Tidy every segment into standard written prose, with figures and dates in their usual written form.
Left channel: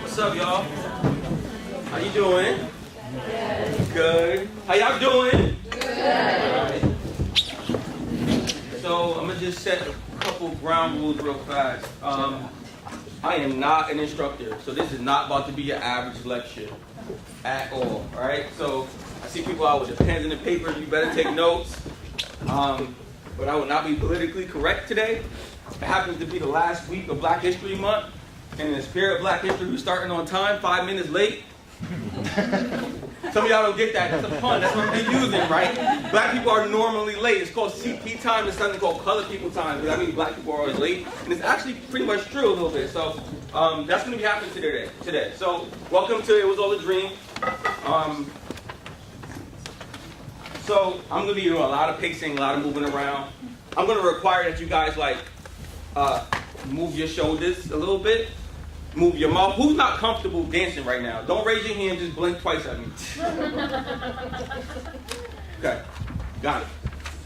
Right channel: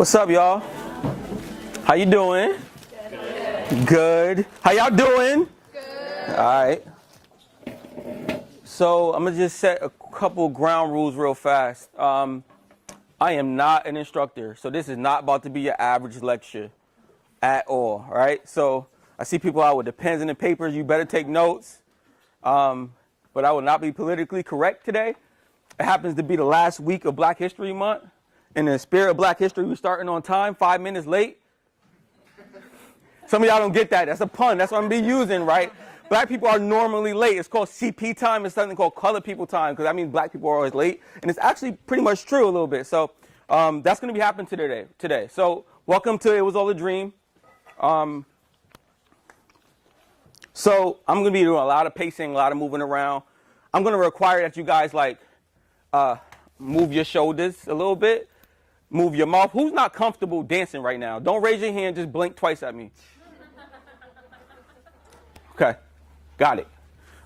What's up, y'all? How you doing? Good. How y'all doing? Good. All right. So I'm gonna just set a couple ground rules real fast. I am not an instructor, so this is not about to be your average lecture at all. All right. So I see people out with the pens and the papers. You better take notes. But I will not be politically correct today. It happens to be the last week of Black History Month. In the spirit of Black History, we're starting on time, 5 minutes late. Some of y'all don't get that. That's a pun. That's what I'm using, right? Black people are normally late. It's called CP time. It's something called colored people time, because that means black people are always late. And it's actually pretty much true a little bit. So that's going to be happening today. So welcome to It Was All a Dream. So I'm going to be doing a lot of pacing, a lot of moving around. I'm going to require that you guys move your shoulders a little bit. Move your mouth. Who's not comfortable dancing right now? Don't raise your hand, just blink twice at me. Okay, got it.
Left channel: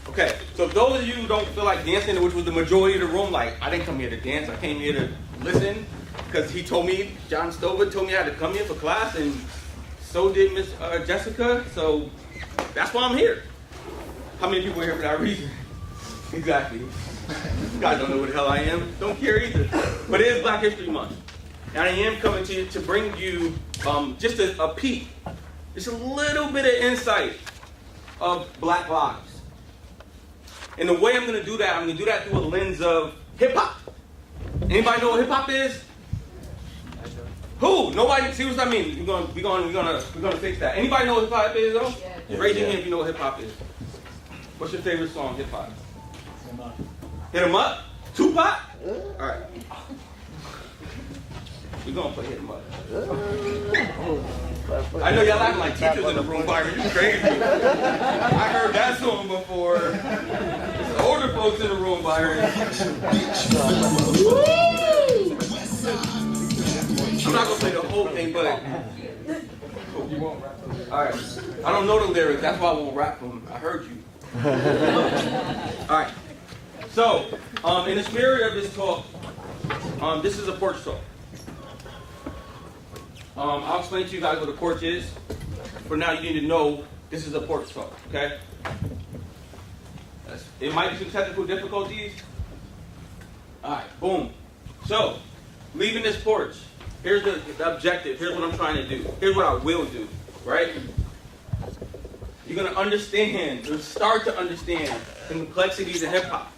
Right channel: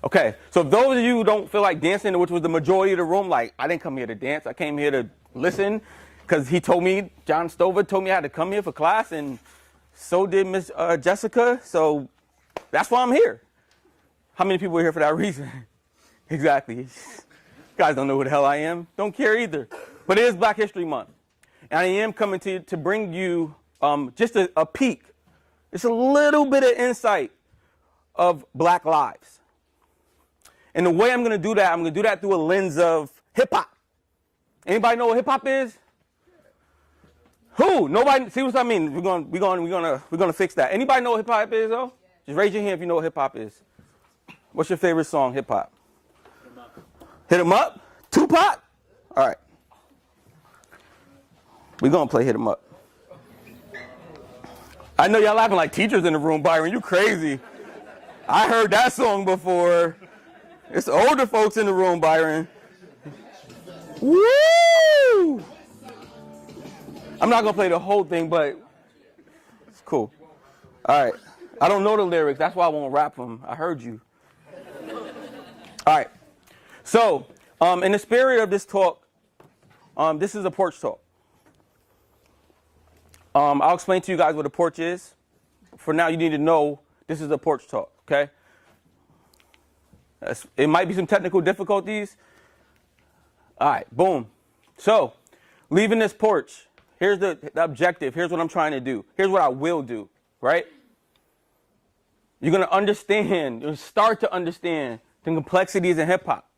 Okay, so those of you who don't feel like dancing, which was the majority of the room, I didn't come here to dance, I came here to listen, because he told me, John Stover told me I had to come here for class, and so did Miss Jessica, so that's why I'm here. How many people are here for that reason? Exactly. You guys don't know who the hell I am. Don't care either. But it is Black History Month. And I am coming to you to bring you just a peek, just a little bit of insight of Black lives. And the way I'm going to do that, I'm going to do that through a lens of hip-hop. Anybody know what hip-hop is? Who? Nobody? See what I mean? We're gonna fix that. Anybody know what hip-hop is, though? Just raise your hand if you know what hip-hop is. What's your favorite song, hip-hop? Hit 'em up? Tupac? All right. We're going to play Hit 'em Up. I know y'all acting like teachers in the room, Byron. You crazy. I heard that song before. It's older folks in the room, Byron. Woo! I'm not going to play the whole thing, but cool. All right. I don't know the lyrics. That's why I won't rap them. I heard you. All right. So, in the spirit of this talk, this is a porch talk. I'll explain to you guys what a porch is. For now, you need to know this is a porch talk, okay? It might be some technical difficulties. All right, boom. So, leaving this porch, here's the objective. Here's what I'm trying to do. Here's what I will do, right? You're going to understand, you're going to start to understand the complexities in hip-hop.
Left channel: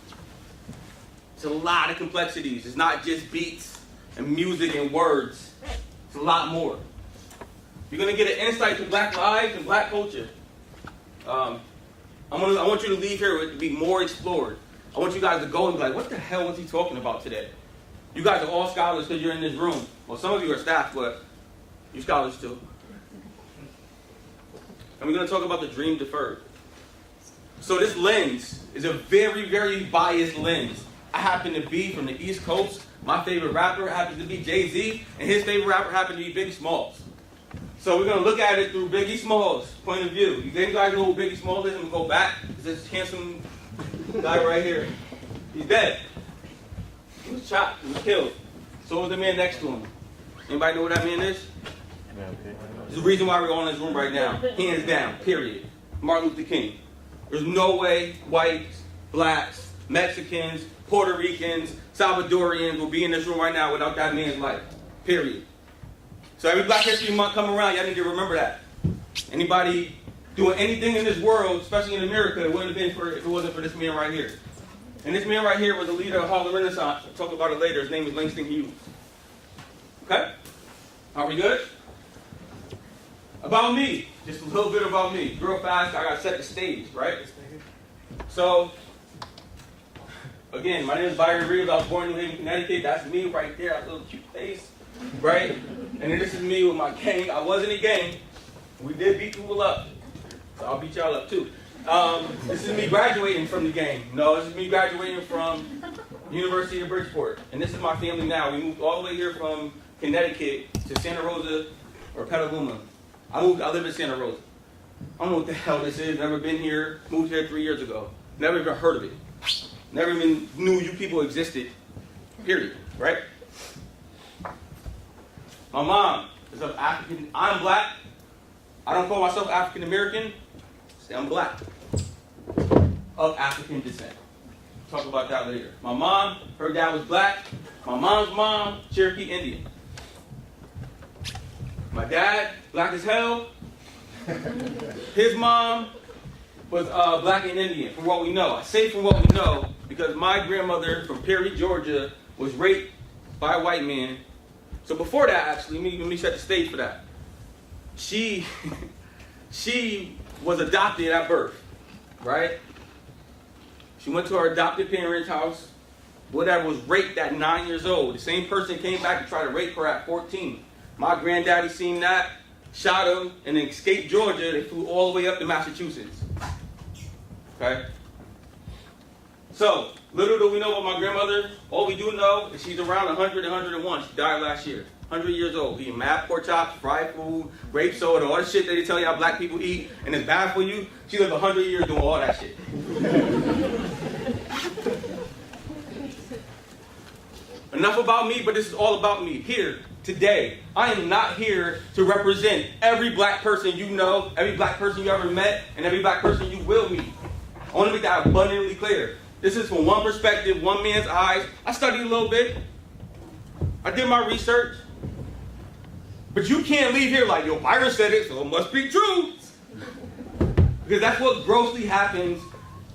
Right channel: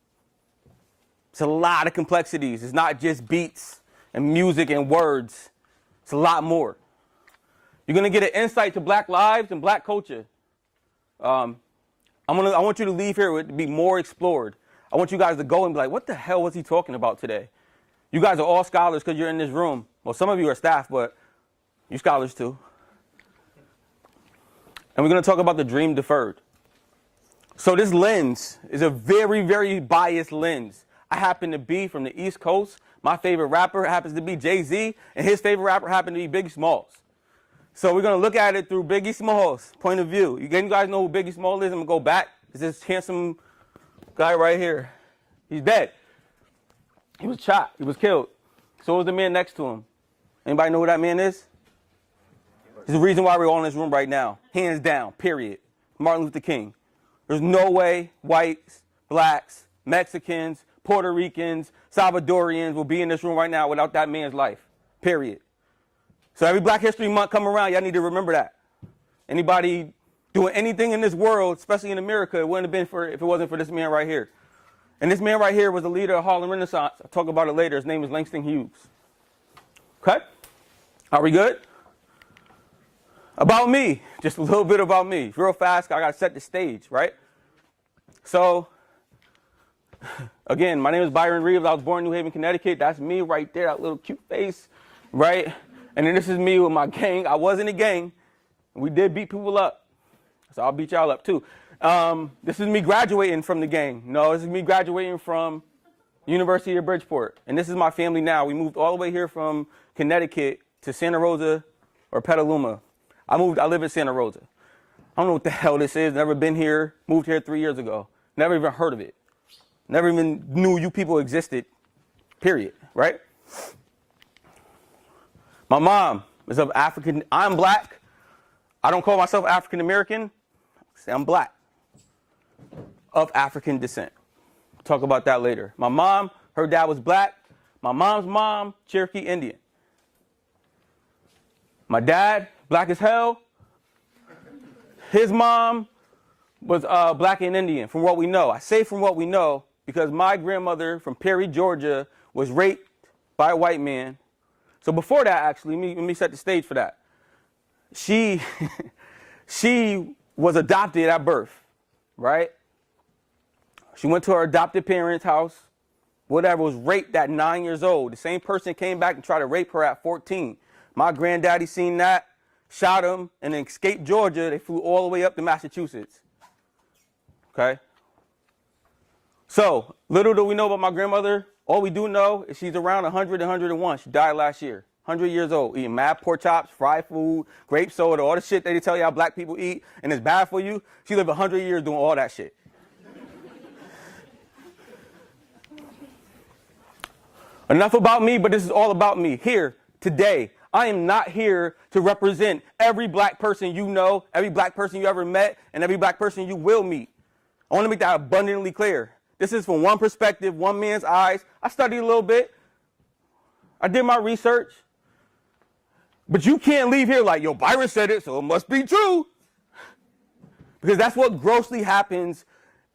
It's a lot of complexities. It's not just beats and music and words. It's a lot more. You're going to get an insight to Black lives and Black culture. I want you to leave here with be more explored. I want you guys to go and be like, what the hell was he talking about today? You guys are all scholars because you're in this room. Well, some of you are staff, but you scholars too. And we're going to talk about the dream deferred. So this lens is a very, very biased lens. I happen to be from the East Coast. My favorite rapper happens to be Jay-Z, and his favorite rapper happens to be Biggie Smalls. So we're going to look at it through Biggie Smalls' point of view. You guys know who Biggie Smalls is? I'm going to go back. It's this handsome guy right here. He's dead. He was chopped. He was killed. So was the man next to him. Anybody know who that man is? It's the reason why we're all in this room right now. Hands down, period. Martin Luther King. There's no way whites, blacks, Mexicans, Puerto Ricans, Salvadorians will be in this room right now without that man's life. Period. So every Black History Month come around, y'all need to remember that. Anybody doing anything in this world, especially in America, it wouldn't have been if it wasn't for this man right here. And this man right here was a leader of Harlem Renaissance. I'll talk about it later. His name is Langston Hughes. Okay? Are we good? About me. Just a little bit about me. Real fast, I got to set the stage, right? So, again, my name is Byron Reaves. I was born in New Haven, Connecticut. That's me right there, that little cute face, right? And then this is me with my gang. I was in a gang. We did beat people up. So I'll beat y'all up too. This is me graduating from the gang. No, this is me graduating from University of Bridgeport. And this is my family now. We moved all the way here from Connecticut to Santa Rosa or Petaluma. I live in Santa Rosa. I don't know what the hell this is. Never been here. Moved here 3 years ago. Never even heard of it. Never even knew you people existed. Period. Right? My mom is of African. I'm black. I don't call myself African American. Say I'm black. Of African descent. Talk about that later. My mom, her dad was black. My mom's mom, Cherokee Indian. My dad, black as hell. His mom was black and Indian, from what we know. I say from what we know because my grandmother from Perry, Georgia, was raped by a white man. So before that, actually, let me set the stage for that. She was adopted at birth, right? She went to her adopted parents' house, whatever, was raped at 9 years old. The same person came back to try to rape her at 14. My granddaddy seen that, shot him, and then escaped Georgia. They flew all the way up to Massachusetts. Okay? So, little do we know about my grandmother. All we do know is she's around 100 and 101. She died last year. 100 years old. Eating mad pork chops, fried food, grape soda, all the shit that they tell y'all black people eat, and it's bad for you. She lived 100 years doing all that shit. Enough about me, but this is all about me. Here, today, I am not here to represent every black person you know, every black person you ever met, and every black person you will meet. I want to make that abundantly clear. This is from one perspective, one man's eyes. I studied a little bit. I did my research. But you can't leave here like, yo, Byron said it, so it must be true. Because that's what grossly happens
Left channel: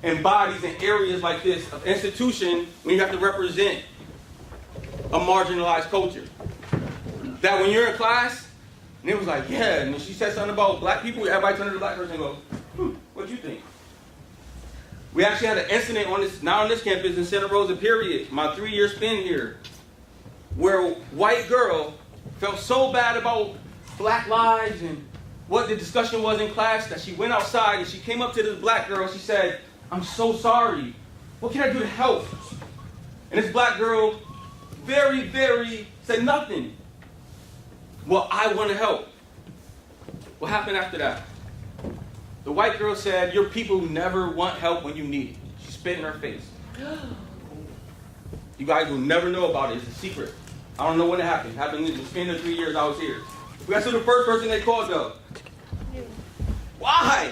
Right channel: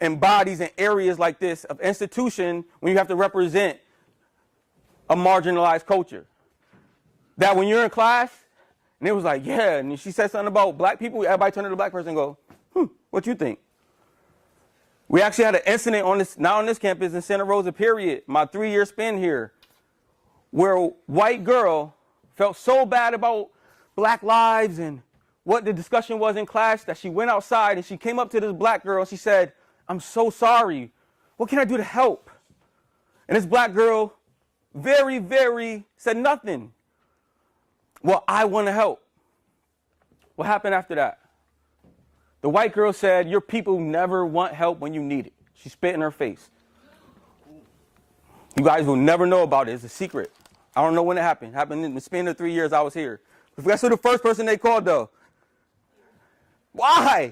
in bodies and areas like this of institution when you have to represent a marginalized culture. That when you're in class, and it was like, yeah, and she said something about black people, everybody turned to the black person and go, what you think? We actually had an incident on this, not on this campus, in Santa Rosa, period, my 3-year spin here, where a white girl felt so bad about black lives and what the discussion was in class that she went outside and she came up to this black girl. She said, I'm so sorry. What can I do to help? And this black girl very said nothing. Well, I want to help. What happened after that? The white girl said, your people never want help when you need it. She spit in her face. You guys will never know about it. It's a secret. I don't know when it happened. It happened in the span of 3 years I was here. Guess who the first person they called, though? Why?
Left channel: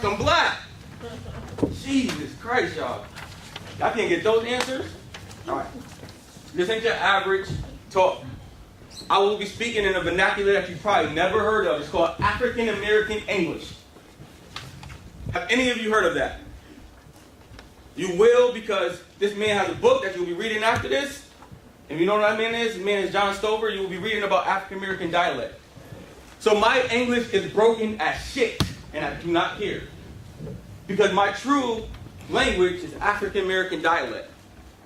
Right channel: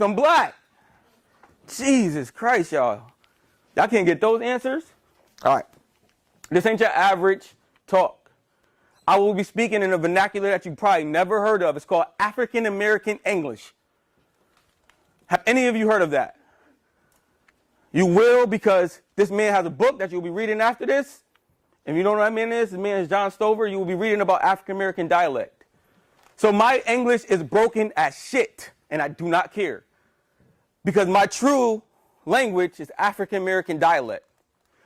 I'm black. Jesus Christ, y'all. Y'all can't get those answers? All right. This ain't your average talk. I will be speaking in a vernacular that you probably never heard of. It's called African American English. Have any of you heard of that? You will, because this man has a book that you'll be reading after this. And you know what that man is? This man is John Stover. You will be reading about African American dialect. So my English is broken as shit, and I do not care. Because my true language is African American dialect.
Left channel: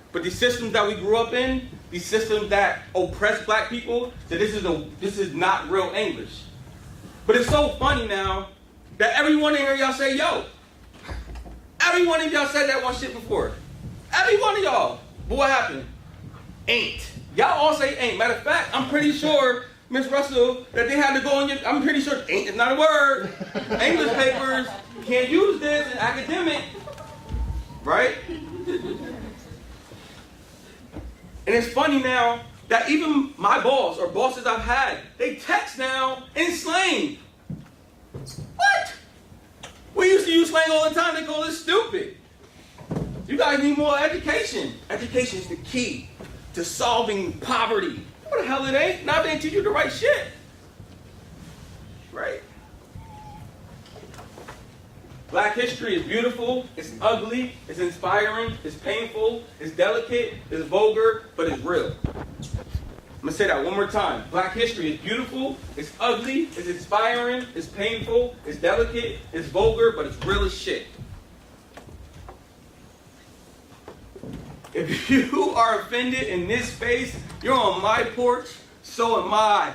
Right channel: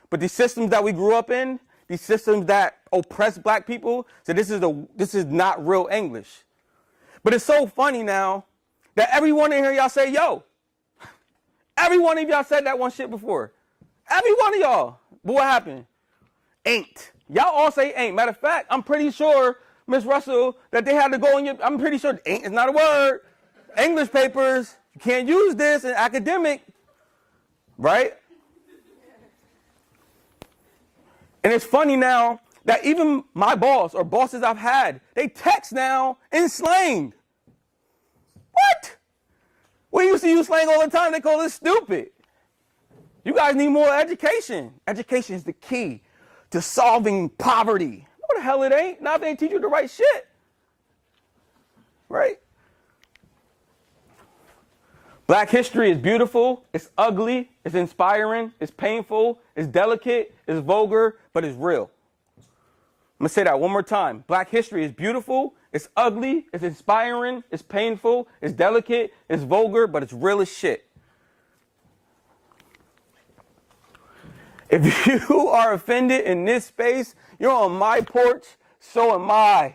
But these systems that we grew up in, these systems that oppress black people, so this is not real English. But it's so funny now that everyone in here, y'all say, yo. Every one of y'all said that one shit before. Every one of y'all. But what happened? Ain't. Y'all all say ain't. Matter of fact, I'm pretty sure, Miss Russell, that they had to go in your, I'm pretty sure ain't is not a word. English papers can't use this in academic. Right? And it's funny now that even my boss or bosses I've had, they text now in slang. What? We used to use slang all the time. They call it stupid. You guys need more education. Education is the key to solving poverty. What the hell it ain't? Now they teach you the right shit. Right? Black history is beautiful, it's ugly, it's inspiring, it's painful, it's delicate, it's vulgar, but it's real. I'm going to say that one more time. Black history is beautiful, it's ugly, it's inspiring, it's painful, it's delicate, it's vulgar, but it's real as shit. If you are offended in this space, you're on my porch, so am I.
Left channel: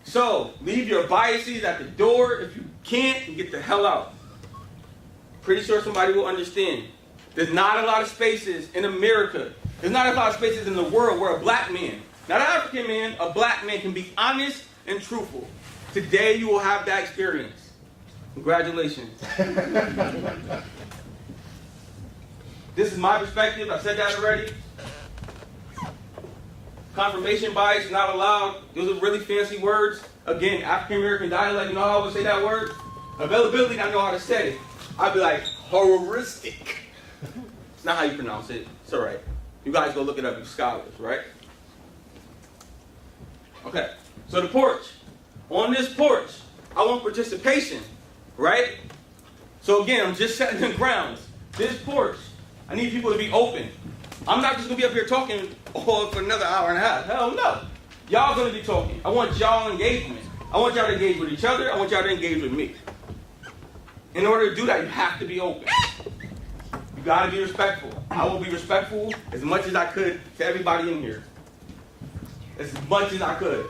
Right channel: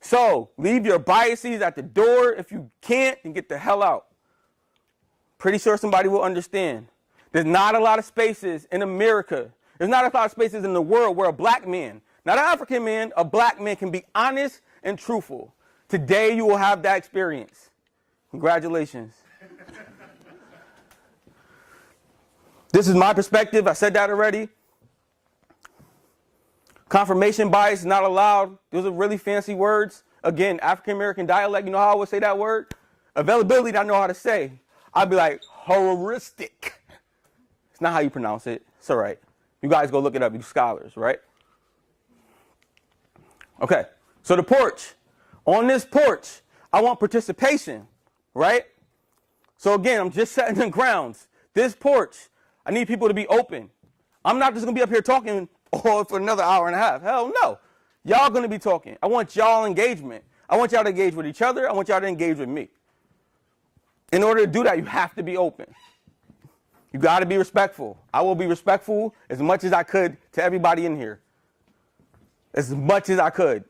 So, leave your biases at the door. If you can't, then get the hell out. Pretty sure somebody will understand. There's not a lot of spaces in America. There's not a lot of spaces in the world where a black man, not an African man, a black man can be honest and truthful. Today you will have that experience. Congratulations. This is my perspective. I said that already. Confirmation bias, not allowed. Those are really fancy words. Again, African American dialect, you know how I would say that word? Availability, I know how to say. I'd be like, heuristic. It's not how you pronounce it. It's all right. You guys go look it up, you scholars, right? Okay, so the porch. On this porch, I want participation, right? So again, I'm just setting the grounds. This porch, I need people to be open. I'm not just going to be up here talking for another hour and a half. Hell no. Y'all going to be talking. I want y'all engagement. I want y'all to engage with each other. I want y'all to engage with me. In order to do that, you have to be open. You got to be respectful. I will be respectful as much as I could to everybody in here. As much as I could.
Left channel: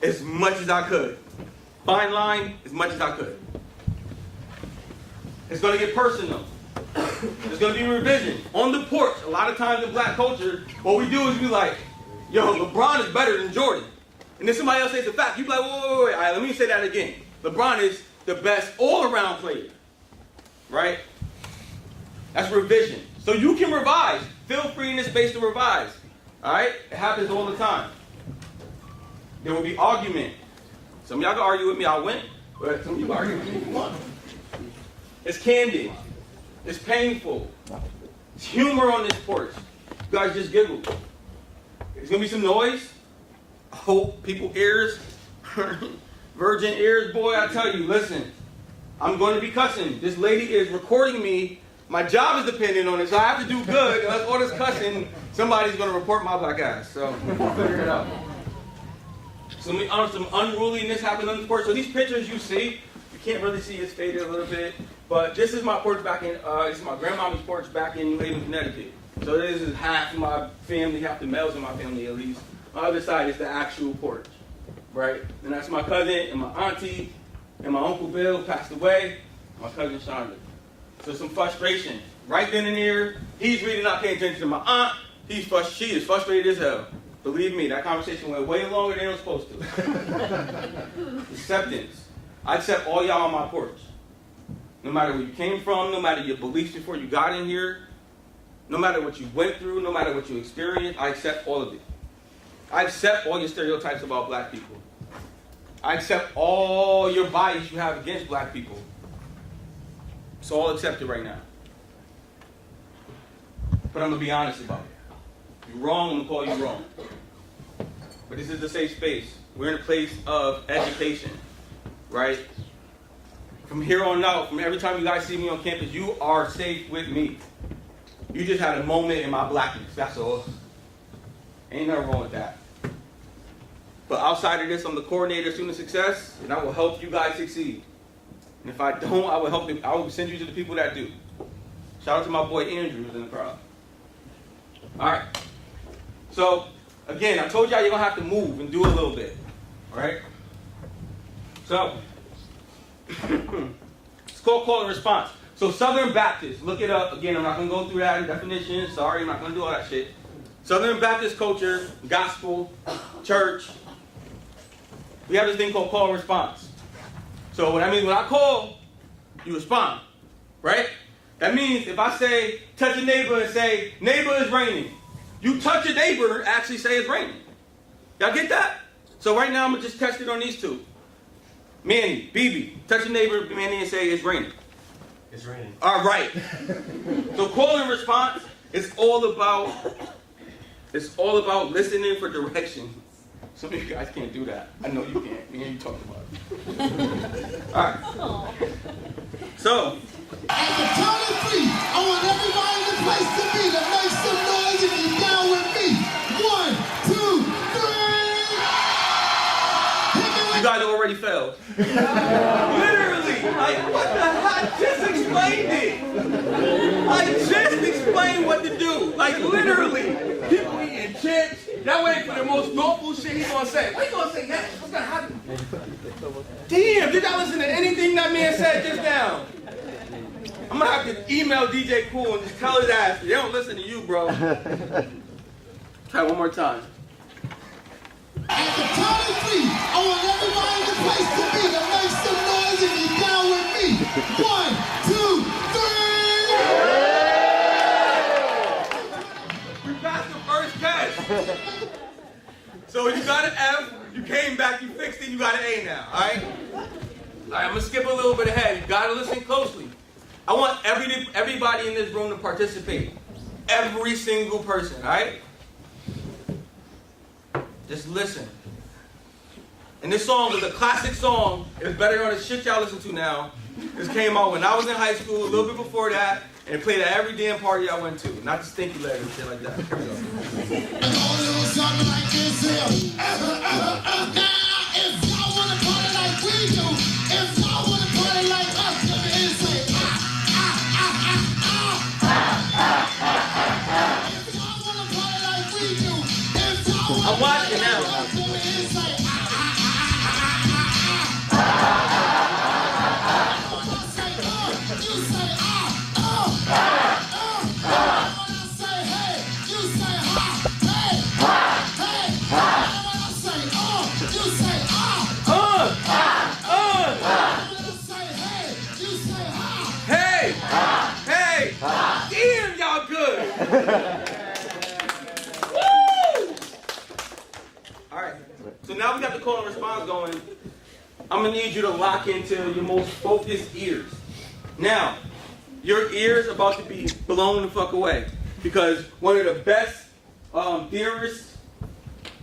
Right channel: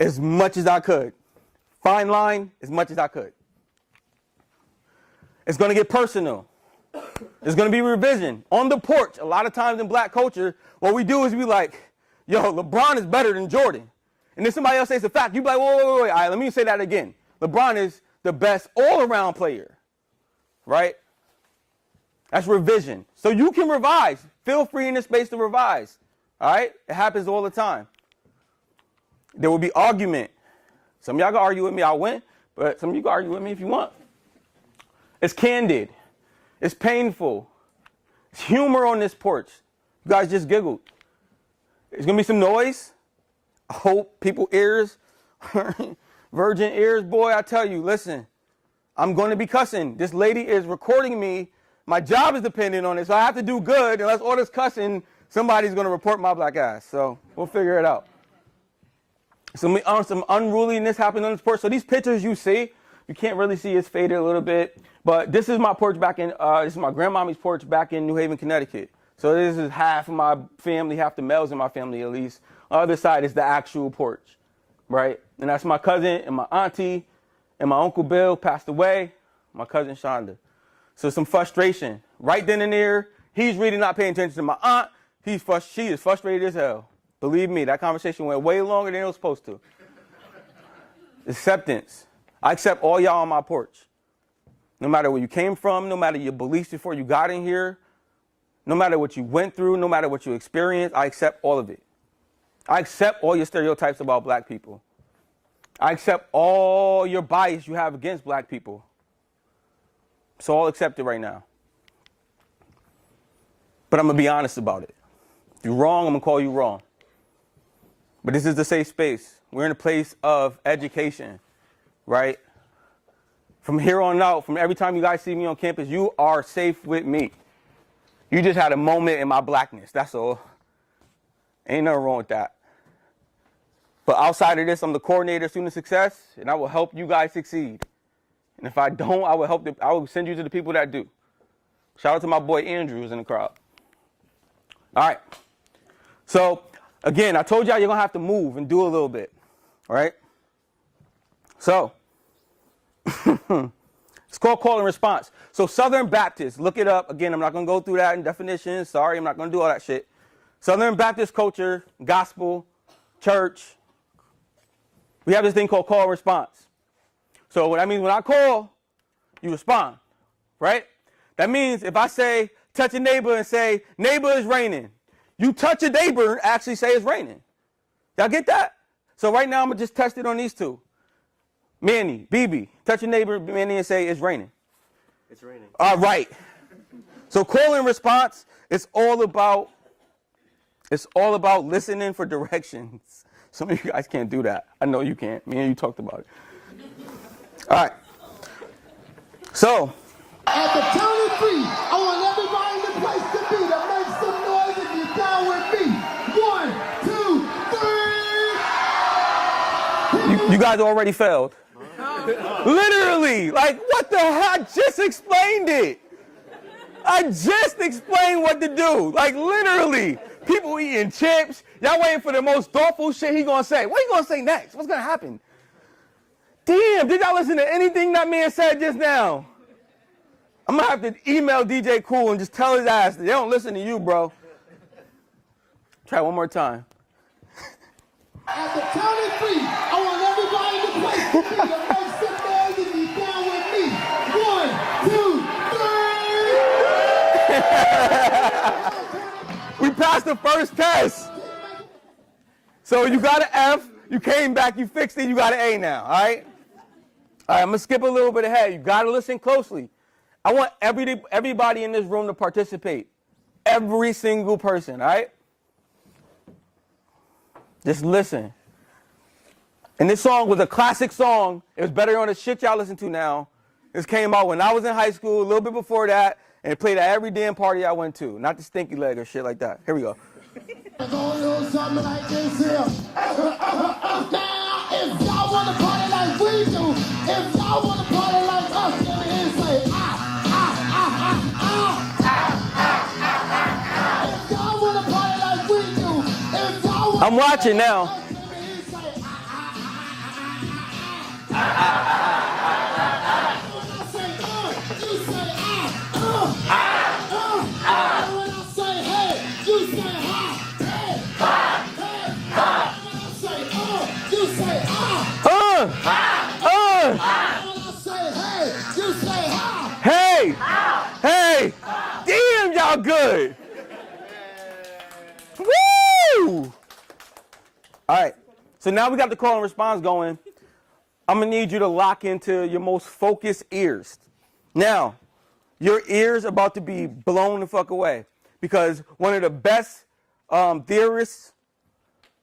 As much as I could. Fine line, as much as I could. It's going to get personal. There's going to be revision. On the porch, a lot of times in black culture, what we do is we like, yo, LeBron is better than Jordan. And then somebody else says the fact. You be like, wait. All right, let me say that again. LeBron is the best all-around player. Right? That's revision. So you can revise. Feel free in this space to revise. All right? It happens all the time. There will be argument. Some of y'all can argue with me, I win. But some of you can argue with me if you want. It's candid. It's painful. It's humor on this porch. You guys just giggled. There's going to be some noise. I hope people's ears, virgin ears, boy, I tell you, listen, I'm going to be cussing. This lady is recording me. My job is depending on it, so I have to do good. Unless all this cussing, somebody's going to report my black ass. So we'll figure it out. Some unruliness happens on this porch. So these pictures you see, you can't really see, it's faded a little bit. But this is my porch back in, this is my grandmama's porch back in New Haven, Connecticut. So this is half of my family, half the males in my family at least. Other side is the actual porch, right? And that's my cousin and my auntie and my Uncle Bill passed away, my cousin Shonda. So some frustration. Right then and there, he's really not paying attention to my aunt. She is frustrated as hell. Believe me, that conversation went way longer than it was supposed to. Acceptance. I accept all y'all on my porch. No matter where you came from, no matter your beliefs before you got in here, no matter what you went through, no matter what you experienced, I accept all of it. I accept all your stereotypes about black people. I accept all your bias you have against black people. It's all accepted right now. But I'm going to be honest about it. If you're wrong, I'm going to call you wrong. But this is the safe space. We're in a place of education, right? From here on out, from every time you guys see me on campus, you are safe with me. You just had a moment in my blackness, that's all. Ain't nothing wrong with that. But outside of this, I'm the coordinator of student success, and I will help you guys succeed. And if I don't, I will send you to the people that do. Shout out to my boy Andrew who's in the crowd. All right. So, again, I told y'all you're going to have to move and do a little bit. All right? So, it's called call and response. So Southern Baptist, look it up. Again, I'm not going to go through that definition. Sorry, I'm not going to do all that shit. Southern Baptist culture, gospel, church. We have this thing called call and response. So that means when I call, you respond, right? That means if I say, touch a neighbor and say, neighbor, it's raining. You touch a neighbor and actually say it's raining. Y'all get that? So right now I'm going to just test it on these two. Manny, BB, touch a neighbor, Manny, and say it's raining. It's raining. All right. So call and response, it's all about listening for directions. Some of you guys can't do that. I know you can't. Me and you talked about it. All right. So. At the count of three, I want everybody in the place to be to make some noise if you're down with me. 1, 2, 3. You guys already failed. Literally. Like, what the heck? I just explained it. I just explained what to do. Like, literally. People eating chips. Y'all waiting for the most thoughtful shit he's gonna say. What are you gonna say next? What's gonna happen? Damn, did y'all listen to anything that man said just now? I'm gonna have to email DJ Cool and just tell his ass, they don't listen to you, bro. Try one more time. At the count of three, I want everybody in the place to be to make some noise if you're down with me. 1, 2, 3. We passed the first test. So you got an F, you came back, you fixed it, you got an A now, all right? All right, I'm going to skip a little bit ahead. You got to listen closely. I want everybody in this room to participate. Every single person, all right? Just listen. And this song was a classic song. It was better than the shit y'all listen to now. This came out when I was in high school, a little bit before that, and it played at every damn party I went to. Not the stinky leg and shit like that. Here we go. If y'all want to party like we do, if y'all want to party like us, let me hear say, If y'all want to party like we do, if y'all want I'm watching now. Hey! Damn, y'all good! Woo! Alright, so now we got the call and response going. I'm going to need you to lock into your most focused ears. Now, your ears about to be blown the fuck away. Because one of the best theorists,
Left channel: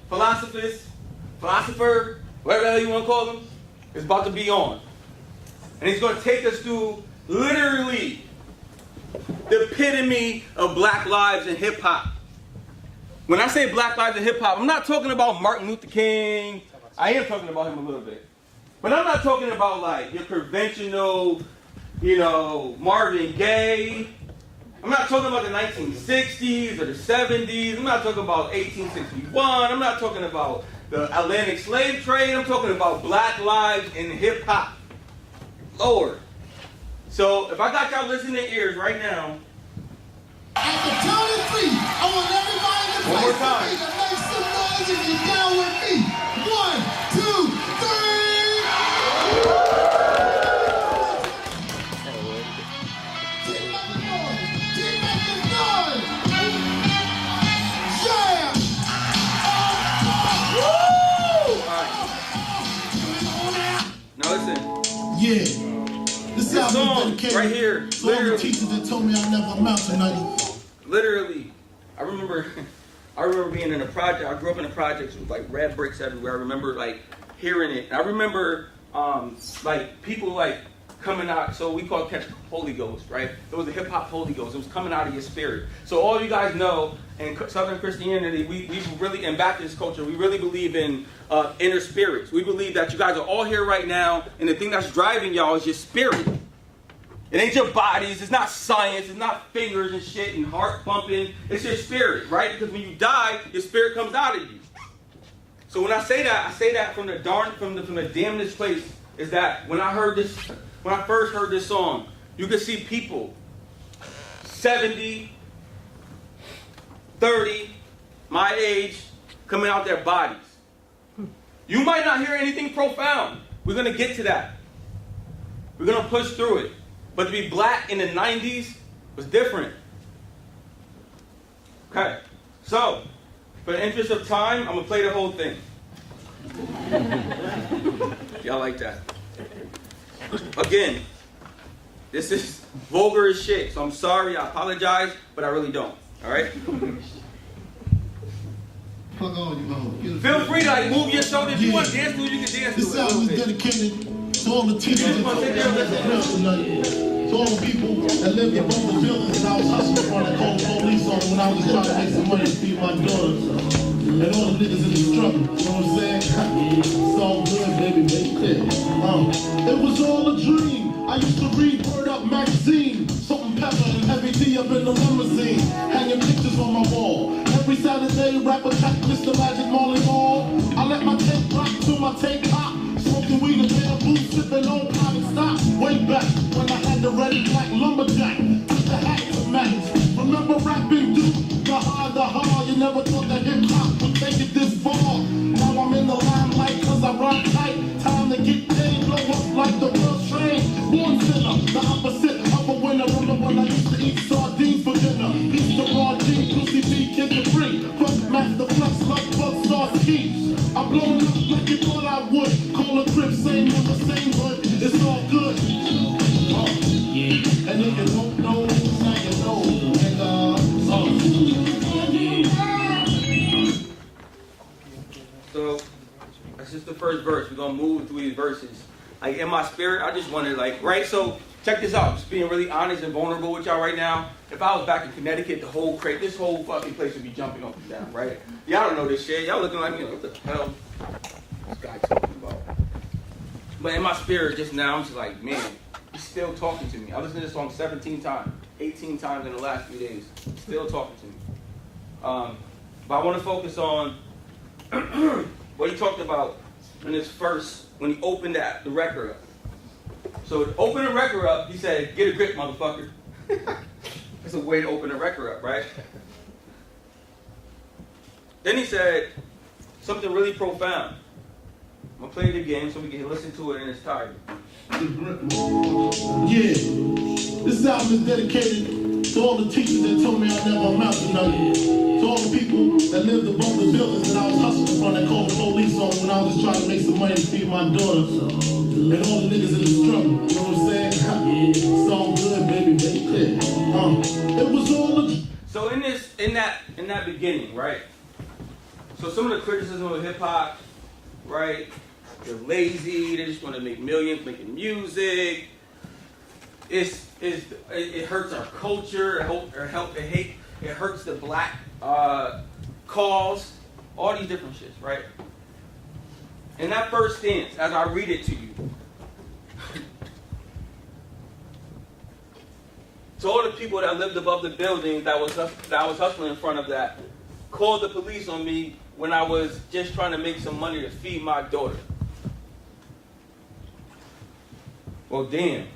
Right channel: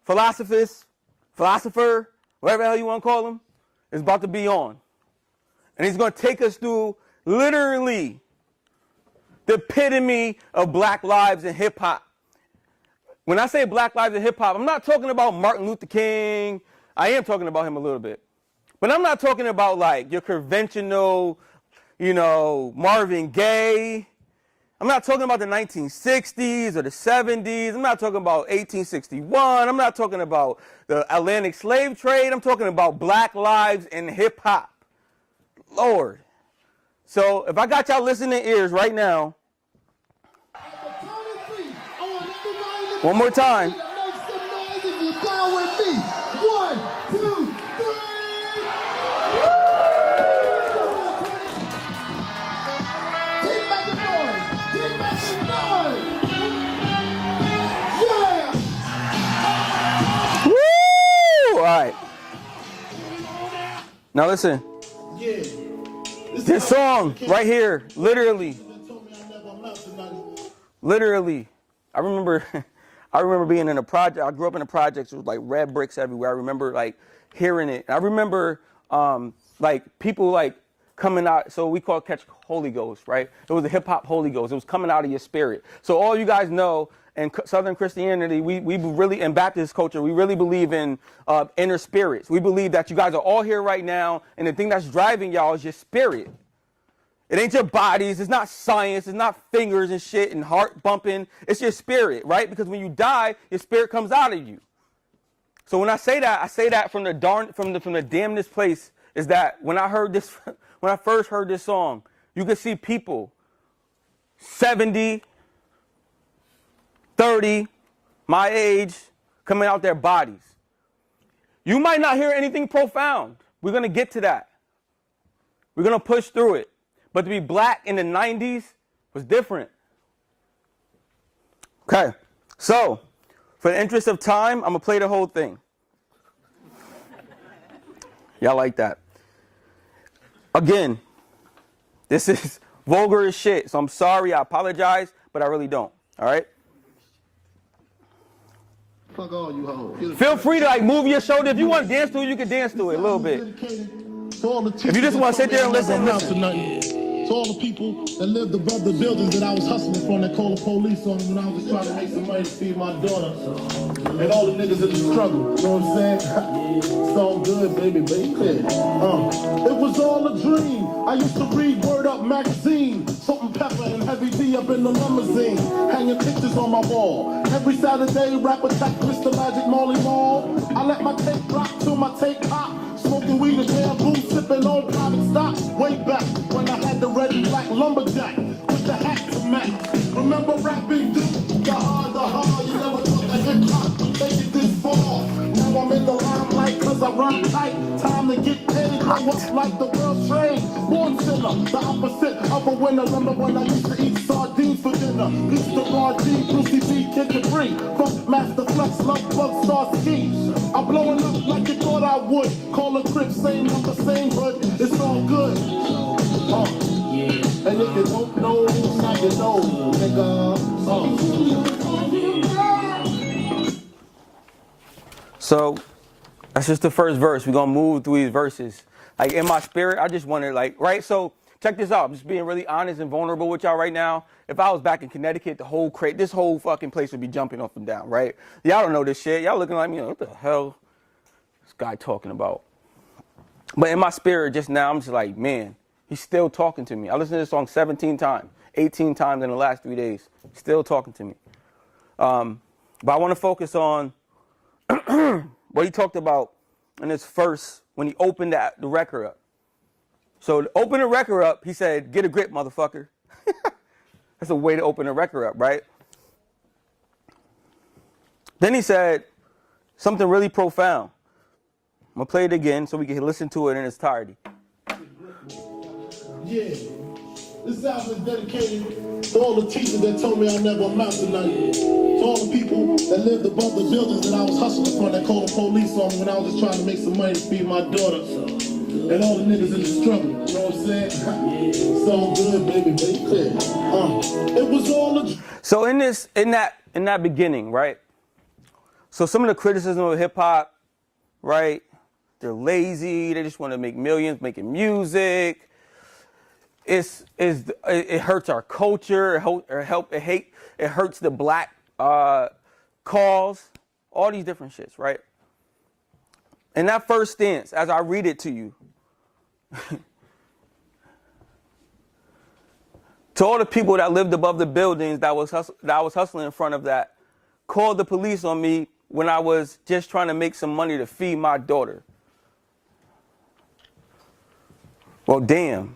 philosopher, whatever the hell you want to call him, is about to be on. And he's going to take us through literally the epitome of black lives in hip-hop. When I say black lives in hip-hop, I'm not talking about Martin Luther King. I am talking about him a little bit. But I'm not talking about like your conventional, Marvin Gaye. I'm not talking about the 1960s or the 70s. I'm not talking about 1861. I'm not talking about the Atlantic slave trade. I'm talking about black lives in hip-hop. Lord. So if I got y'all listening ears right now, at the count of three, I want everybody to one more time. Make some noise if you're down with me. 1, 2, 3. Keep making noise. Keep making noise. Yeah. Woo! All right. Now listen. Yeah. This song right here, literally, I remember being in a project. I grew up in a project with like red bricks everywhere. I remember like hearing it. I remember like people like coming out. So we call it catch Holy Ghost, right? It was a hip hop Holy Ghost. It was coming out of your spirit. So all you guys know in Southern Christianity, we really, in Baptist culture, we really believe in inner spirits. We believe that you guys are all here right now, and the thing that's driving y'all is your spirit. It ain't your bodies. It's not science. It's not fingers and shit and heart bumping. It's your spirit, right? Because when you die, your spirit comes out of you. So when I say that from the damnedest place is that when I first heard this song, you could see people 70, 30, my age, coming out their bodies. You might not hear anything profound. We're going to get to that. We're going to push through it. But to be black in the 90s was different. Okay, so for the interest of time, I'm going to play the whole thing. Y'all like that? Again, this is vulgar as shit, so I'm sorry, I apologize, but I really don't. All right? Fuck all you hoes. Feel free to like move your shoulders. If you want to dance to it, you can dance to it a little bit. If you just want to sit there and listen. To all the people that lived above the buildings that I was hustling for that called police on when I was trying to make some money to feed my daughter. And all the niggas in the struggle. You know what I'm saying? It's all good, baby. It was all a dream. I used to read Word Up magazine. Salt and pepper and heavy tea up in the limousine. Hanging pictures on my wall. Every Saturday, rapper back Mr. Magic Marley Mall. I let my tape rock till my tape pop. Smoking weed and bamboo, sipping on pot and stock. Way back when I had the red and black lumberjack with the hat to match. Remember rapping, dude? The hard, you never thought that hip-hop would take it this far. Now I'm in the limelight cause I rhyme tight. Time to get paid, I was like the world trade. Born sinner, the opposite of a winner. Remember when I used to eat sardines for dinner? East the Raw G, Lucy G, Kid the Free. Funk Master Flex, Love Bug, Star Ski. I'm blowing up like you thought I would. Call a trip, same number, same hood. It's all good. And if you don't know, now you know, nigga. So that's just the first verse. We're gonna move through these verses. Like in my spirit, I just wonder, like, right? So check this out. Just being really honest and vulnerable with y'all right now. If I was back in Connecticut, this whole fucking place would be jumping up and down, right? Y'all don't know this shit. Y'all looking like, what the hell this guy talking about? But in my spirit just now, I'm just like, man, he's still talking to me. I listened to this song 17 times, 18 times in the last 3 days. He's still talking to me. But I want to focus on what he talked about in his first, when he opened the record up. So to open the record up, he said, get a grip, motherfucker. That's a way to open the record up, right? Then he said something really profound. I'm going to play it again so we can listen to it in its entirety. Yeah, this album is dedicated to all the teachers that told me I never amount to nothing. To all the people that lived above the buildings that I was hustling from that called police on when I was just trying to make some money to feed my daughter. And all the niggas in the struggle, you know what I'm saying? It's all good, baby. It was all a... So in that beginning, right? So some of the criticism of hip hop, right? They're lazy. They just want to make millions making music. It hurts our culture. It hurts the black cause. All these different shits, right? And that first stance, as I read it to you, to all the people that lived above the buildings that I was hustling in front of that, called the police on me when I was just trying to make some money to feed my daughter. Well, damn.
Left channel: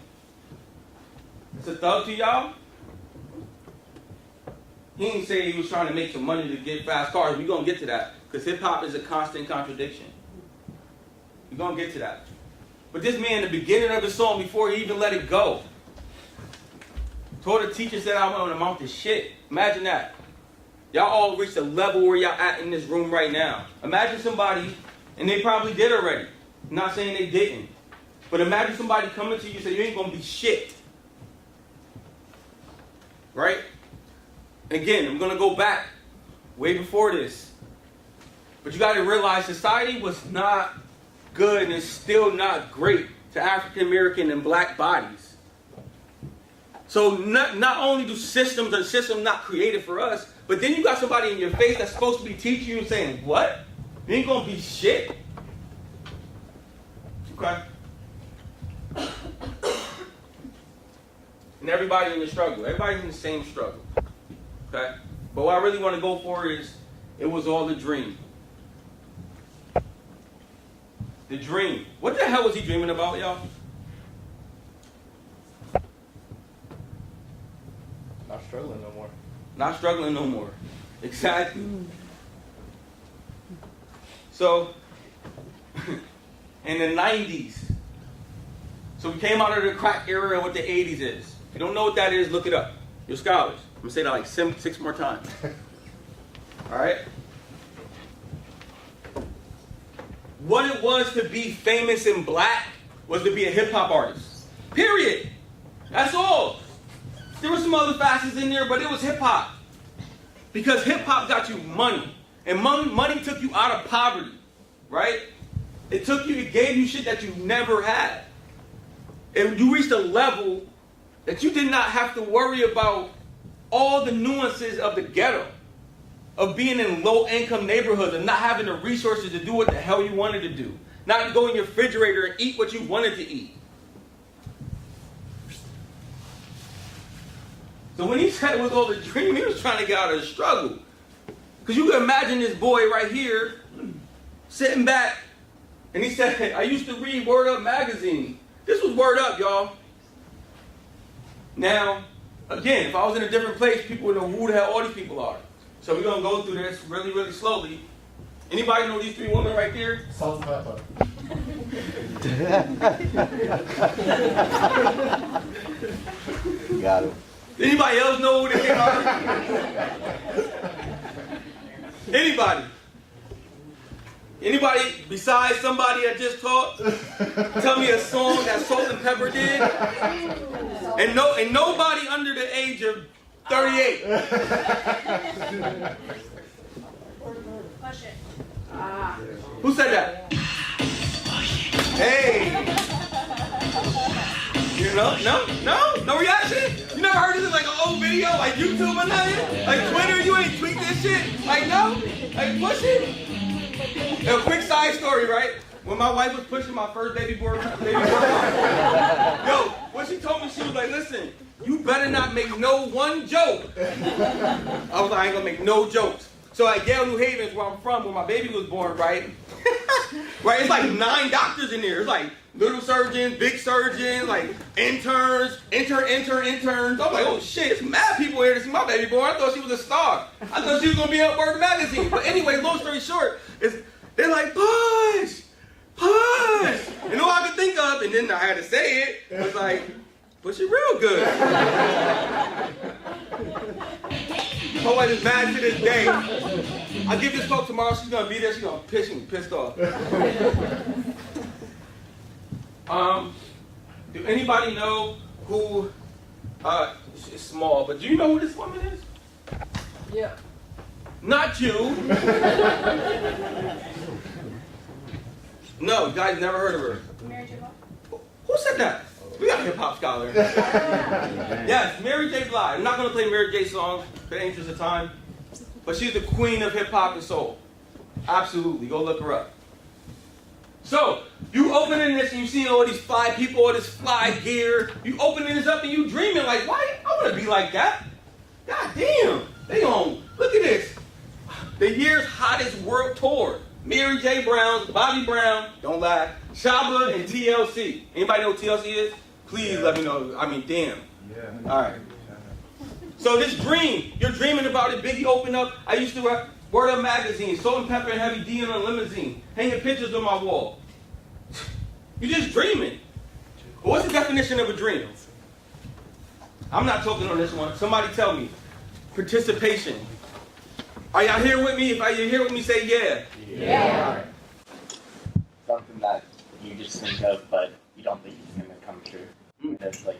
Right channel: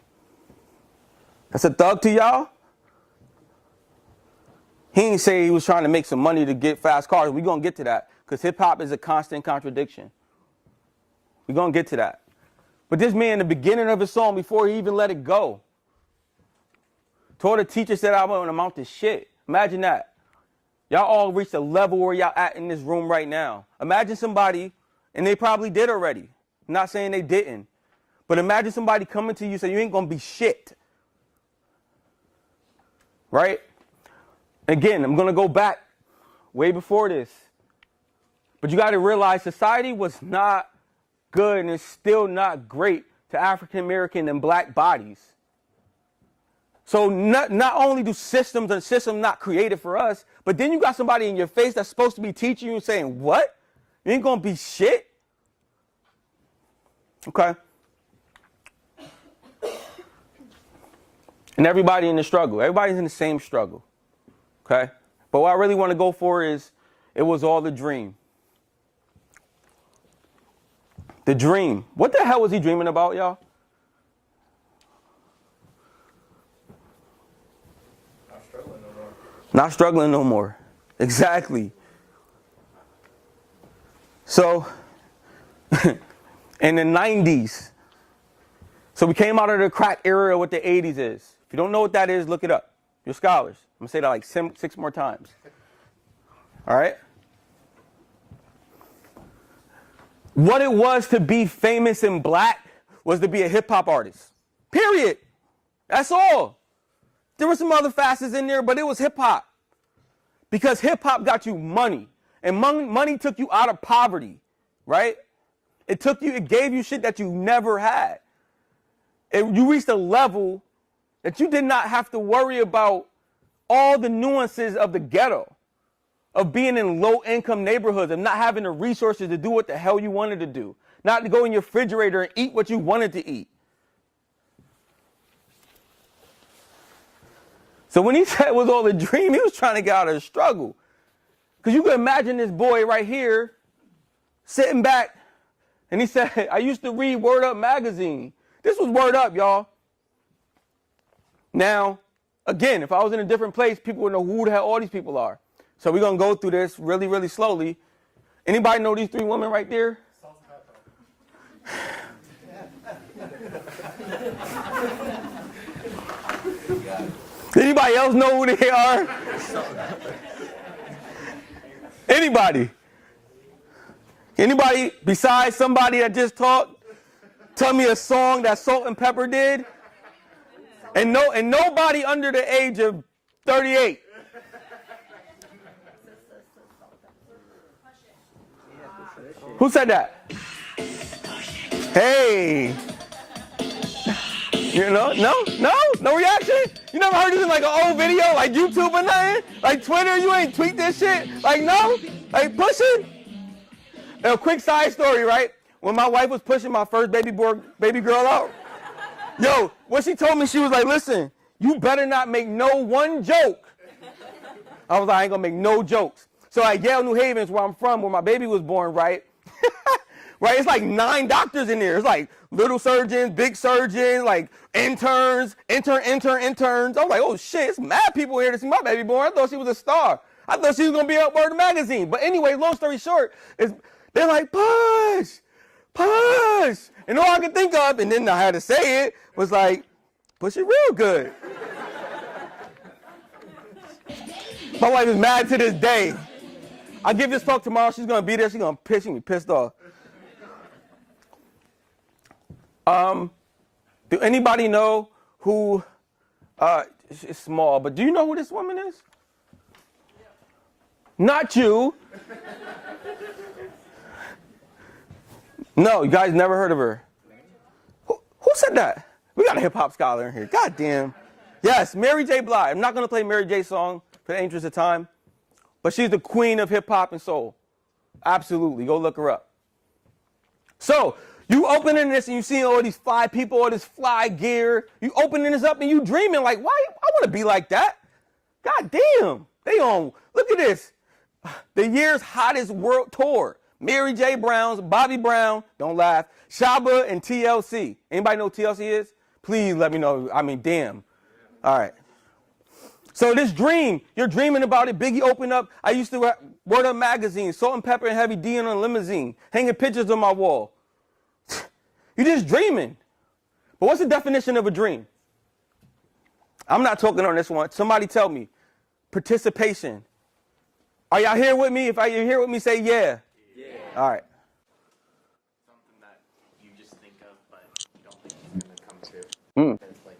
That's a thug to y'all? He didn't say he was trying to make some money to get fast cars. We're going to get to that, because hip-hop is a constant contradiction. We're going to get to that. But this man, in the beginning of his song, before he even let it go, told the teacher, said I went on a mountain shit. Imagine that. Y'all all reached a level where y'all at in this room right now. Imagine somebody, and they probably did already. I'm not saying they didn't. But imagine somebody coming to you and say, you ain't going to be shit. Right? Again, I'm going to go back way before this. But you got to realize society was not good and it's still not great to African American and black bodies. So not only do systems not created for us, but then you got somebody in your face that's supposed to be teaching you and saying, what? You ain't going to be shit? Okay. And everybody in the struggle. Everybody's in the same struggle. Okay? But what I really want to go for is, it was all the dream. The dream. What the hell was he dreaming about, y'all? Not struggling no more. Not struggling no more. Exactly. So, in the 90s, so we came out of the crack era of what the 80s is. If you don't know what that is, look it up. You're scholars. I'm going to say that like 6 more times. All right? What it was to be famous and black was to be a hip-hop artist. Period. That's all. There were some other facets in there, but it was hip-hop. Because hip-hop got you money. And money took you out of poverty. Right? It gave you shit that you never had. And you reached a level that you did not have to worry about all the nuances of the ghetto, of being in low-income neighborhoods and not having the resources to do what the hell you wanted to do. Not to go in your refrigerator and eat what you wanted to eat. So when he said it was all a dream, he was trying to get out of the struggle. Because you can imagine this boy right here sitting back, and he said, I used to read Word Up magazine. This was Word Up, y'all. Now, again, if I was in a different place, people would know who the hell all these people are. So we're going to go through this really, really slowly. Anybody know these 3 women right there? Salt and pepper. You got it. Anybody else know who they are? Anybody? Anybody besides somebody that just talked, tell me a song that Salt and Pepper did? And nobody under the age of 38. Who said that? Hey. You know, no reaction? You never heard this in like an old video, like YouTube or nothing? Like Twitter, you ain't tweet this shit? Like no? Like push it? A quick side story, right? When my wife was pushing my first baby girl out, yo, when she told me, she was like, listen, you better not make no one joke. I was like, I ain't gonna make no jokes. So at Yale, New Haven is where I'm from, where my baby was born, right? Right, it's like 9 doctors in there. It's like little surgeons, big surgeons, like interns. I'm like, oh shit, it's mad people here to see my baby born. I thought she was a star. I thought she was gonna be at Word Magazine. But anyway, long story short, they're like, push. And all I could think of, and then I had to say it, was like, push it real good. My wife is mad to this day. I give this fuck tomorrow, she's gonna be there, she's gonna pitch me pissed off. Do anybody know who, it's small, but do you know who this woman is? Yeah. Not you. No, you guys never heard of her. Mary J. Who said that? We got a hip-hop scholar. God damn. Yes, Mary J. Blige. I'm not gonna play Mary J. songs for the interest of time. But she's the queen of hip-hop and soul. Absolutely. Go look her up. So, you opening this and you see all these fly people, all this fly gear. You opening this up and you dreaming like, why? I want to be like that. God damn. They on. Look at this. The year's hottest world tour. Mary J. Brown, Bobby Brown, don't lie, Shabba, and TLC. Anybody know who TLC is? Please let me know. I mean, damn. Yeah. All right. So this dream, you're dreaming about it. Biggie opened up. I used to have Word Up Magazine, Salt and Pepper and Heavy D in a limousine, hanging pictures on my wall. You're just dreaming. But what's the definition of a dream? I'm not talking on this one. Somebody tell me. Participation. Are y'all here with me? If you're here with me, say yeah. Yeah. All right. Something that you just think of, but you don't think is going to come true. That's like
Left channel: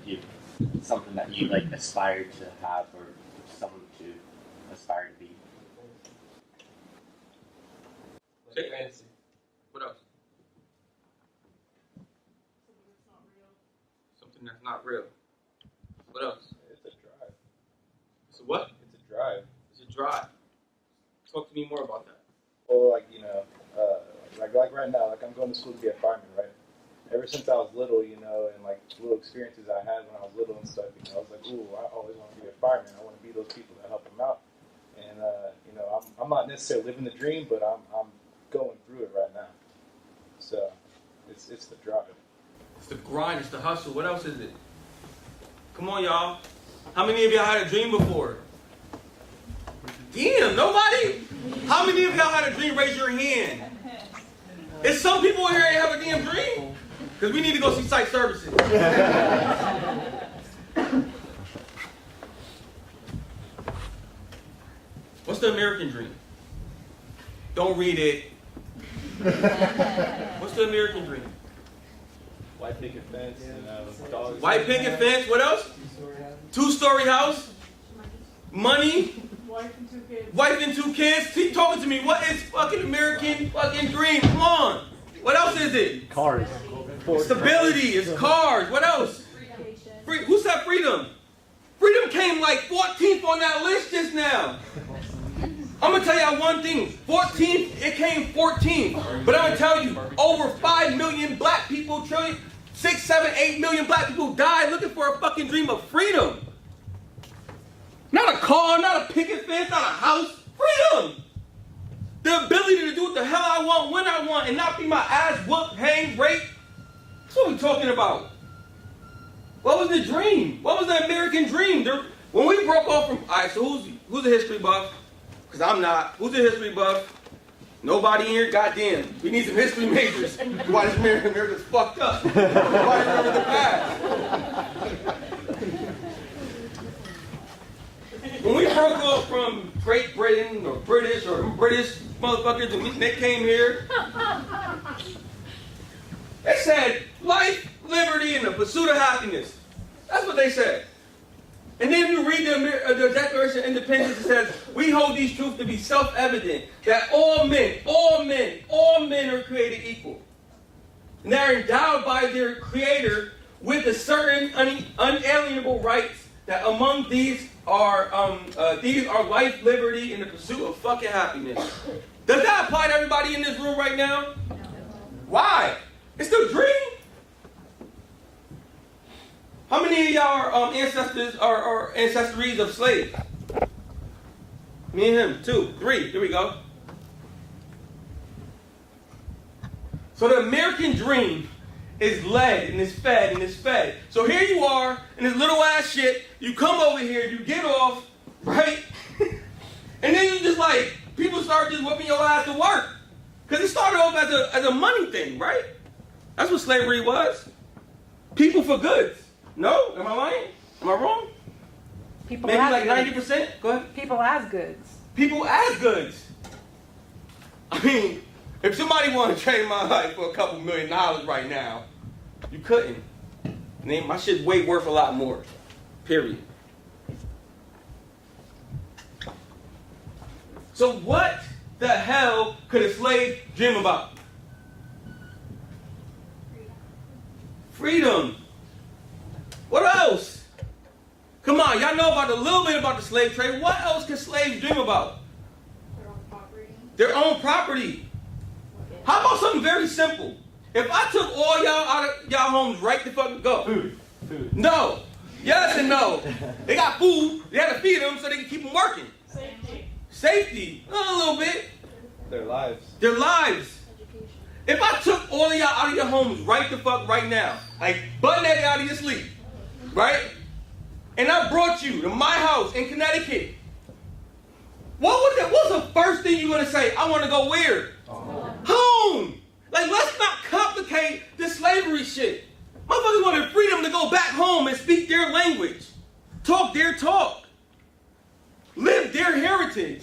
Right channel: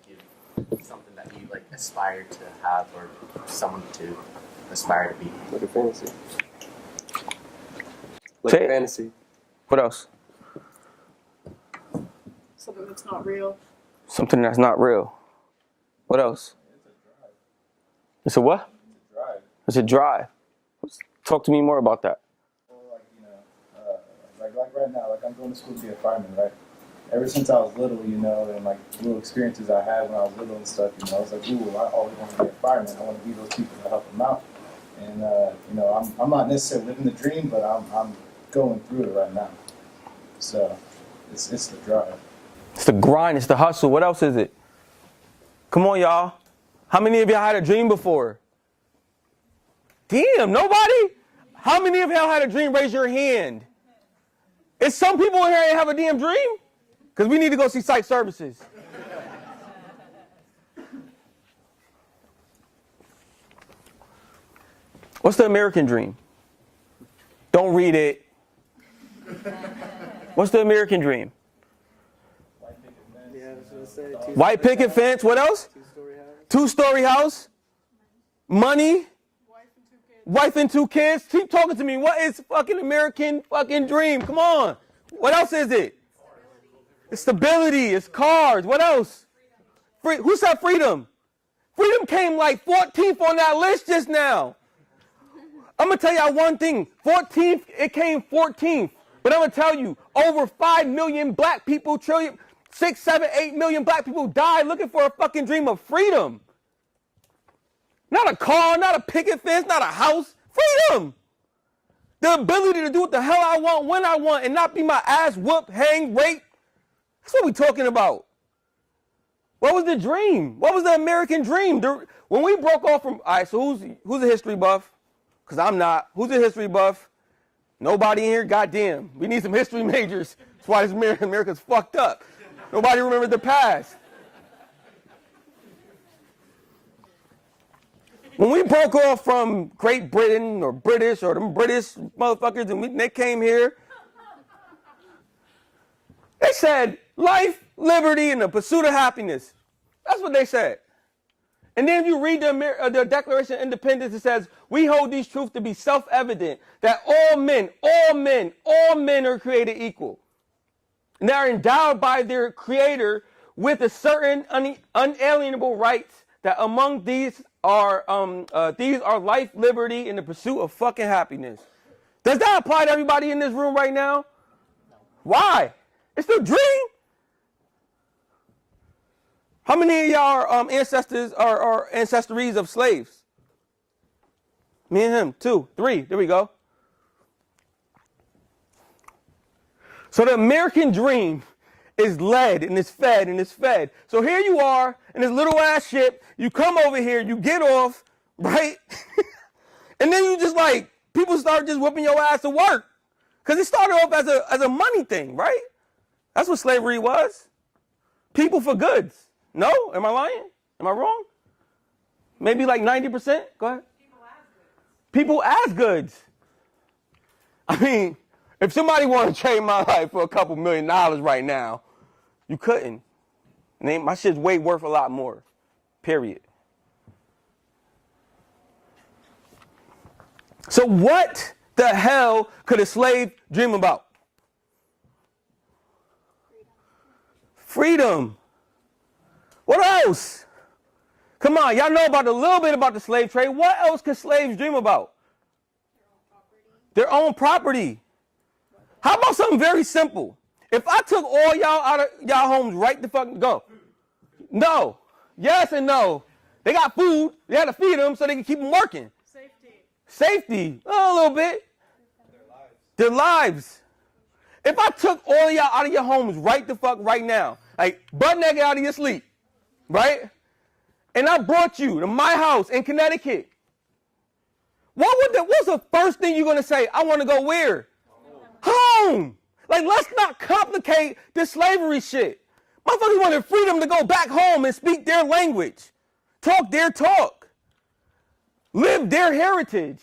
something that you like aspire to have or someone to aspire to be. Like a fantasy. Like Say a it. fantasy. What else? Something that's not real. Something that's not real. What else? It's a drive. It's a what? It's a drive. It's a drive. Talk to me more about that. Well, like, you know, like right now, like I'm going to school to be a fireman, right? Ever since I was little, you know, and like little experiences I had when I was little and stuff, you know, I was like, ooh, I always want to be a fireman. I want to be those people that help them out. And, you know, I'm not necessarily living the dream, but I'm going through it right now. So it's the drive. It's the grind. It's the hustle. What else is it? Come on, y'all. How many of y'all had a dream before? Damn, nobody? How many of y'all had a dream? Raise your hand. Is some people in here that have a damn dream? Because we need to go see site services. What's the American dream? Don't read it. What's the American dream? White picket fence. Dogs. White picket fence. What else? 2-story house. Money. Wife and 2 kids. Keep talking to me. What is fucking American fucking dream? Come on. What else is it? Cars. Stability. It's cars. What else? Who said freedom? Freedom came like 14th on that list just now. I'm going to tell y'all one thing. 14th, it came 14th. But I'm going to tell you, over 5 million black people, 6, 7, 8 million black people died looking for a fucking dream of freedom. Not a car, not a picket fence, not a house. Freedom. The ability to do what the hell I want, when I want, and not be my ass whooped, hanged, raped. That's what we're talking about. What was the dream? What was the American dream? When we broke off from, all right, so who's a history buff? Because I'm not. Who's a history buff? Nobody here? Goddamn. We need some history majors. That's why this America's fucked up. Nobody remembers the past. When we broke off from Great Britain or British or them British motherfuckers and they came here, they said life, liberty, and the pursuit of happiness. That's what they said. And then you read the Declaration of Independence, it says, we hold these truths to be self-evident, that all men are created equal. And they're endowed by their Creator with a certain unalienable rights, that among these are life, liberty, and the pursuit of fucking happiness. Does that apply to everybody in this room right now? Why? It's the dream. How many of y'all ancestors are ancestries of slaves? Me and him, 2, 3. There we go. So the American dream is led and is fed and is fed. So here you are in this little ass shit. You come over here, you get off, right? And then you just like, people start just whipping your ass to work. Because it started off as a money thing, right? That's what slavery was. People for goods. No? Am I lying? Am I wrong? People Maybe like as 90%? Go ahead. People as goods. People as goods. I mean, if somebody wanted to trade my life for a couple $1 million right now, you couldn't. My shit's way worth a lot more. Period. So what the hell could a slave dream about? Freedom. What else? Come on, y'all know about a little bit about the slave trade. What else could slaves dream about? Their own property. Their own property. How about something very simple? If I took all y'all out of y'all homes right the fuck go. Food. No. Yes and no. They got food. They had to feed them so they can keep them working. Safety. Oh, a little bit. Their lives. Their lives. Education. If I took all y'all out of your homes right the fuck right now, like butt naked out of your sleep, right? And I brought you to my house in Connecticut. What's the first thing you're gonna say? I want to go where? Home. Like, let's not complicate this slavery shit. Motherfuckers wanted freedom to go back home and speak their language, talk their talk, live their heritage.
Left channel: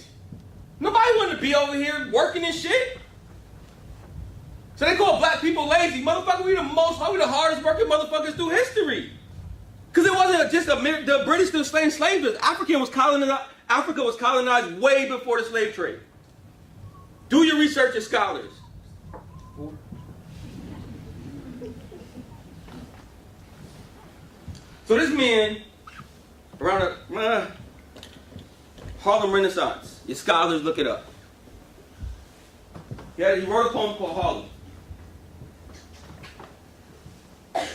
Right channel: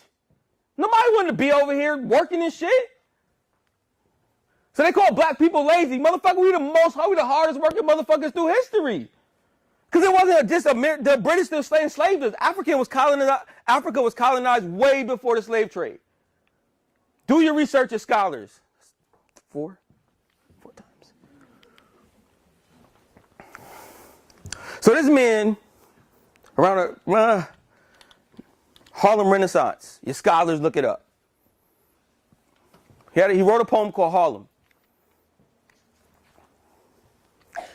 Nobody wanted to be over here working and shit. So they call black people lazy. Motherfucker, we the hardest working motherfuckers through history. Because it wasn't just the British that enslaved slaves. Africa was colonized way before the slave trade. Do your research as scholars. 4. So this man, around the Harlem Renaissance, your scholars look it up. He wrote a poem called Harlem.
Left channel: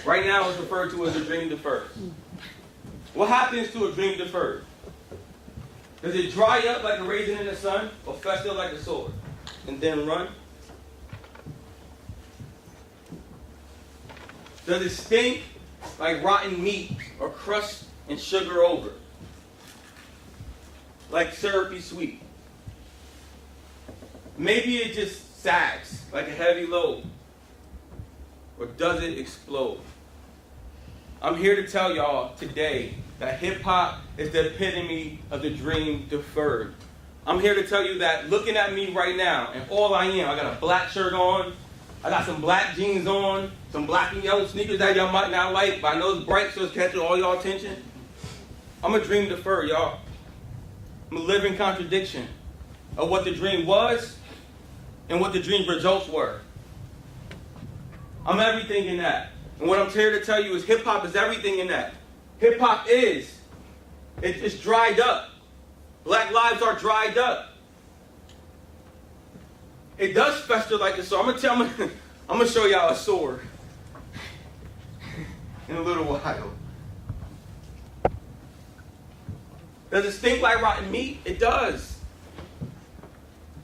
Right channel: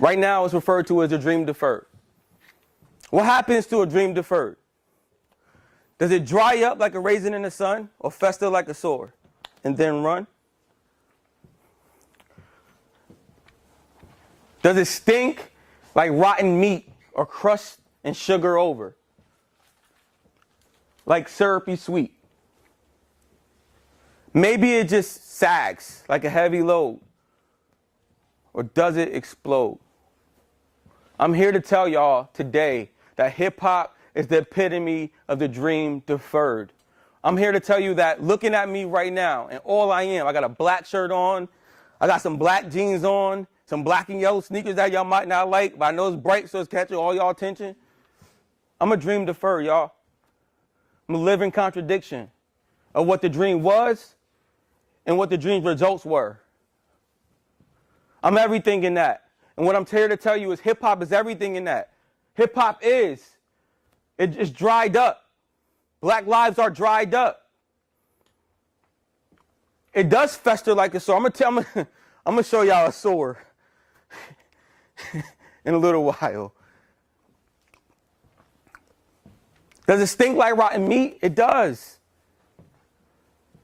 Right now it's referred to as a dream deferred. What happens to a dream deferred? Does it dry up like a raisin in the sun or fester like a sword and then run? Does it stink like rotten meat or crushed and sugar over? Like syrupy sweet? Maybe it just sags like a heavy load. Or does it explode? I'm here to tell y'all today that hip-hop is the epitome of the dream deferred. I'm here to tell you that looking at me right now, and all I am, I got a black shirt on, I got some black jeans on, some black and yellow sneakers that y'all might not like, but I know it's bright so it's catching all y'all attention. I'm a dream deferred, y'all. I'm a living contradiction of what the dream was and what the dream's results were. I'm everything in that. And what I'm here to tell you is hip-hop is everything in that. Hip-hop it's dried up. Black lives are dried up. It does fester like a sword. I'm gonna show y'all a sword in a little while. Does it stink like rotten meat? It does.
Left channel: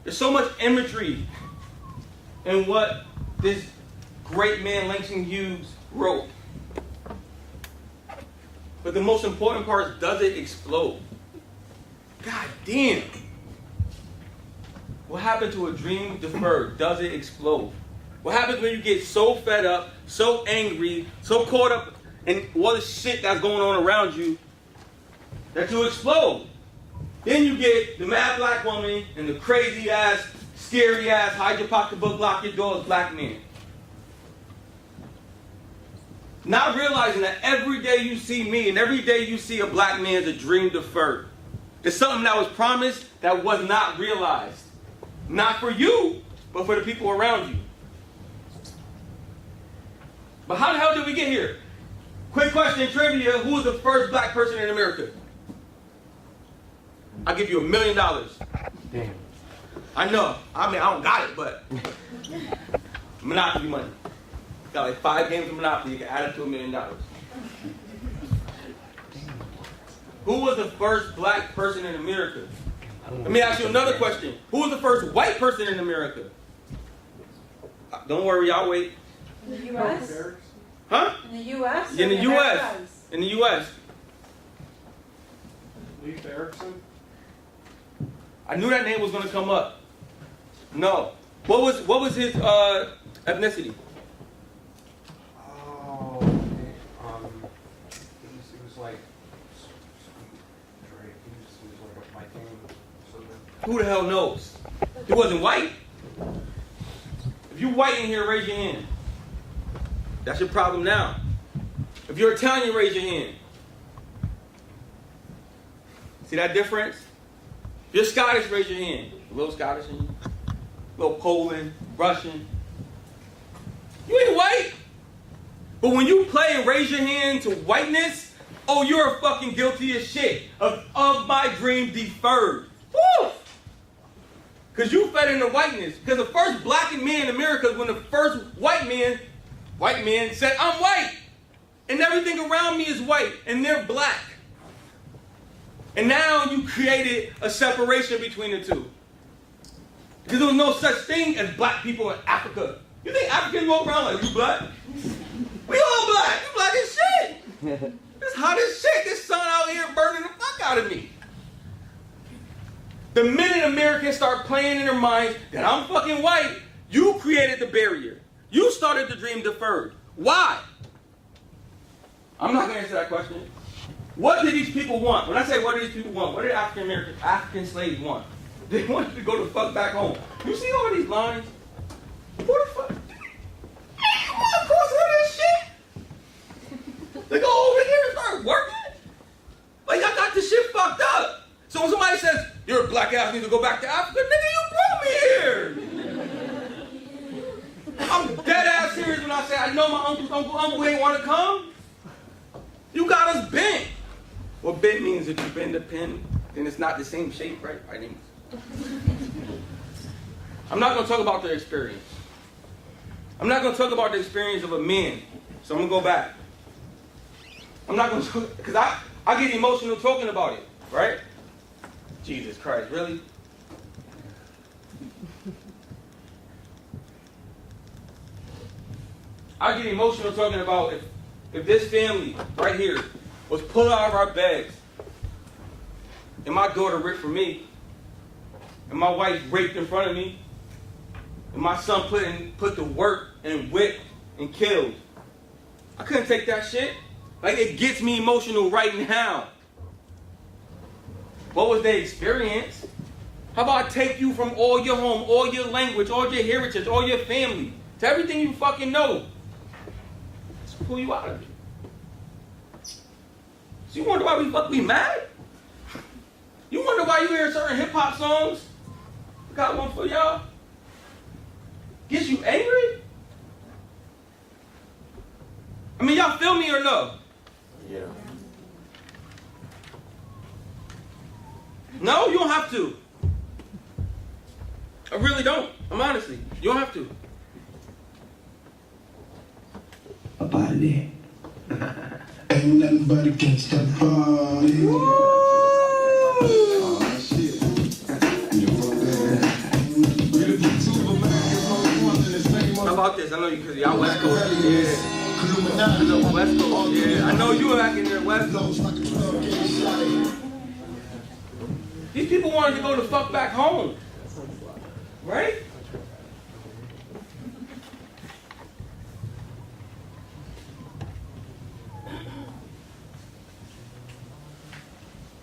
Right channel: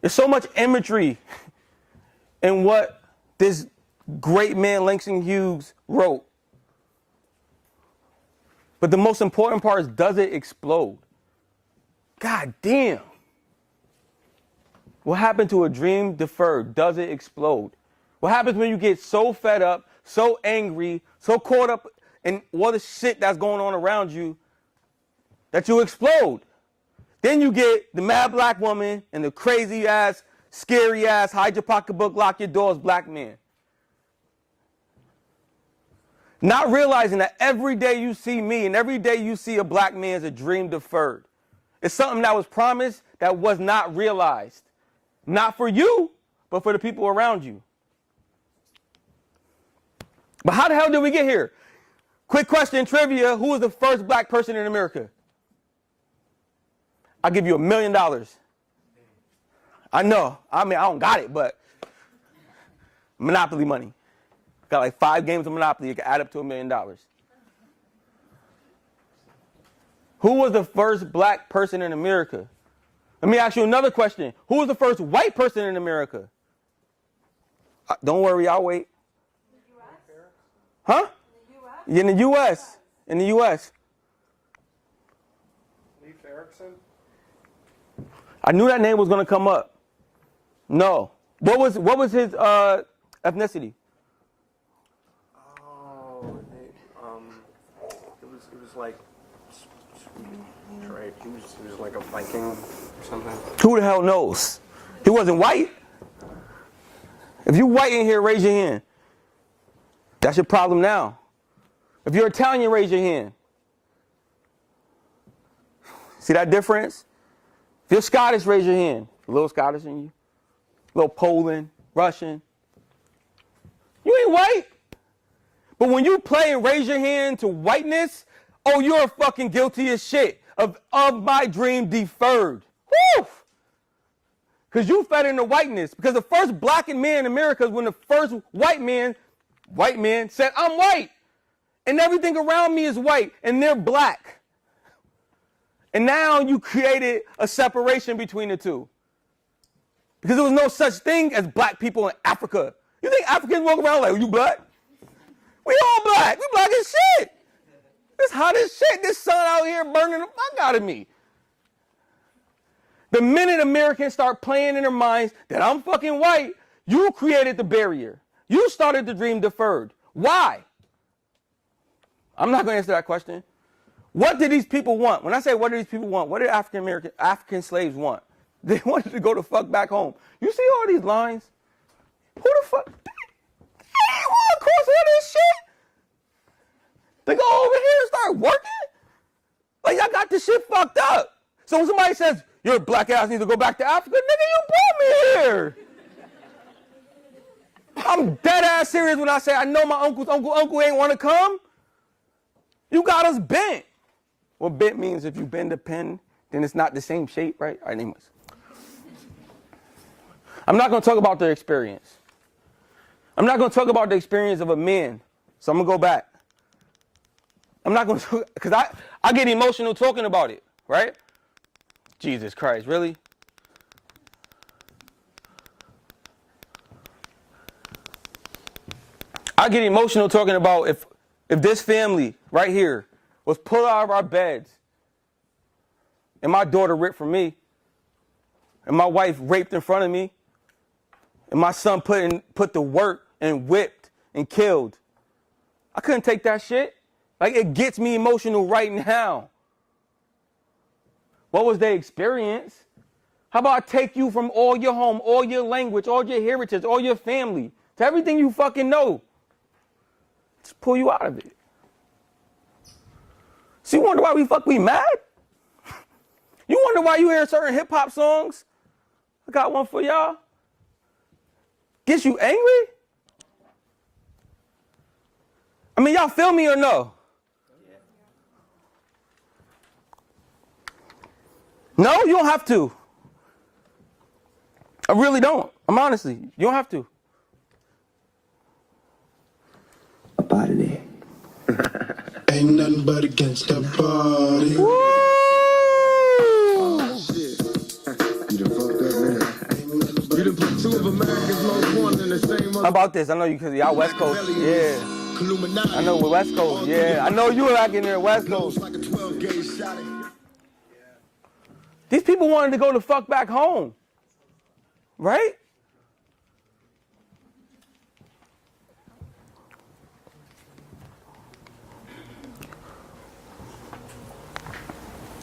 There's so much imagery in what this great man Langston Hughes wrote. But the most important part is, does it explode? God damn. What happened to a dream deferred? Does it explode? What happens when you get so fed up, so angry, so caught up in all the shit that's going on around you that you explode? Then you get the mad black woman and the crazy ass, scary ass, hide your pocketbook, lock your doors, black man. Not realizing that every day you see me and every day you see a black man is a dream deferred. It's something that was promised that was not realized. Not for you, but for the people around you. But how the hell did we get here? Quick question, trivia. Who was the first black person in America? I'll give you $1 million. Damn. I know. I mean, I don't got it, but Monopoly money. Got like 5 games of Monopoly. You can add it to $1 million. Who was the first black person in America? Let me ask you another question. Who was the first white person in America? Don't worry, I'll wait. In the U.S.? Huh? In the U.S.? Yeah, in the U.S. In the U.S. Leif Erikson? I knew that name was going to come up. No. What was his ethnicity? Oh, it was like Drake. He was like a Viking or something. Who the hell knows? He wasn't white. If you're white in here, raise your hand. That's your problem now. If you're Italian, raise your hand. See that difference? If you're Scottish, raise your hand. A little Scottish in you. A little Poland, Russian. You ain't white. But when you play and raise your hand to whiteness, oh, you're fucking guilty as shit of my dream deferred. Woo! Because you fed into whiteness. Because the first black man in America is when the first white man said, I'm white. And everything around me is white. And they're black. And now you created a separation between the two. Because there was no such thing as black people in Africa. You think Africans walk around like, you black? We all black. You black as shit. It's hot as shit. This sun out here burning the fuck out of me. The minute Americans start playing in their minds that I'm fucking white, you created the barrier. You started the dream deferred. Why? I'm not going to answer that question. What do these people want? When I say what do these people want, what did African slaves want? They wanted to go the fuck back home. You see all these lines? Who the fuck? Of course, all this shit. They go over here and start working? Like, I got this shit fucked up. So when somebody says, you're a black ass, you need to go back to Africa, nigga, you brought me here. I'm dead ass serious when I say I know my uncle ain't want to come. You got us bent. Well, bent means if you bend the pen, then it's not the same shape, right? All right, anyways. I'm not going to talk about their experience. I'm not going to talk about the experience of a man. So I'm going to go back. I'm not going to, because I get emotional talking about it, right? Jesus Christ, really? I get emotional talking about if this family right here was pulled out of our beds and my daughter ripped from me and my wife raped in front of me and my son put to work and whipped and killed. I couldn't take that shit. Like, it gets me emotional right now. What was their experience? How about I take you from all your home, all your language, all your heritage, all your family, to everything you fucking know. Just pull you out of it. So you wonder why we mad? You wonder why you hear certain hip-hop songs? I got one for y'all. Gets you angry? I mean, y'all feel me or no? Yeah. No, you don't have to. I really don't. I'm honestly, you don't have to. Up out of there. Ain't nothing but against the party. How about this? I know you because y'all West Coast. Yeah. I know we're West Coast. Yeah. I know you were back in there West Coast. These people wanted to go the fuck back home. Right?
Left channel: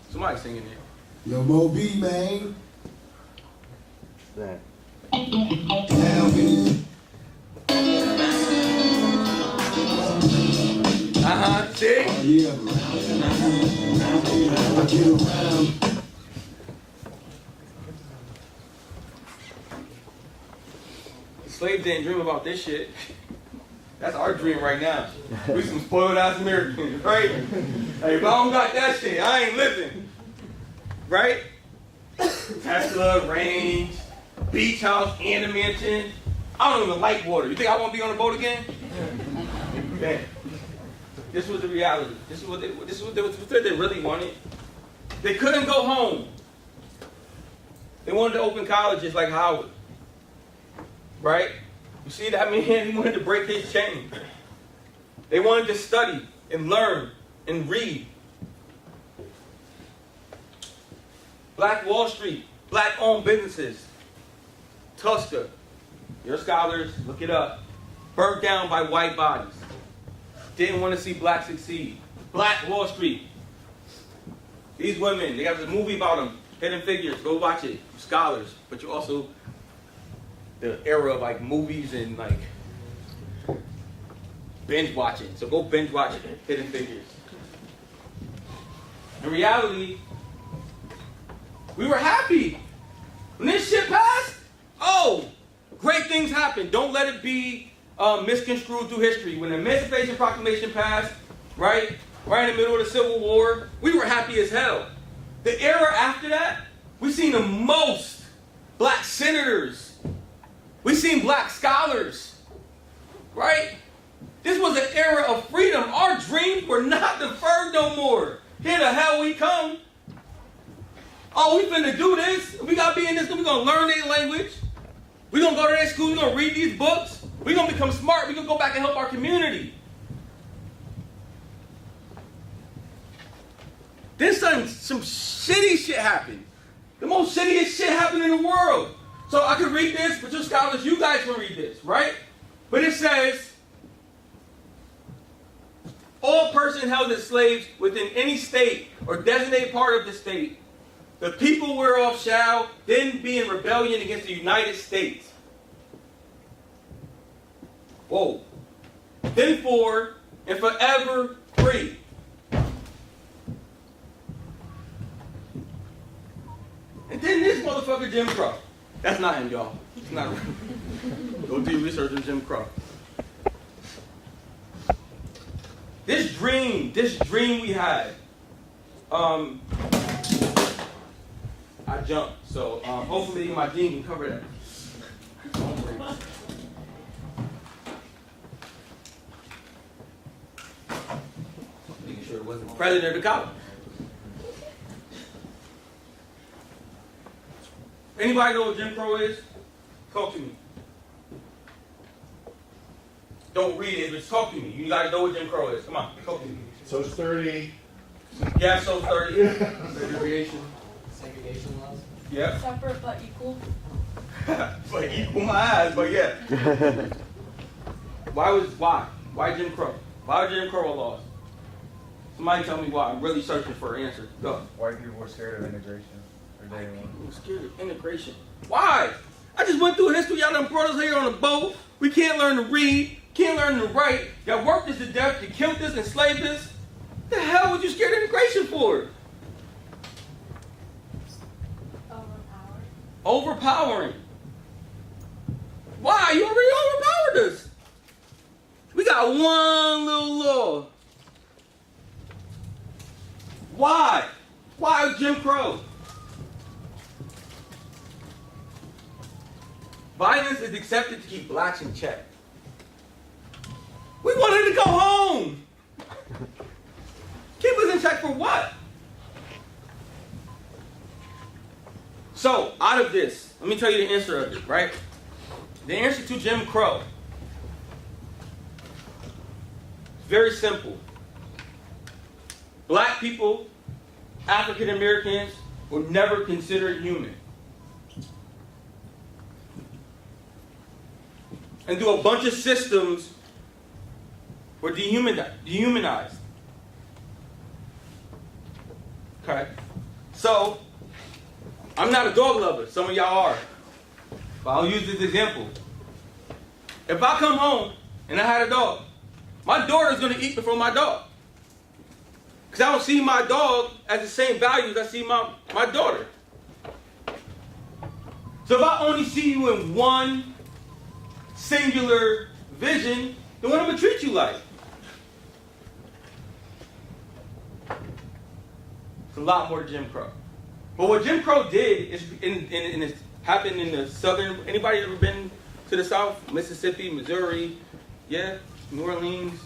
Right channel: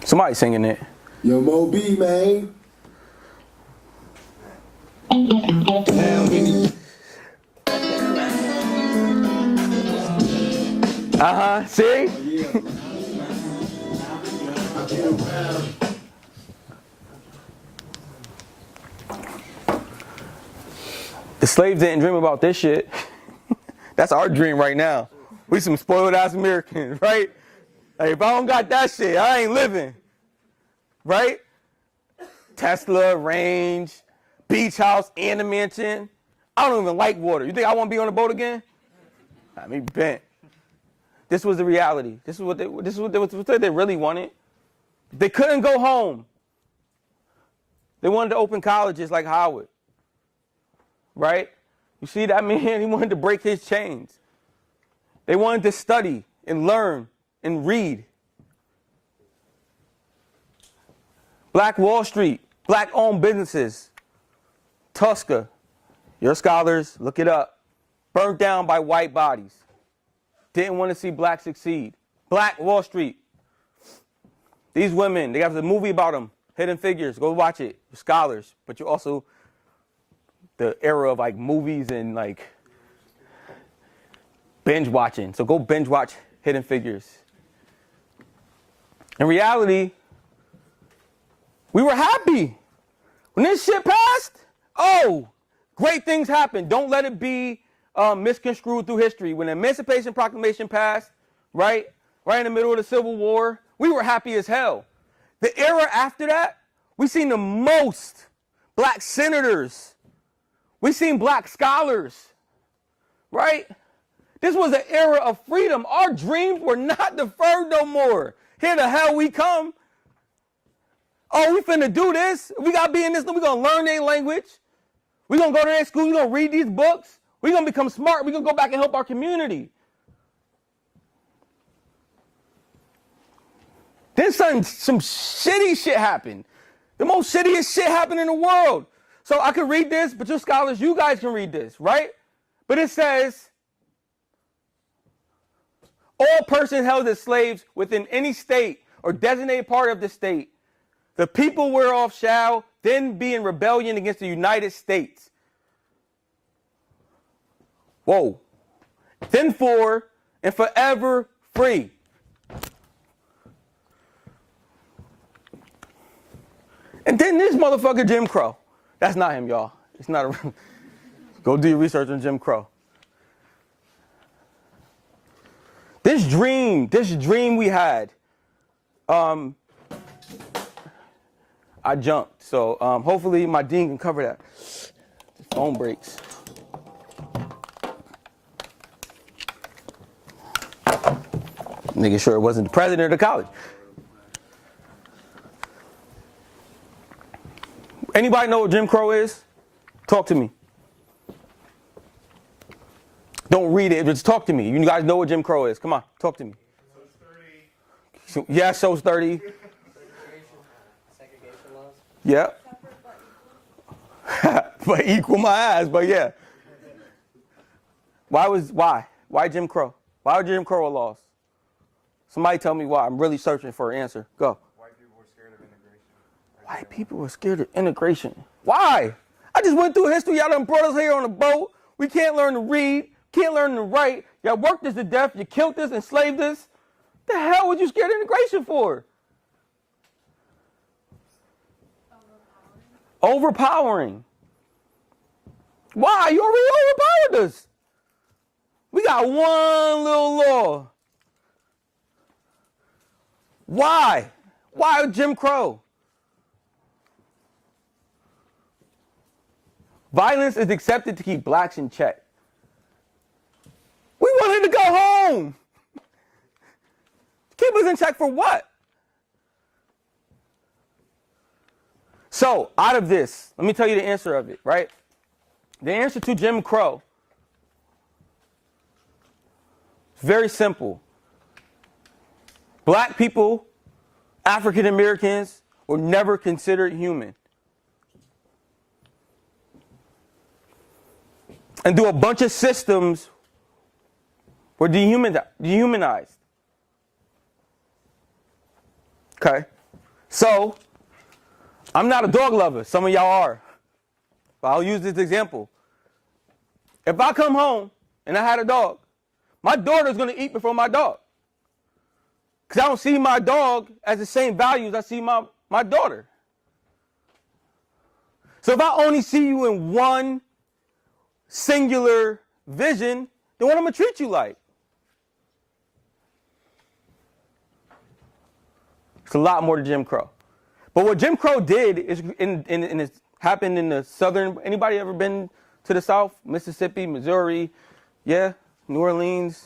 Somebody singing it. Yo, Mo B, man. See? Yeah. The slaves didn't dream about this shit. That's our dream right now. We some spoiled ass Americans, right? Like, if I don't got that shit, I ain't living. Right? Tesla, range, beach house, and a mansion. I don't even like water. You think I want to be on a boat again? Man. This was the reality. This is what they really wanted. They couldn't go home. They wanted to open colleges like Howard. Right? You see that man? He wanted to break his chains. They wanted to study and learn and read. Black Wall Street, black-owned businesses. Tusker, your scholars, look it up. Burnt down by white bodies. Didn't want to see blacks succeed. Black Wall Street. These women, they got the movie about them. Hidden Figures, go watch it. Scholars, but you also the era of like movies and like binge watching. So go binge watch Hidden Figures. In reality, we were happy. When this shit passed, oh, great things happened. Don't let it be misconstrued through history. When the Emancipation Proclamation passed, right in the middle of the Civil War, we were happy as hell. The era after that, we seen the most black senators. We seen black scholars, right? This was an era of freedom. Our dreams were not deferred no more. Here the hell we come. Oh, we finna do this. We gotta be in this. We gonna learn their language. We gonna go to their school. We gonna read these books. We gonna become smart. We gonna go back and help our community. Then some shitty shit happened. The most shittiest shit happened in the world. So I could read this, but you scholars, you guys can read this, right? But it says, all persons held as slaves within any state or designated part of the state, the people whereof shall then be in rebellion against the United States. Whoa. Then for and forever free. And then this motherfucker Jim Crow. That's not him, y'all. It's not a go do your research on Jim Crow. This dream we had, I jumped. So hopefully my dean can cover that. Phone breaks. Making sure it wasn't the president of the college. Anybody know what Jim Crow is? Talk to me. Don't read it, just talk to me. You gotta know what Jim Crow is. Come on, talk to me. Social 30. Yeah, so it's 30. Segregation laws. Yeah. Separate but equal. But equal my ass, but yeah. Why Jim Crow? Why are Jim Crow laws? Somebody tell me why. I'm really searching for an answer. Go. White people were scared of integration. White people were scared of integration. Why? I just went through history. Y'all done brought us here on a boat. We can't learn to read. Can't learn to write. Y'all worked us to death. You killed us, enslaved us. The hell was you scared of integration for? Overpowering. Why? You already overpowered us. We got one little law. Why? Why Jim Crow? Violence is accepted to keep blacks in check. We wanted to go home. Keep us in check for what? So, out of this, let me tell you the answer of it, right? The answer to Jim Crow. Very simple. Black people, African Americans, were never considered human. And through a bunch of systems, were dehumanized. Okay? So, I'm not a dog lover. Some of y'all are. But I'll use this example. If I come home and I had a dog, my daughter's going to eat before my dog. Because I don't see my dog as the same value as I see my daughter. So if I only see you in one singular vision, then what am I going to treat you like? It's a lot more to Jim Crow. But what Jim Crow did is, it happened in the southern, anybody ever been to the South? Mississippi, Missouri, yeah? New Orleans,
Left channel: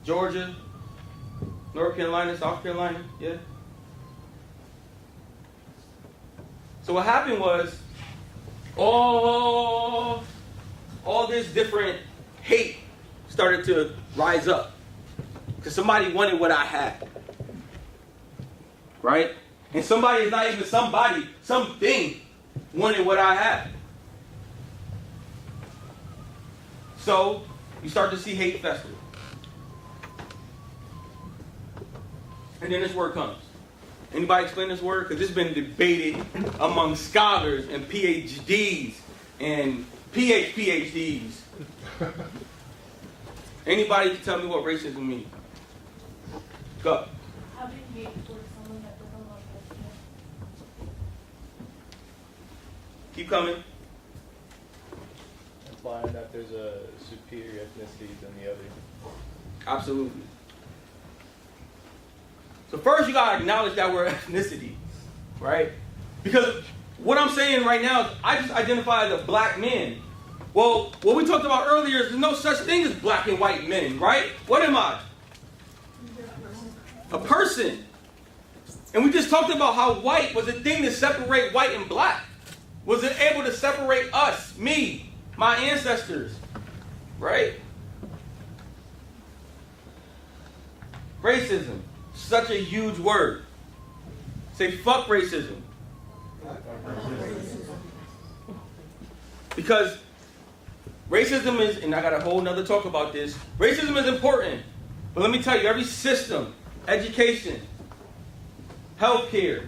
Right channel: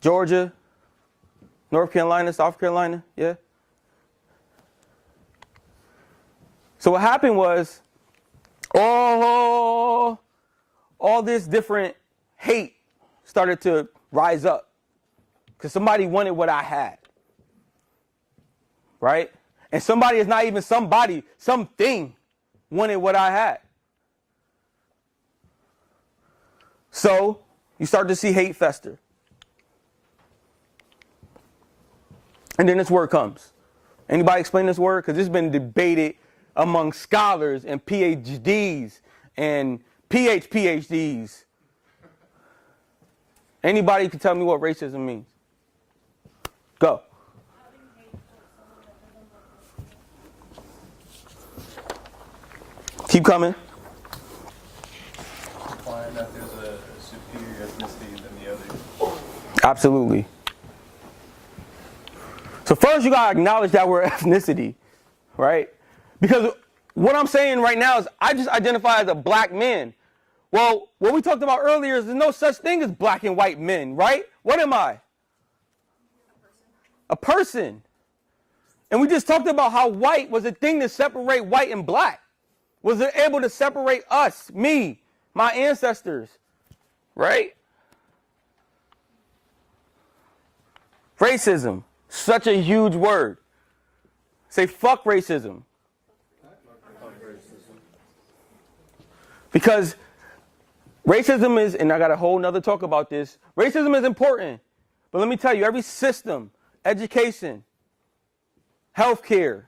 Georgia, North Carolina, South Carolina, yeah? So what happened was, all this different hate started to rise up. Because somebody wanted what I had. Right? And somebody is not even somebody, something wanted what I had. So you start to see hate fester. And then this word comes. Anybody explain this word? Because this has been debated among scholars and PhDs and PhDs. Anybody can tell me what racism means? Go. Keep coming. Implying that there's a superior ethnicity than the other. Absolutely. So first you gotta acknowledge that word ethnicity, right? Because what I'm saying right now is I just identify as a black man. Well, what we talked about earlier is there's no such thing as black and white men, right? What am I? A person. And we just talked about how white was a thing to separate white and black. Was it able to separate us, me, my ancestors, right? Racism, such a huge word. Say fuck racism. Because racism is, and I got a whole nother talk about this, racism is important. But let me tell you, every system, education, healthcare,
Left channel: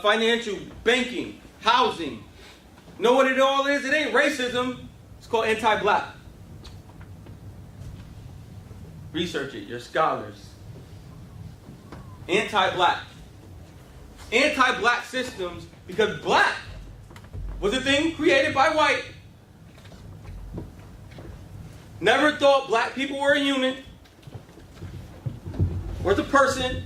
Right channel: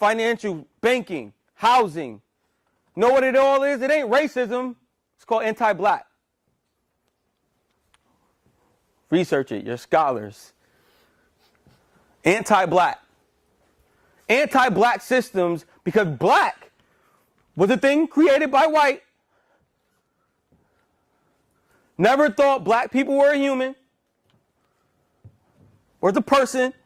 financial, banking, housing. Know what it all is? It ain't racism. It's called anti-black. Research it. You're scholars. Anti-black. Anti-black systems because black was a thing created by white. Never thought black people were a human or as a person.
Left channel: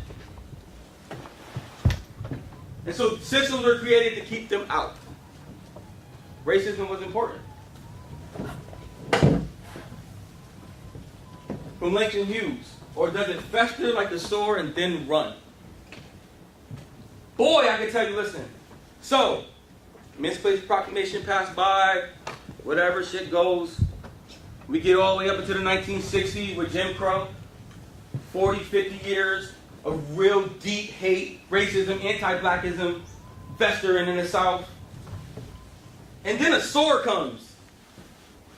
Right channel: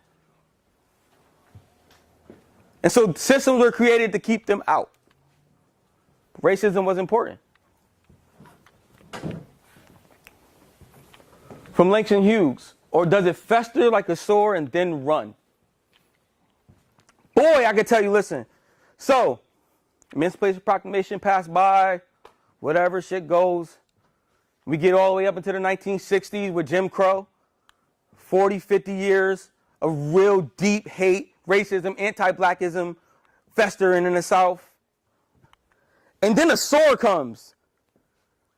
And so systems were created to keep them out. Racism was important. From Langston Hughes, or does it fester like a sore and then run? Boy, I can tell you, listen. So, Emancipation Proclamation passed by, whatever shit goes. We get all the way up into the 1960s with Jim Crow. 40, 50 years of real deep hate, racism, anti-blackism, festering in the South. And then a sword comes.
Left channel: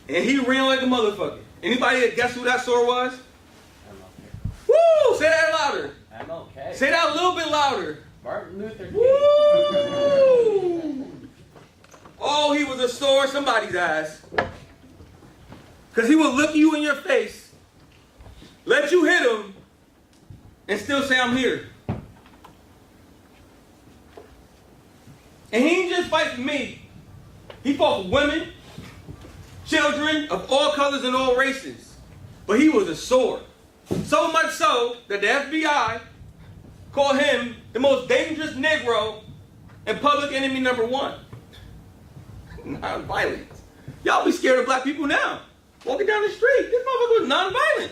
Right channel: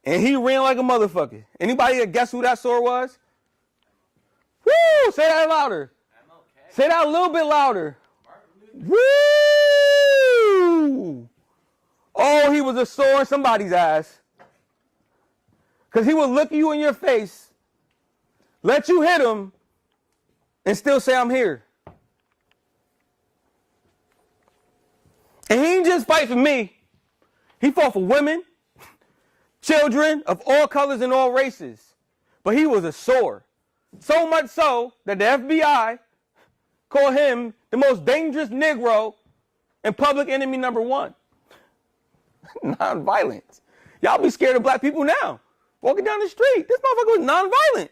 And he ran like a motherfucker. Anybody guess who that sword was? Woo! Say that louder. MLK. Say that a little bit louder. Martin Luther King. Woo! Oh, he was a sword somebody's ass. Because he would look you in your face, let you hit him, and still say, I'm here. And he didn't just fight for me. He fought for women, children of all colors and all races. But he was a sword. So much so that the FBI called him the most dangerous Negro and public enemy number one. Nonviolence. Y'all be scared of black people now. Walking down the street. This motherfucker was nonviolent.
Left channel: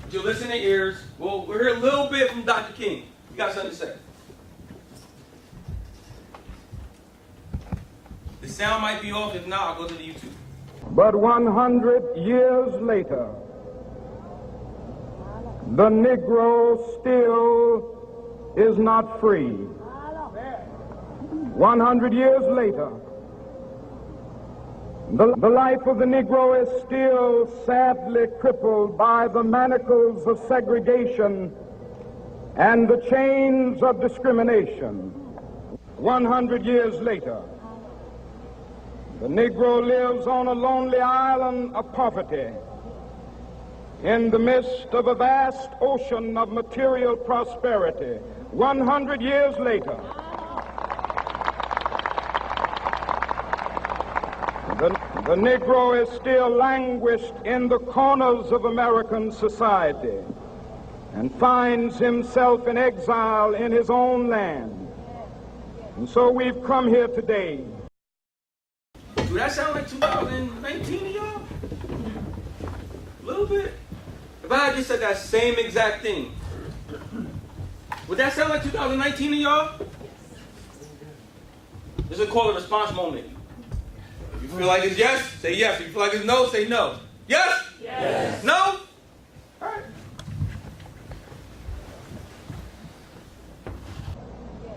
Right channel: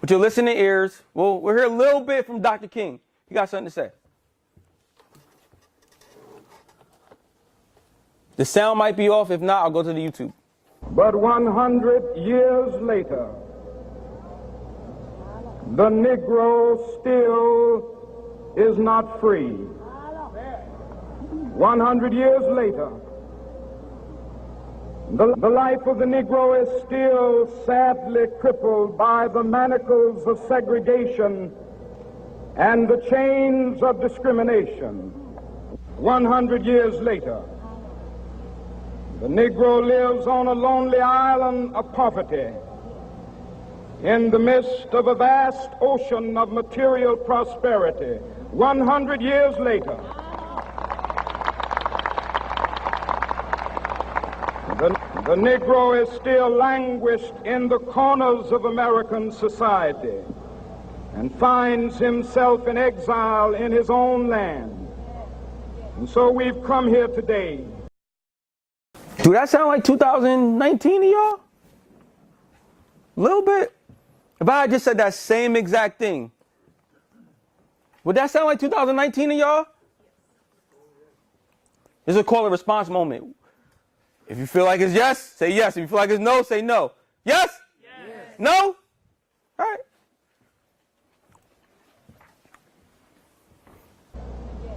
But your listening ears, well, we'll hear a little bit from Dr. King. You got something to say? The sound might be off. If not, I'll go to the YouTube. But 100 years later, the Negro still is not free. 100 years later, The life of the Negro is still sadly crippled by the manacles of segregation and the chains of discrimination. 100 years later, the Negro lives on a lonely island of poverty in the midst of a vast ocean of material prosperity. 100 years later, the Negro is still languished in the corners of American society and finds himself in exile in his own land. And so we've come here today. Do that sound like 2019 to y'all? A little bit. If I had just said that same exact thing, would that sound like 2019 to y'all? This is called a response moment. If you feel like it's yes, say yes. If you feel like it's no, say no. Yes? Yes. No? All right.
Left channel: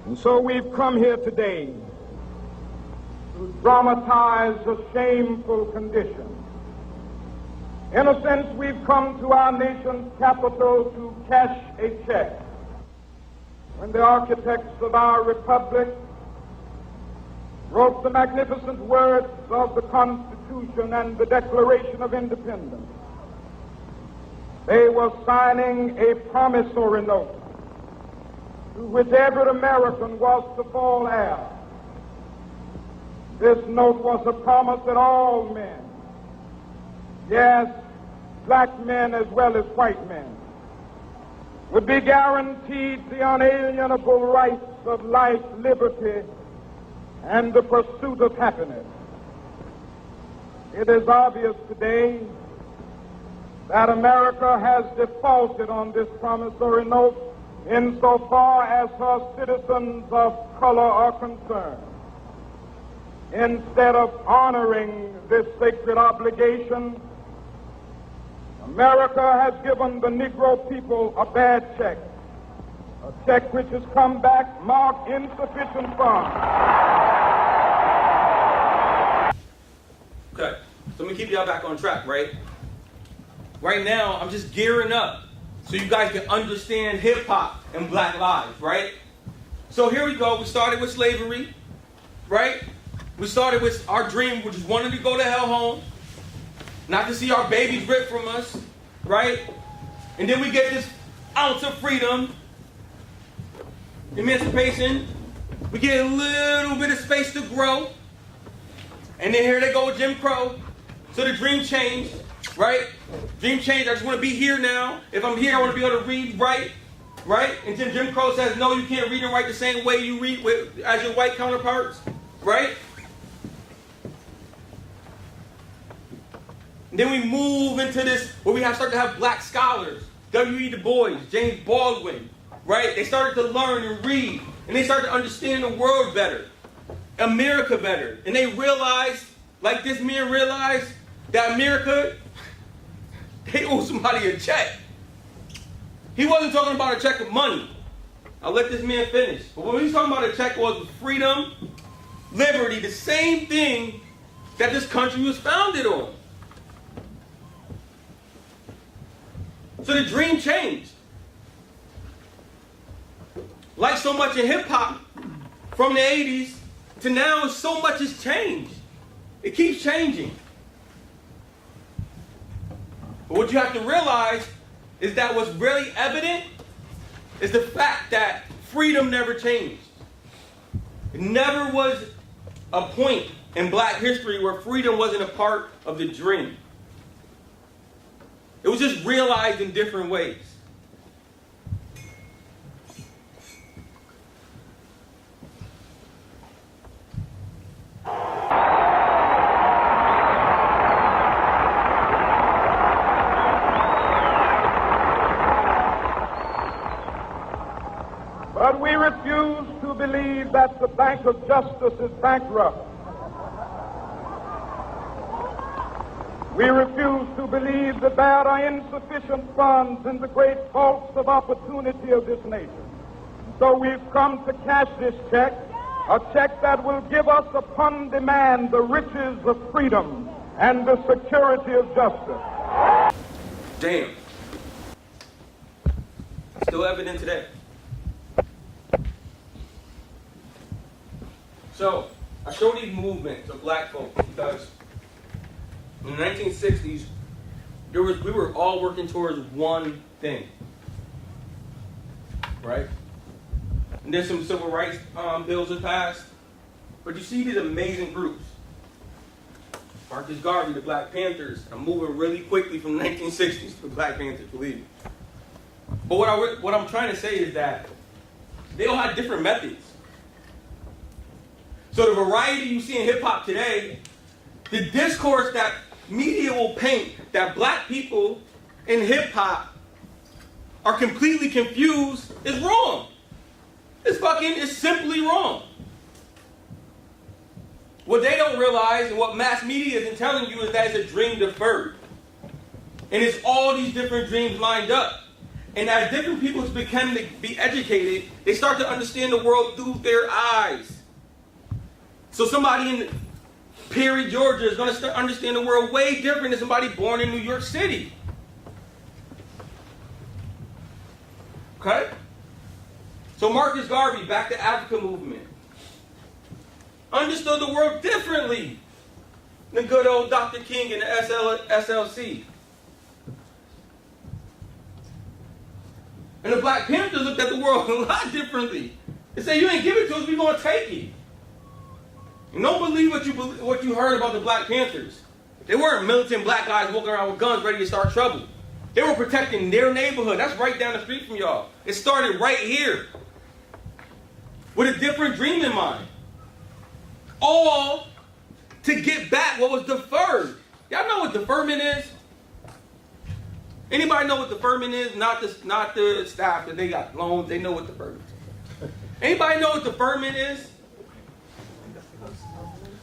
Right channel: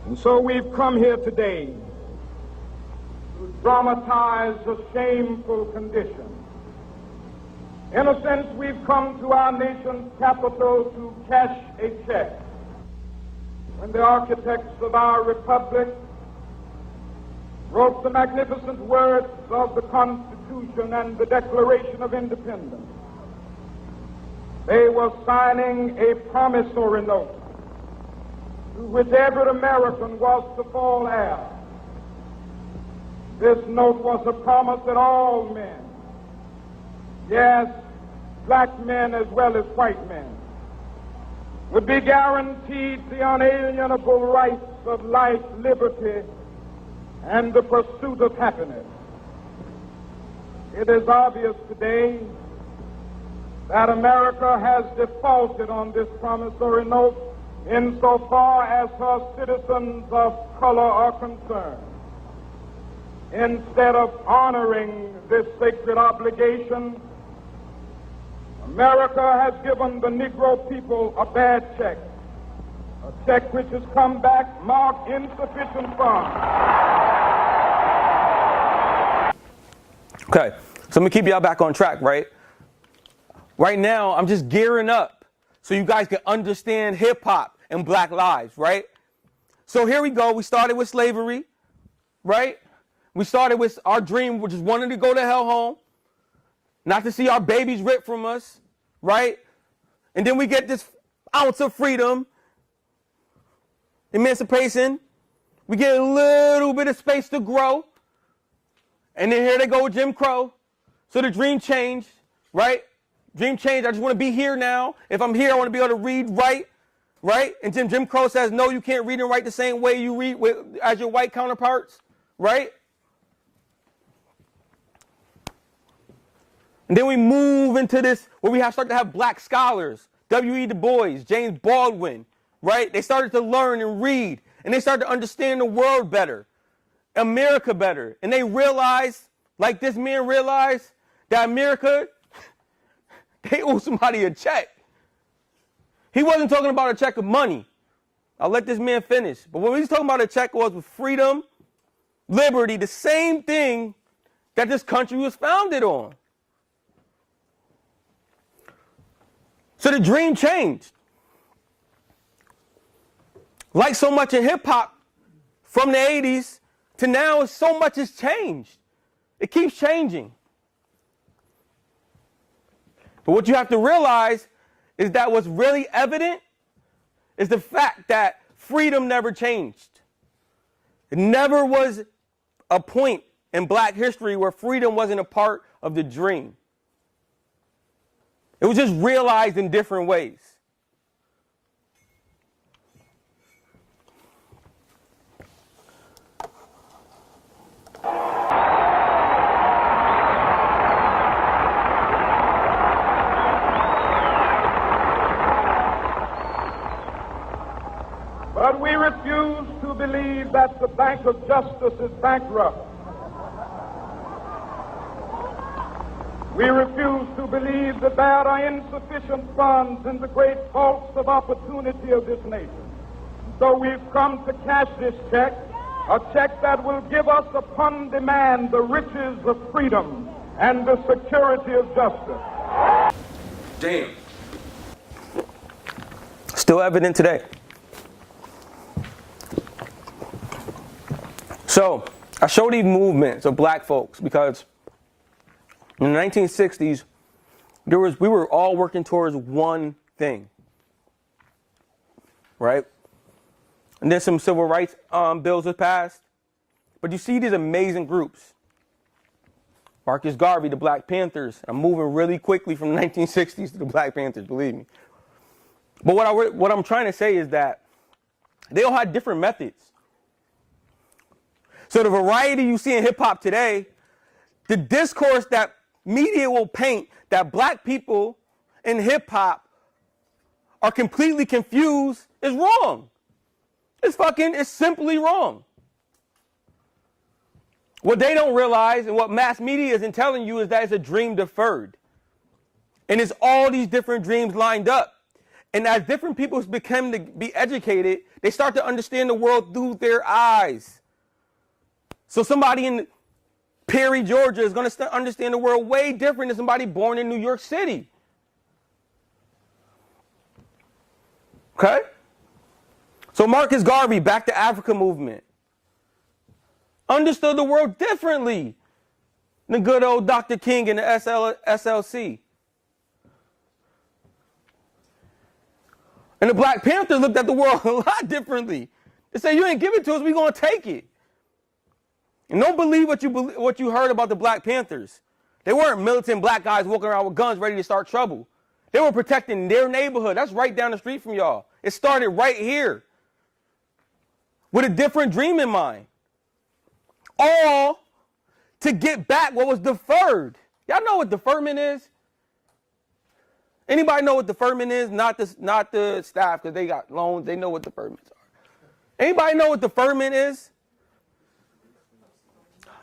And so we've come here today to dramatize a shameful condition. In a sense, we've come to our nation's capital to cash a check. When the architects of our republic wrote the magnificent words of the Constitution and the Declaration of Independence, they were signing a promissory note to which every American was to fall heir. This note was a promise that all men, yes, black men as well as white men, would be guaranteed the unalienable rights of life, liberty, and the pursuit of happiness. It is obvious today that America has defaulted on this promissory note insofar as her citizens of color are concerned. Instead of honoring this sacred obligation, America has given the Negro people a bad check, a check which has come back marked insufficient funds. Okay, so I'm gonna keep y'all back on track, right? Right now, I'm just gearing up so you guys can understand hip hop and black lives, right? So here we go. We started with slavery, right? We started with our dream, which is wanting to go to hell home, not to see our babies ripped from us, right? And then we get this ounce of freedom, emancipation. We get a little bit of space to grow. And then here they go with Jim Crow. So the dream changed, right? Dream changed. I just want to be here now. If I'm here, I want to be able to read, write, right? And then Jim Crow says, no, you can't read and write the same way you read as your white counterparts, right? And then we move into this where we start to have black scholars, W.E. Du Bois, James Baldwin, right? They started to learn and read, and they started to understand the world better, America better. And they realized, like this man realized, that America, they owe somebody a check. He wasn't talking about a check of money. I'll let this man finish. But what he was talking about a check was freedom, liberty, the same thing that this country was founded on. So the dream changed. Like so much in hip hop, from the 80s to now, so much has changed. It keeps changing. But what you have to realize is that what's really evident is the fact that freedom never changed. It never was a point in black history where freedom wasn't a part of the dream. It was just realized in different ways. But we refuse to believe that the Bank of Justice is bankrupt. We refuse to believe that there are insufficient funds in the great vaults of opportunity of this nation. So we've come to cash this check A check that will give us upon demand the riches of freedom and the security of justice. Damn. Still evident today. So, I show these movements of black folks because in the 1960s, we were all working towards one thing, right? And then some civil rights bills were passed. But you see these amazing groups. Marcus Garvey, the Black Panthers. I'm moving really quickly from the 1960s to the Black Panthers, believe me. But what I'm trying to say is that they all had different methods. So the variety you see in hip-hop today, the discourse that media will paint that black people in hip-hop are completely confused is wrong. It's simply wrong. What they don't realize and what mass media isn't telling you is that it's a dream deferred. And it's all these different dreams lined up. And as different people begin to be educated, they start to understand the world through their eyes. So somebody in Perry, Georgia is going to start understand the world way different than somebody born in New York City. Okay? So Marcus Garvey, Back to Africa movement, understood the world differently than good old Dr. King and the SLC. And the Black Panther looked at the world a lot differently. They said, you ain't give it to us, we're going to take it. And don't believe what you heard about the Black Panthers. They weren't militant black guys walking around with guns ready to start trouble. They were protecting their neighborhood. That's right down the street from y'all. It started right here with a different dream in mind. All to get back what was deferred. Y'all know what deferment is? Anybody know what deferment is? Not the staff that they got loans. They know what deferment is. Anybody know what deferment is?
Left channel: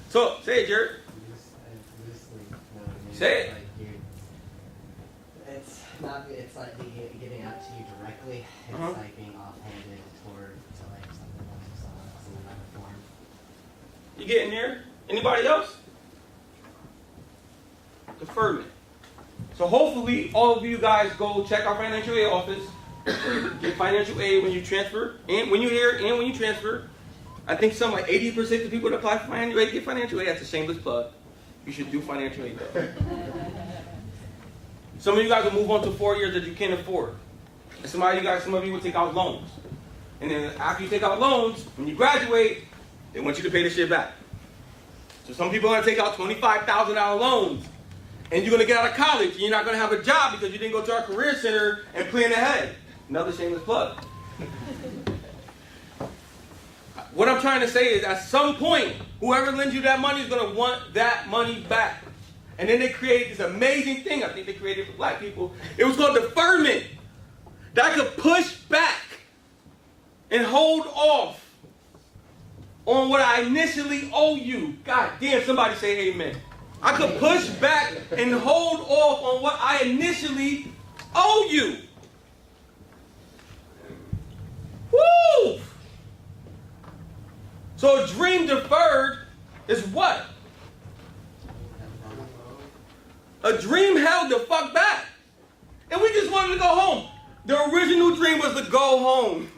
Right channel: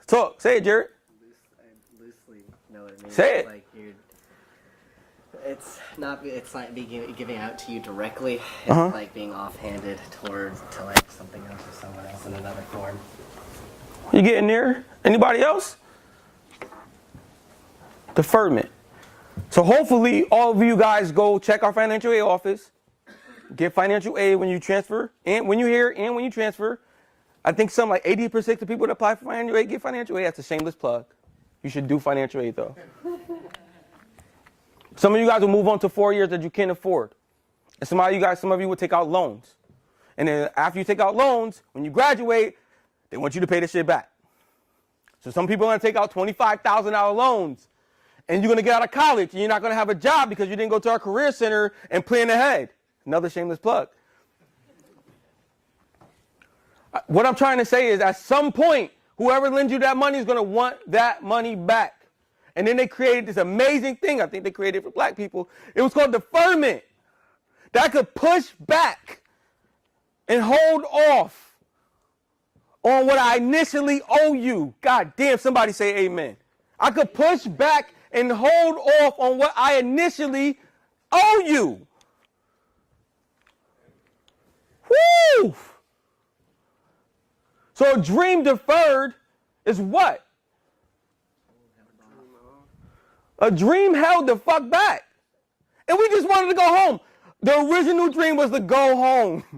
So, say it, Jared. Say it. It's like giving out to you directly. It's like being offhanded to like something else or someone else in another form. You getting there? Anybody else? Deferment. So hopefully all of you guys go check our financial aid office. Get financial aid when you transfer, and when you're here, and when you transfer. I think something like 80% of people that apply for financial aid get financial aid. That's a shameless plug. You should do financial aid though. Some of you guys will move on to 4 years that you can't afford. And some of you will take out loans. And then after you take out loans, when you graduate, they want you to pay the shit back. So some people are going to take out $25,000 loans. And you're going to get out of college and you're not going to have a job because you didn't go to our career center and plan ahead. Another shameless plug. What I'm trying to say is at some point, whoever lends you that money is going to want that money back. And then they created this amazing thing. I think they created it for black people. It was called deferment. That could push back and hold off on what I initially owe you. God damn, somebody say amen. I could push back and hold off on what I initially owe you. Woo! So a dream deferred is what? A dream held the fuck back. And we just wanted to go home. The original dream was to go home.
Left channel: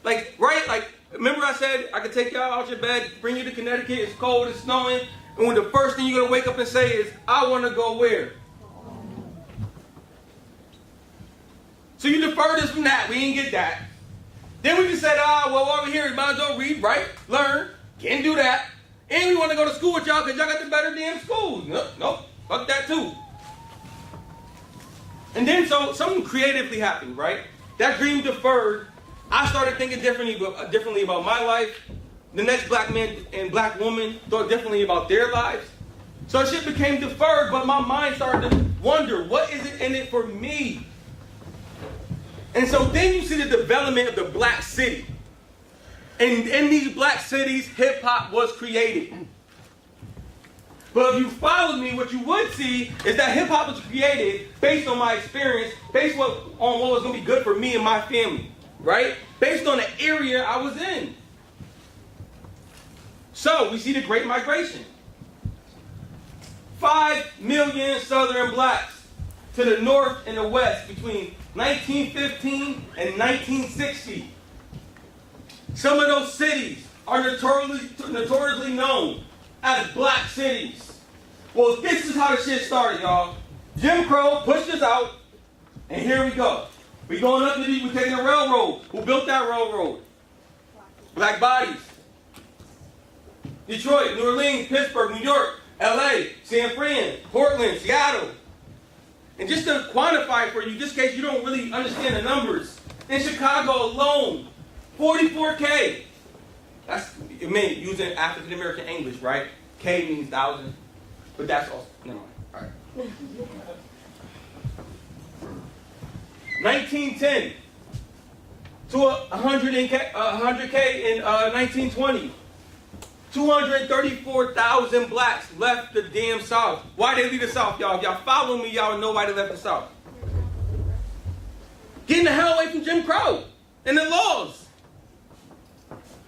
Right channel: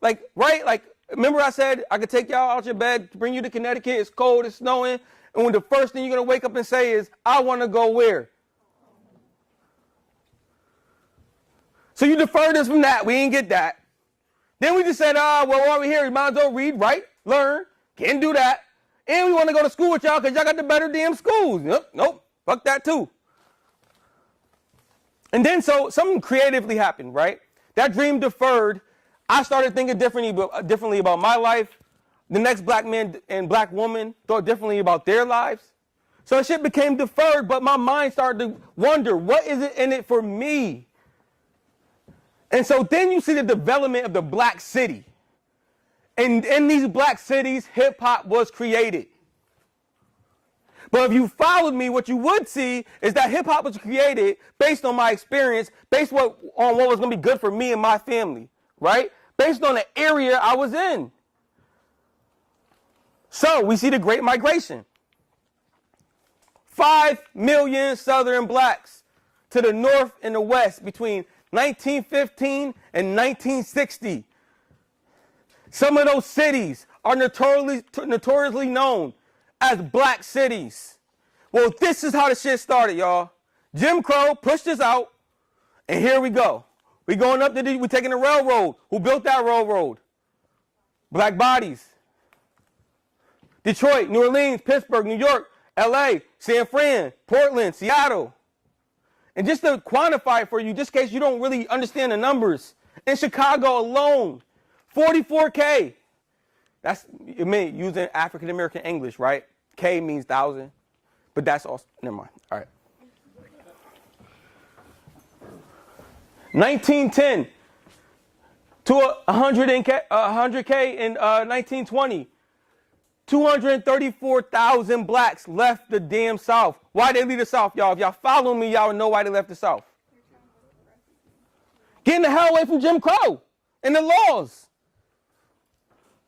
Like, right? Like, remember I said I could take y'all out your bed, bring you to Connecticut, it's cold, it's snowing, and the first thing you're going to wake up and say is, I want to go where? So you deferred us from that. We didn't get that. Then we just said, well, while we're here, we might as well read, write, learn. Can't do that. And we want to go to school with y'all because y'all got the better damn schools. Nope. Fuck that too. And then so something creatively happened, right? That dream deferred. I started thinking differently about my life. The next black man and black woman thought differently about their lives. So shit became deferred, but my mind started to wonder, what is it in it for me? And so then you see the development of the black city. And in these black cities, hip-hop was created. But if you followed me, what you would see is that hip-hop was created based on my experience, based on what was going to be good for me and my family, right? Based on the area I was in. So we see the Great Migration. 5 million Southern blacks to the north and the west between 1915 and 1960. Some of those cities are notoriously known as black cities. Well, this is how the shit started, y'all. Jim Crow pushed us out, and here we go. We going up to we taking the railroad. Who built that railroad? Black bodies. Detroit, New Orleans, Pittsburgh, New York, LA, San Fran, Portland, Seattle. And just to quantify for you, just in case you don't really understand the numbers, in Chicago alone, 44K. That's, it means using African American English, right? K means 1,000. But that's also, never mind. All right. 1910 to 100K in 1920. 234,000 blacks left the damn South. Why they leave the South, y'all? If y'all follow me, y'all know why they left the South. Getting the hell away from Jim Crow and the laws.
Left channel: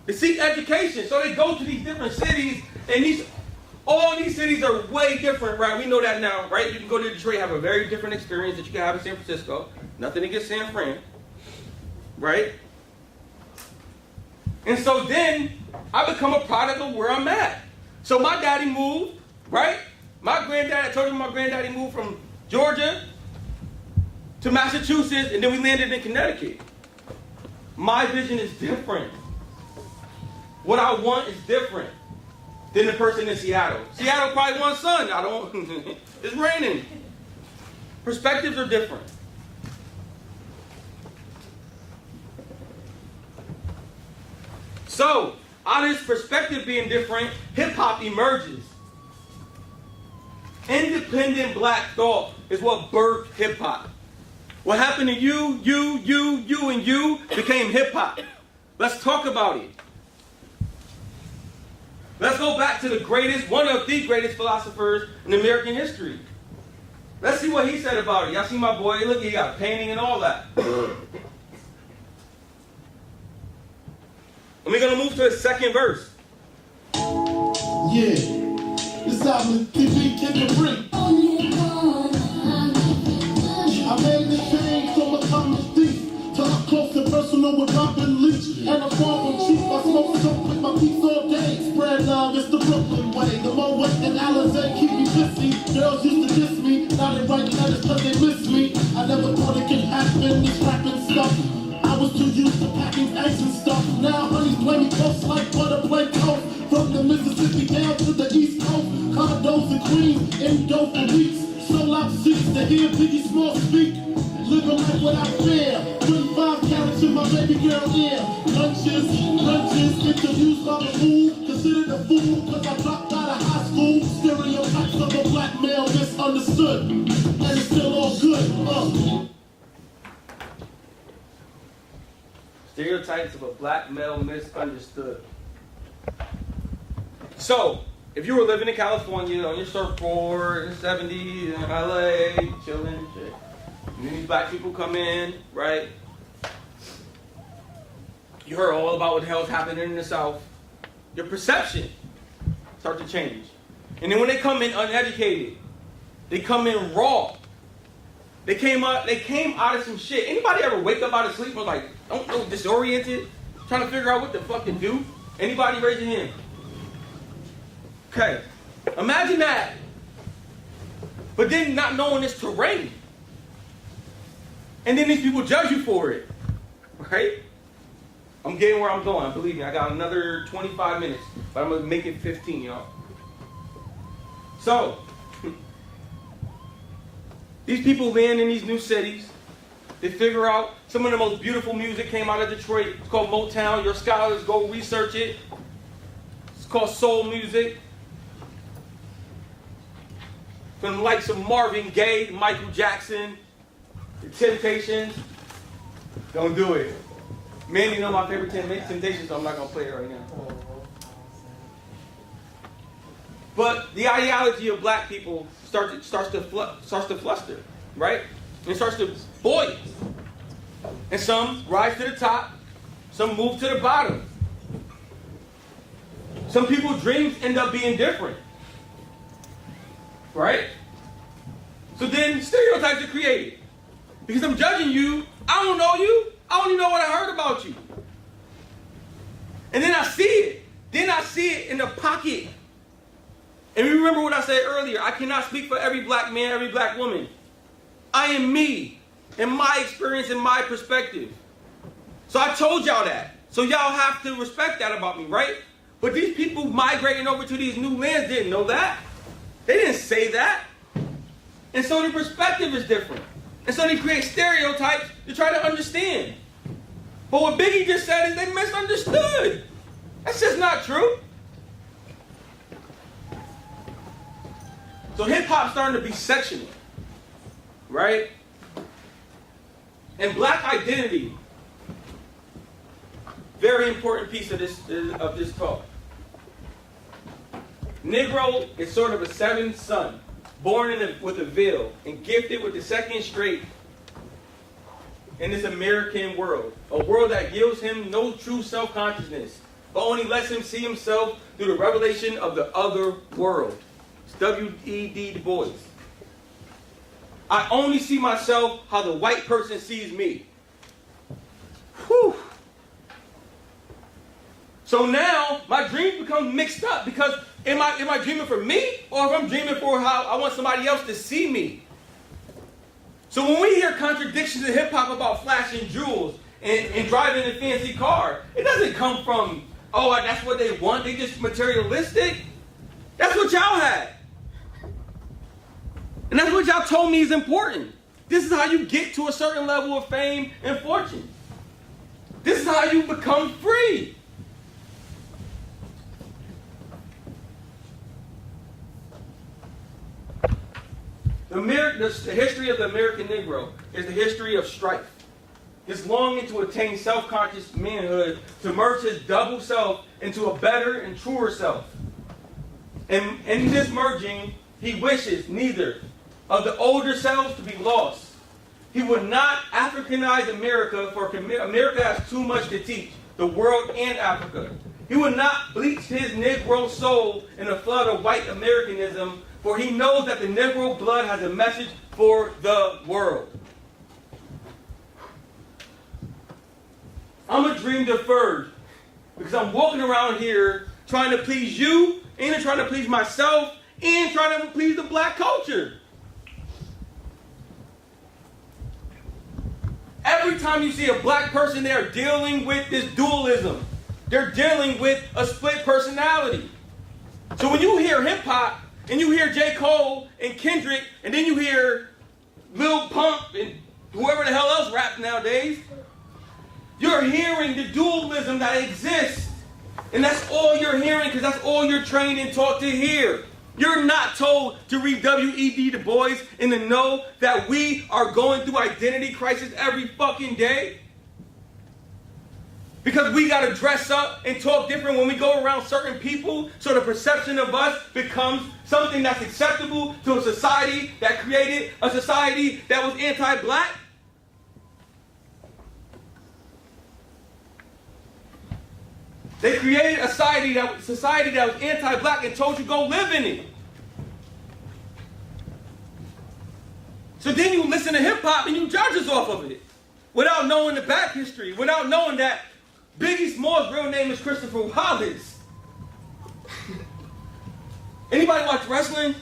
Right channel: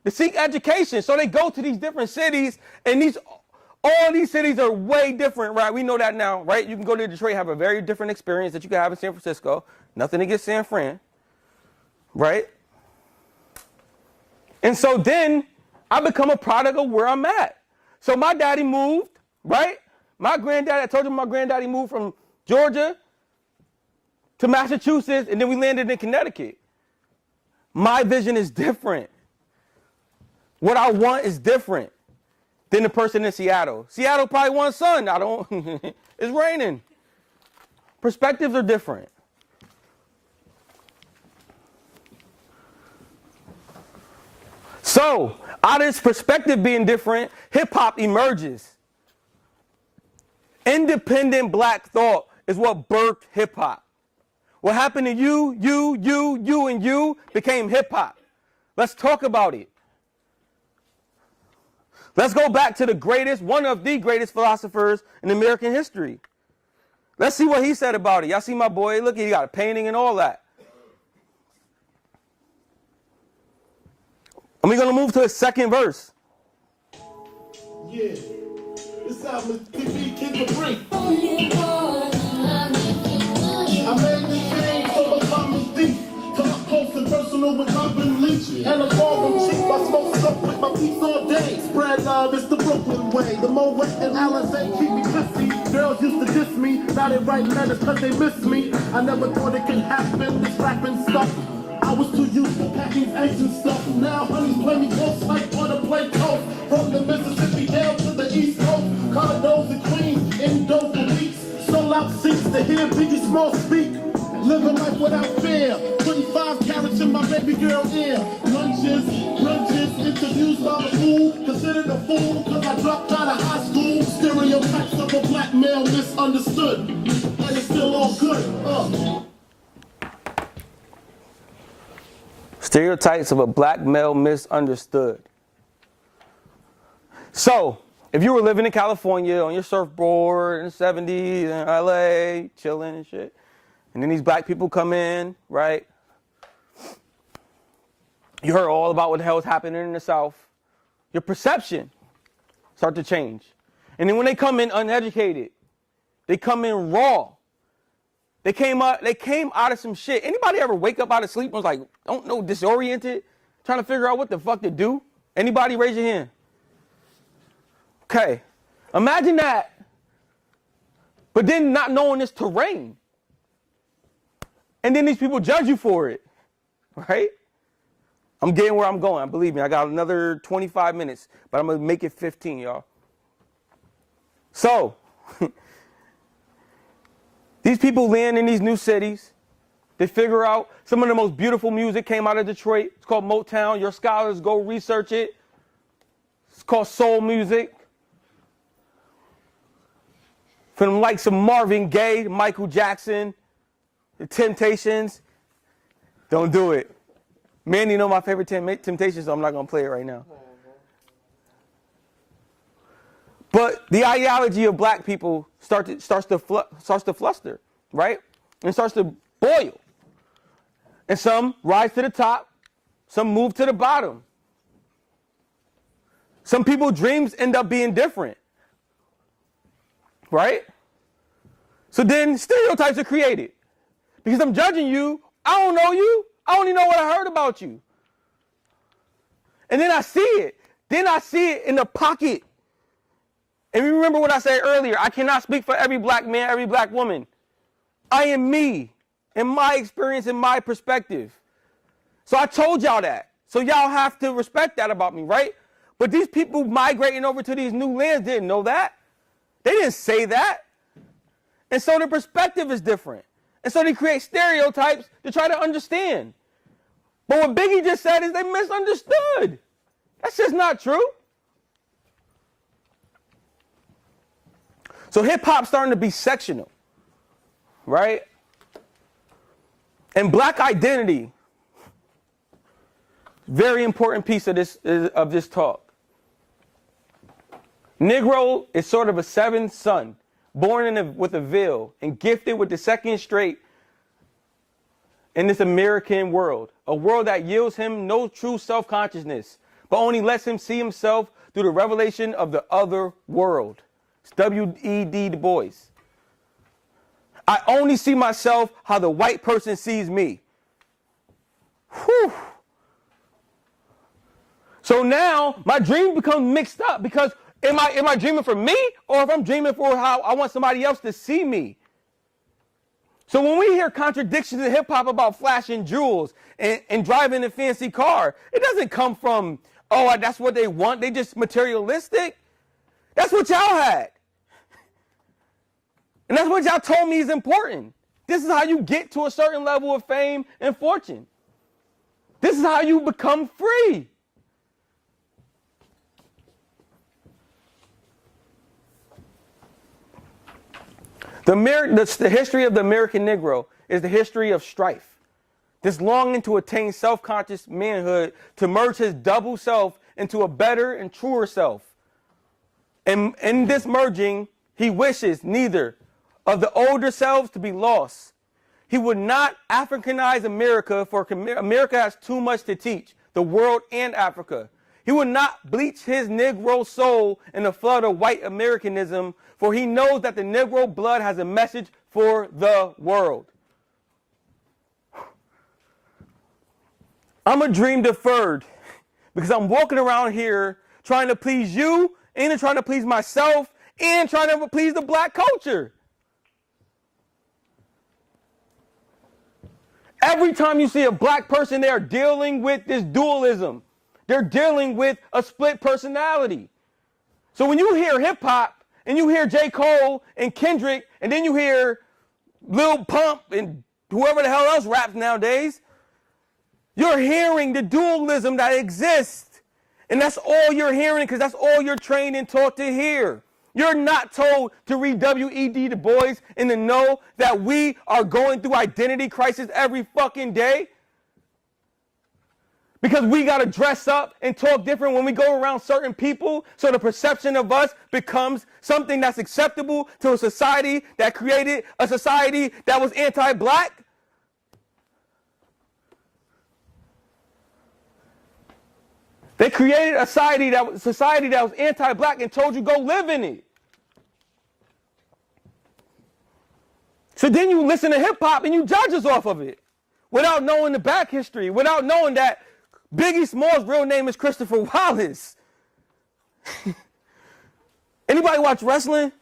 To seek education. So they go to these different cities, and all these cities are way different, right? We know that now, right? You can go to Detroit and have a very different experience that you can have in San Francisco. Nothing against San Fran, right? And so then I become a product of where I'm at. So my daddy moved, right? My granddaddy, I told you my granddaddy moved from Georgia to Massachusetts, and then we landed in Connecticut. My vision is different. What I want is different than the person in Seattle. Seattle probably wants sun. I don't, it's raining. Perspectives are different. So, out of this perspective being different, hip-hop emerges. Independent black thought is what birthed hip-hop. What happened to you, and you became hip-hop. Let's talk about it. Let's go back to one of the greatest philosophers in American history. Let's see what he said about it. Y'all see my boy? Look, he got painting and all that. And we're going to move to his second verse. Yeah, this album is get the break. I made this change so my comes deep. Till I'm close and personal with Robin Leach. And I'm far from cheap. I smoke stuff with my piece all day. Spread love is the Brooklyn way. The Mo West and Alizé keep me busy. Girls used to diss me. Now they write letters cause they miss me. I never thought it could happen. This rapping stuff. I was too used to packing eggs and stuff. Now honey play me close like butter play toast. From the Mississippi down to the East Coast. Condos and Queens, indoors for weeks. Sold out seats to hear Biggie Smalls speak. Living life without fear. 25 carats in my baby girl ear. Lunches, interviews by the fool. Considered a fool cause I dropped out of high school. Stereotypes of a black male misunderstood. But it's still all good. Stereotypes of a black male misunderstood. So, if you were living in California on your surfboard in the 70s in LA, chilling and shit, and then these black people come in, right? You heard all about what the hell is happening in the South. Your perception starts to change. And then when they come in uneducated, they come in raw. They came out of some shit. Anybody ever wake up out of sleep and was like, don't know, disoriented, trying to figure out what the fuck to do? Anybody raise your hand? Okay. Imagine that. But then not knowing this terrain. And then these people judge you for it. Right? I'm getting where I'm going. Believe me, I got another 25 minutes. But I'm going to make it 15, y'all. So, these people land in these new cities. They figure out some of the most beautiful music came out of Detroit. It's called Motown. Your scholars go research it. It's called soul music. From the likes of Marvin Gaye, Michael Jackson, The Temptations. Don't do it. Man, you know my favorite Temptations, so I'm not going to play it right now. But the ideology of black people starts to fluster, right? And it starts to boil. And some rise to the top, some move to the bottom. Some people's dreams end up being different. Right? So then stereotypes are created. Because I'm judging you, I don't know you, I only know what I heard about you. And then I see it. Then I see it in the pocket. And remember what I said earlier, I cannot speak for every black man, every black woman. I am me, and my experience and my perspective. So I told y'all that. So y'all have to respect that about me, right? But these people migrating over to these new lands didn't know that. They didn't say that. And so the perspective is different. And so they create stereotypes to try to understand. But what Biggie just said is they misunderstood. That's just not true. So hip-hop starting to be sectional, right? And black identity, very important piece of this talk. Negro is sort of a seventh son, born with a veil and gifted with the second straight in this American world, a world that yields him no true self-consciousness, but only lets him see himself through the revelation of the other world. It's W.E.D. Du Bois. I only see myself how the white person sees me. Whew. So now my dreams become mixed up because am I dreaming for me or if I'm dreaming for how I want somebody else to see me? So when we hear contradictions in hip-hop about flashing jewels and driving a fancy car, it doesn't come from, oh, that's what they want, they just materialistic. That's what y'all had. And that's what y'all told me is important. This is how you get to a certain level of fame and fortune. This is how you become free. The history of the American Negro is the history of strife. This longing to attain self-conscious manhood, to merge his double self into a better and truer self. And in this merging, he wishes neither of the older selves to be lost. He would not Africanize America, for America has too much to teach, the world and Africa. He would not bleach his Negro soul in the flood of white Americanism, for he knows that the Negro blood has a message for the world. I'm a dream deferred because I'm walking around here trying to please you, and trying to please myself, and trying to please the black culture. Every time you see a black person, they are dealing with this dualism. They're dealing with a split personality. So when you hear hip-hop, and you hear J. Cole and Kendrick, and then you hear Lil Pump and whoever the hell else raps nowadays, you're hearing the dualism that exists. And that's all you're hearing because that's all you're trained and taught to hear. You're not told to read W.E.D. Du Bois and to know that we are going through identity crisis every fucking day. Because we got to dress up and talk different when we go around certain people, so the perception of us becomes something that's acceptable to a society that created a society that was anti-black. They created a society that was anti-black and told you go live in it. So then you listen to hip-hop and you judge us off of it without knowing the back history, without knowing that Biggie Smalls' real name is Christopher Wallace. Anybody watch wrestling?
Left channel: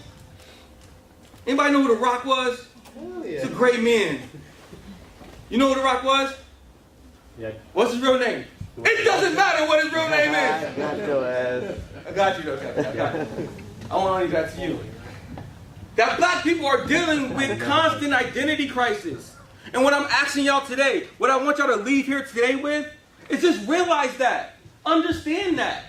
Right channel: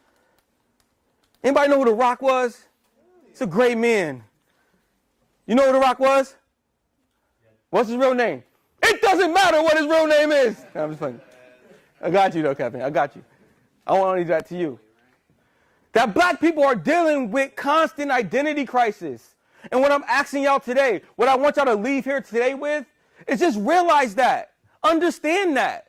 Anybody know who The Rock was? Hell yeah. He's a great man. You know who The Rock was? Yeah. What's his real name? It doesn't matter what his real name is. I got you though, Captain. I got you. I want to leave that to you. That black people are dealing with constant identity crisis. And what I'm asking y'all today, what I want y'all to leave here today with, is just realize that. Understand that.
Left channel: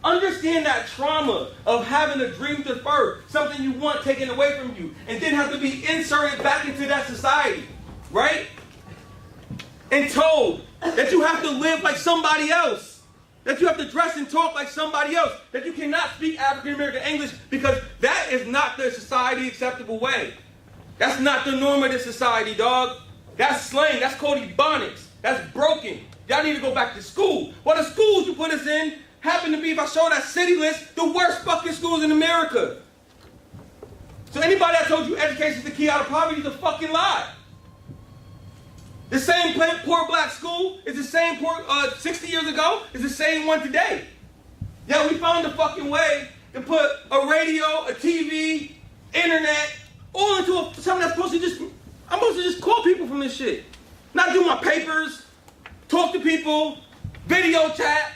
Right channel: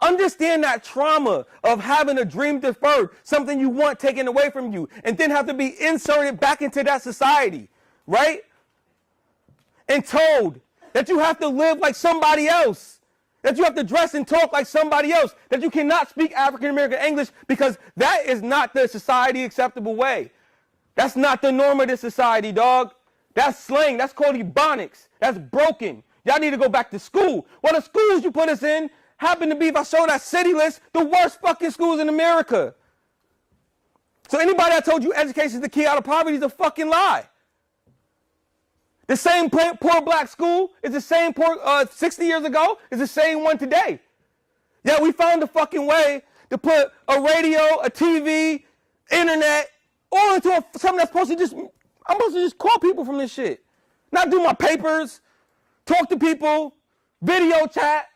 Understand that trauma of having a dream deferred, something you want taken away from you, and then have to be inserted back into that society, right? And told that you have to live like somebody else, that you have to dress and talk like somebody else, that you cannot speak African American English because that is not the society acceptable way. That's not the norm of this society, dog. That's slang. That's called ebonics. That's broken. Y'all need to go back to school. Well, the schools you put us in, happen to be, if I show that city list, the worst fucking schools in America. So anybody that told you education is the key out of poverty is a fucking lie. The same poor black school is the same poor 60 years ago, is the same one today. Yeah, we found the fucking way to put a radio, a TV, internet, all into something that's supposed to just, I'm supposed to just call people from this shit. Not do my papers, talk to people, video chat.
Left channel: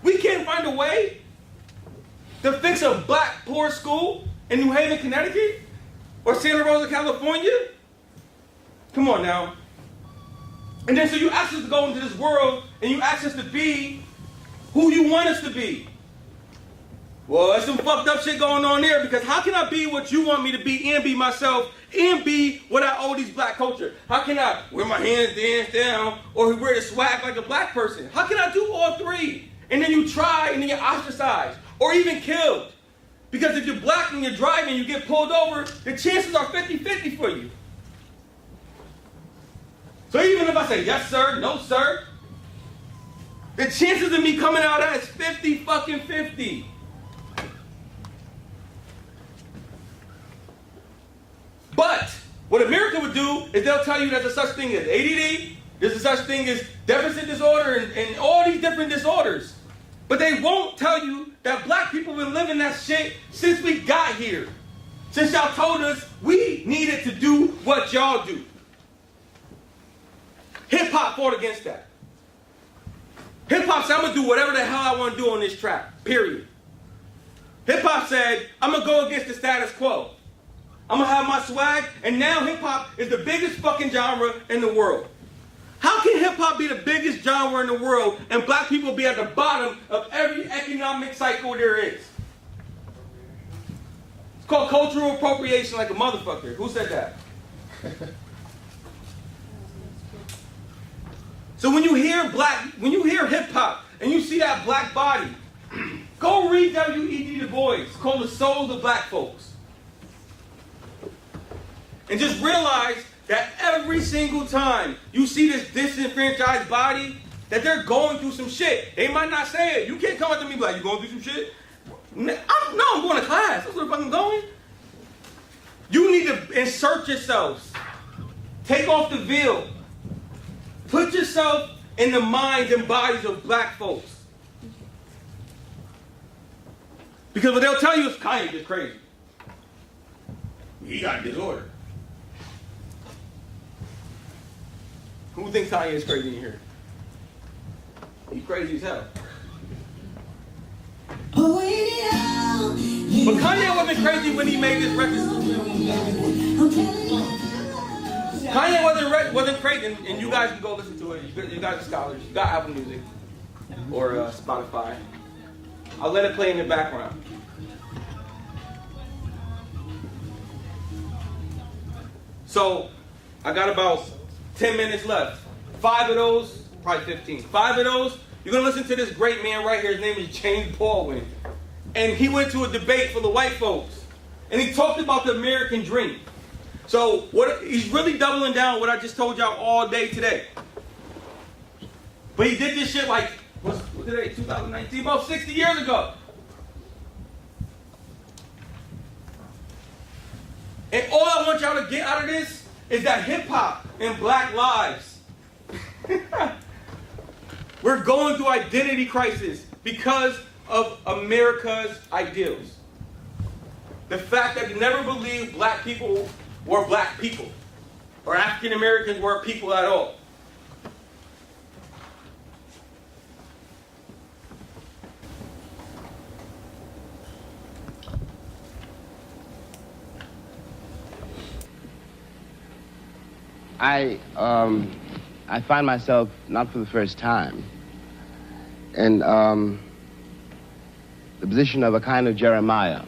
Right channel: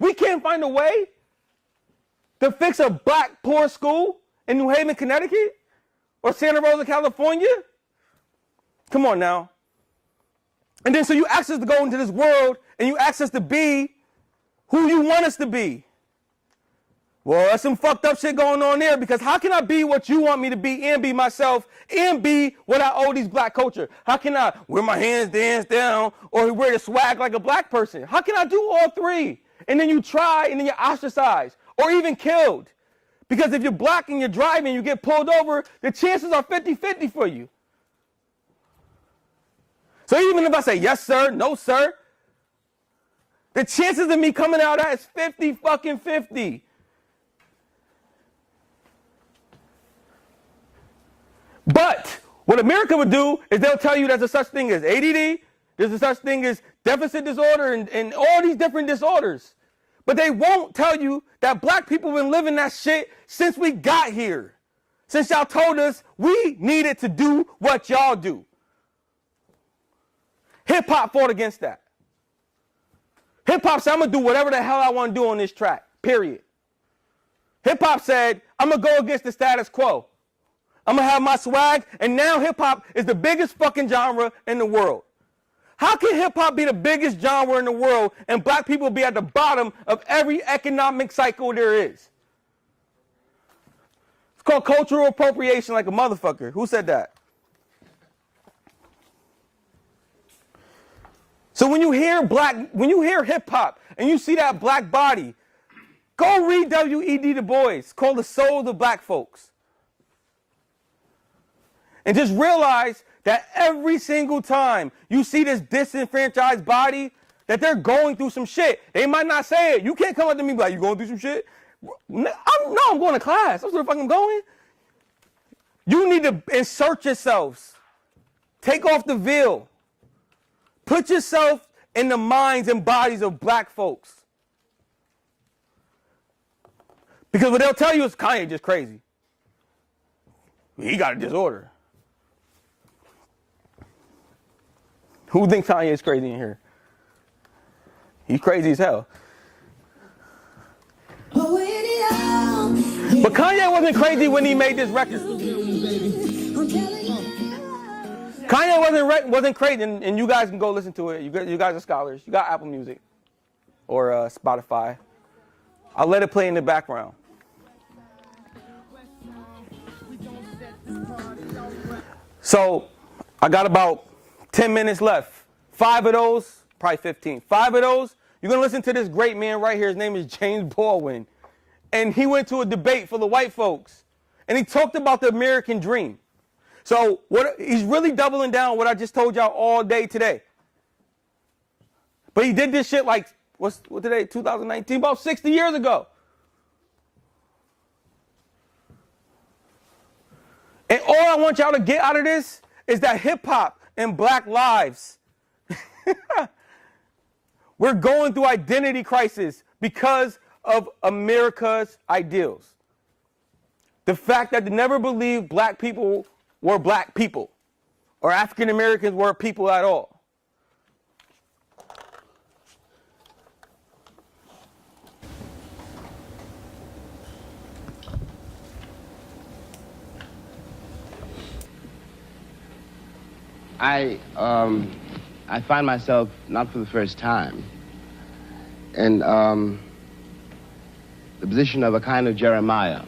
We can't find a way to fix a black poor school in New Haven, Connecticut? Or Santa Rosa, California? Come on now. And then so you ask us to go into this world and you ask us to be who you want us to be. Well, there's some fucked up shit going on there, because how can I be what you want me to be and be myself and be what I owe these black culture? How can I wear my hands dance down or wear the swag like a black person? How can I do all three? And then you try and then you're ostracized or even killed. Because if you're black and you're driving and you get pulled over, the chances are 50-50 for you. So even if I say yes sir, no sir, the chances of me coming out as 50-50. But what America would do is they'll tell you there's a such thing as ADD, there's a such thing as deficit disorder, and all these different disorders. But they won't tell you that black people have been living that shit since we got here. Since y'all told us we needed to do what y'all do. Hip-hop fought against that. Hip-hop said, I'm going to do whatever the hell I want to do on this track, period. Hip-hop said, I'm going to go against the status quo. I'm going to have my swag, and now hip-hop is the biggest fucking genre in the world. How can hip-hop be the biggest genre in the world and black people be at the bottom of every economic cycle there is? It's called cultural appropriation like a motherfucker. Who said that? So when you hear hip-hop and you see that black body, go read W.E.B. Du Bois, called The Souls of Black Folks. And just realize that every single time you see this disenfranchised body, that they're going through some shit. They might not say it. You can't come up to me like, you going through some shit? I'm going to class. That's where the fuck I'm going. You need to insert yourselves. Take off the veil. Put yourself in the minds and bodies of black folks. Because what they'll tell you is Kanye just crazy. He got a disorder. Who thinks Kanye is crazy in here? He's crazy as hell. But Kanye wasn't crazy when he made this record. Kanye wasn't crazy, and you guys can go listen to it. You guys are scholars. You got Apple Music or Spotify. I'll let it play in the background. So I got about 10 minutes left. 5 of those, probably 15. 5 of those, you're going to listen to this great man right here. His name is James Baldwin. And he went to a debate for the white folks. And he talked about the American dream. So he's really doubling down what I just told y'all all day today. But he did this shit like, what today, 2019, about 60 years ago. And all I want y'all to get out of this is that hip-hop and black lives. We're going through identity crisis because of America's ideals. The fact that they never believed black people were black people, or African Americans were people at all. I find myself, not for the first time, in the position of a kind of Jeremiah.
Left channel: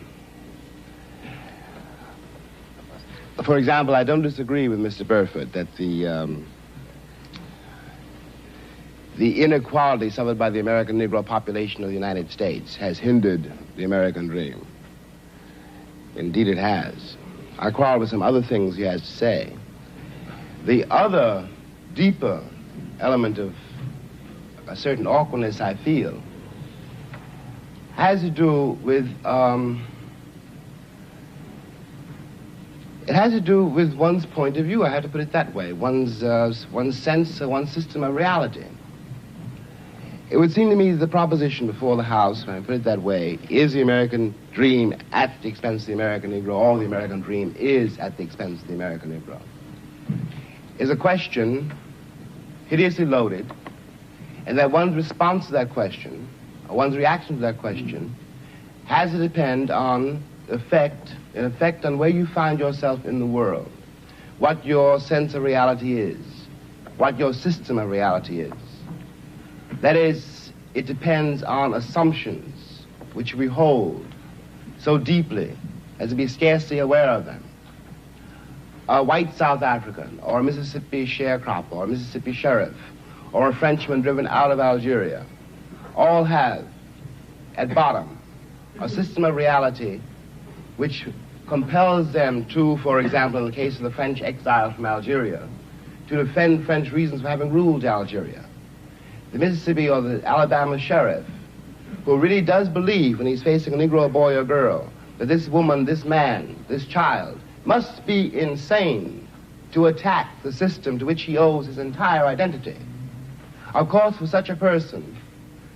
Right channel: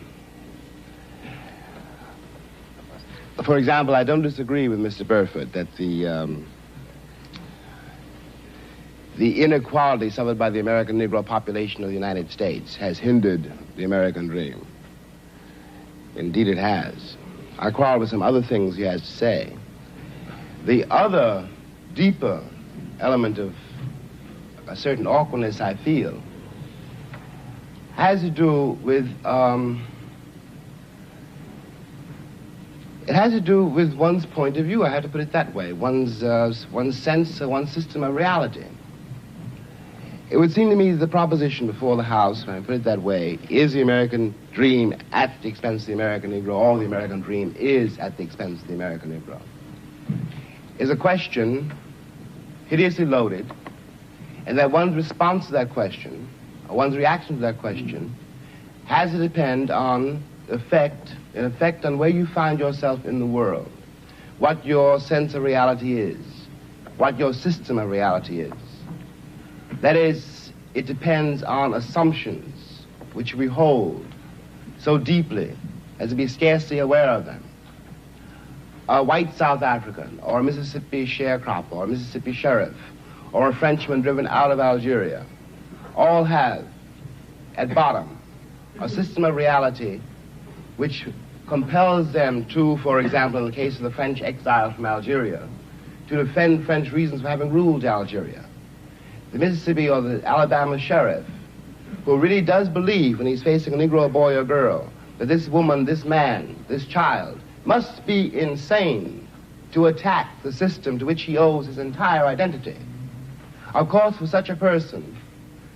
For example, I don't disagree with Mr. Burford that the inequality suffered by the American Negro population of the United States has hindered the American dream. Indeed it has. I quarrel with some other things he has to say. The other, deeper element of a certain awkwardness I feel has to do with it has to do with one's point of view. I have to put it that way. One's sense, one's system of reality. It would seem to me that the proposition before the House, when I put it that way, is the American dream at the expense of the American Negro, or the American dream is at the expense of the American Negro, is a question hideously loaded, and that one's response to that question, or one's reaction to that question, has to depend on an effect on where you find yourself in the world, what your sense of reality is, what your system of reality is. That is, it depends on assumptions which we hold so deeply as to be scarcely aware of them. A white South African, or a Mississippi sharecropper, or a Mississippi sheriff, or a Frenchman driven out of Algeria, all have, at bottom, a system of reality which compels them to, for example, in the case of the French exile from Algeria, to defend French reasons for having ruled Algeria. The Mississippi or the Alabama sheriff, who really does believe when he's facing a Negro boy or girl that this woman, this man, this child must be insane to attack the system to which he owes his entire identity. Of course, for such a person,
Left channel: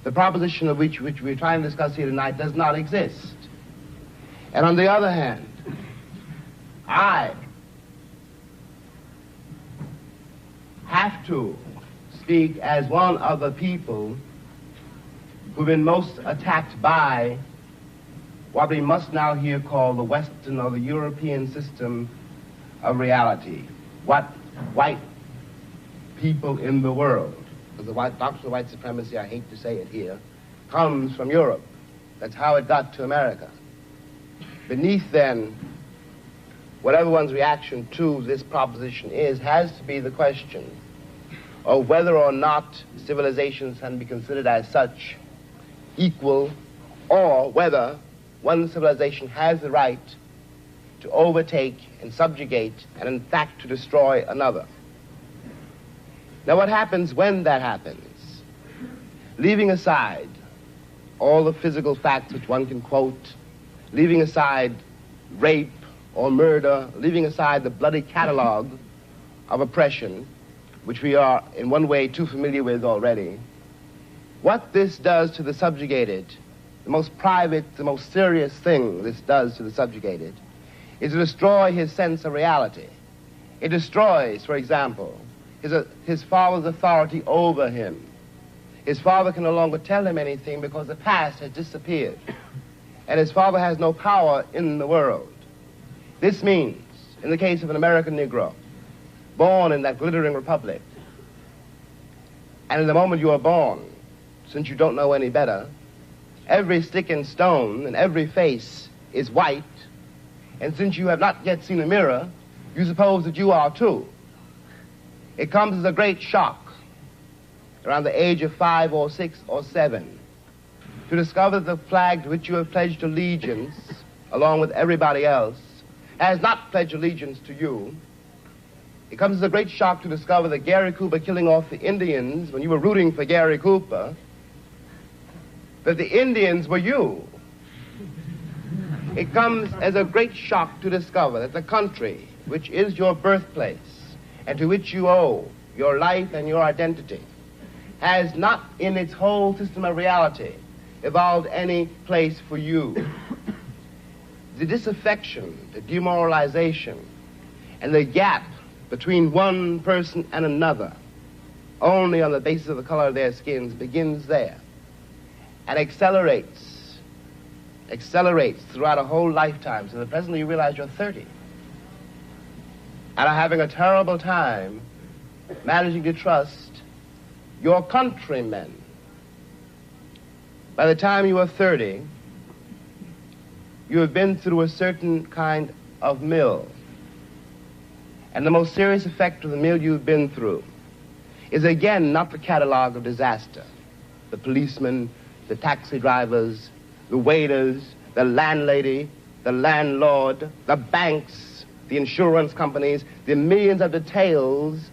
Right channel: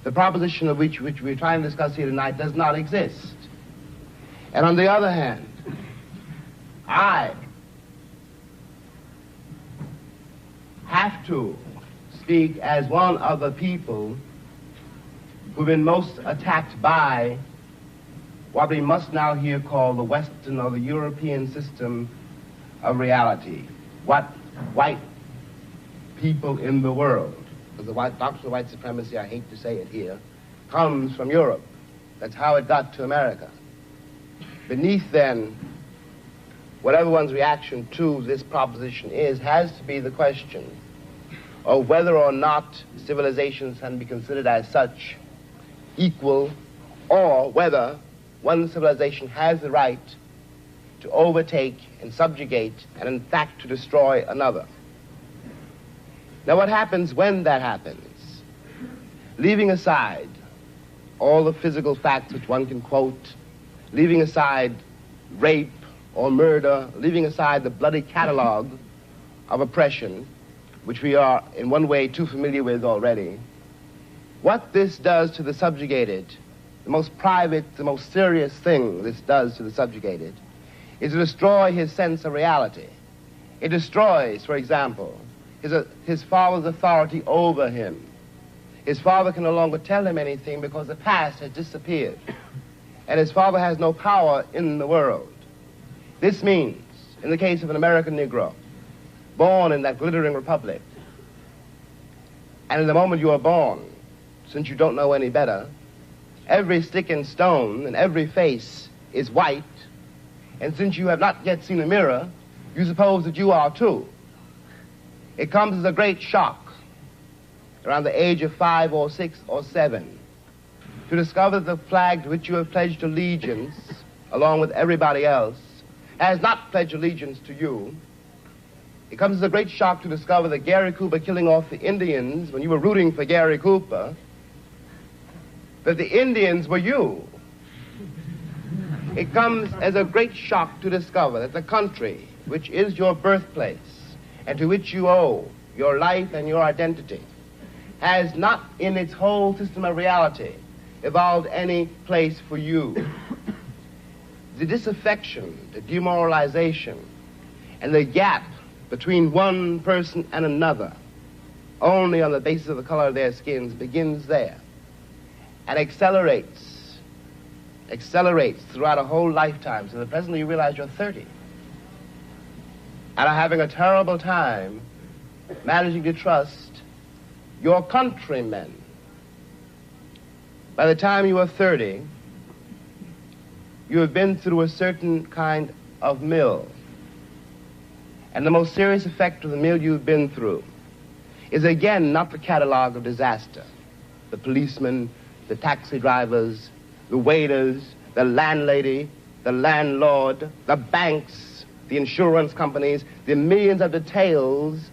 the proposition of which we're trying to discuss here tonight does not exist. And on the other hand, I have to speak as one of the people who've been most attacked by what we must now here call the Western or the European system of reality. What white people in the world, because the doctrine of white supremacy, I hate to say it here, comes from Europe. That's how it got to America. Beneath then, whatever one's reaction to this proposition is, has to be the question of whether or not civilizations can be considered as such equal, or whether one civilization has the right to overtake and subjugate and in fact to destroy another. Now what happens when that happens? Leaving aside all the physical facts which one can quote, leaving aside rape or murder, leaving aside the bloody catalog of oppression, which we are in one way too familiar with already, what this does to the subjugated, the most private, the most serious thing this does to the subjugated, is to destroy his sense of reality. It destroys, for example, his father's authority over him. His father can no longer tell him anything because the past has disappeared, and his father has no power in the world. This means, in the case of an American Negro, born in that glittering republic, and in the moment you are born, since you don't know any better, every stick and stone and every face is white, and since you have not yet seen a mirror, you suppose that you are too. It comes as a great shock around the age of 5 or 6 or 7 to discover that the flag to which you have pledged allegiance, along with everybody else, has not pledged allegiance to you. It comes as a great shock to discover that Gary Cooper killing off the Indians when you were rooting for Gary Cooper, that the Indians were you. It comes as a great shock to discover that the country, which is your birthplace, and to which you owe your life and your identity, has not in its whole system of reality evolved any place for you. The disaffection, the demoralization, and the gap between one person and another, only on the basis of the color of their skins, begins there and accelerates throughout a whole lifetime, so that presently you realize you're 30 and are having a terrible time managing to trust your countrymen. By the time you are 30, you have been through a certain kind of mill. And the most serious effect of the mill you've been through is again not the catalog of disaster. The policemen, the taxi drivers, the waiters, the landlady, the landlord, the banks, the insurance companies, the millions of details,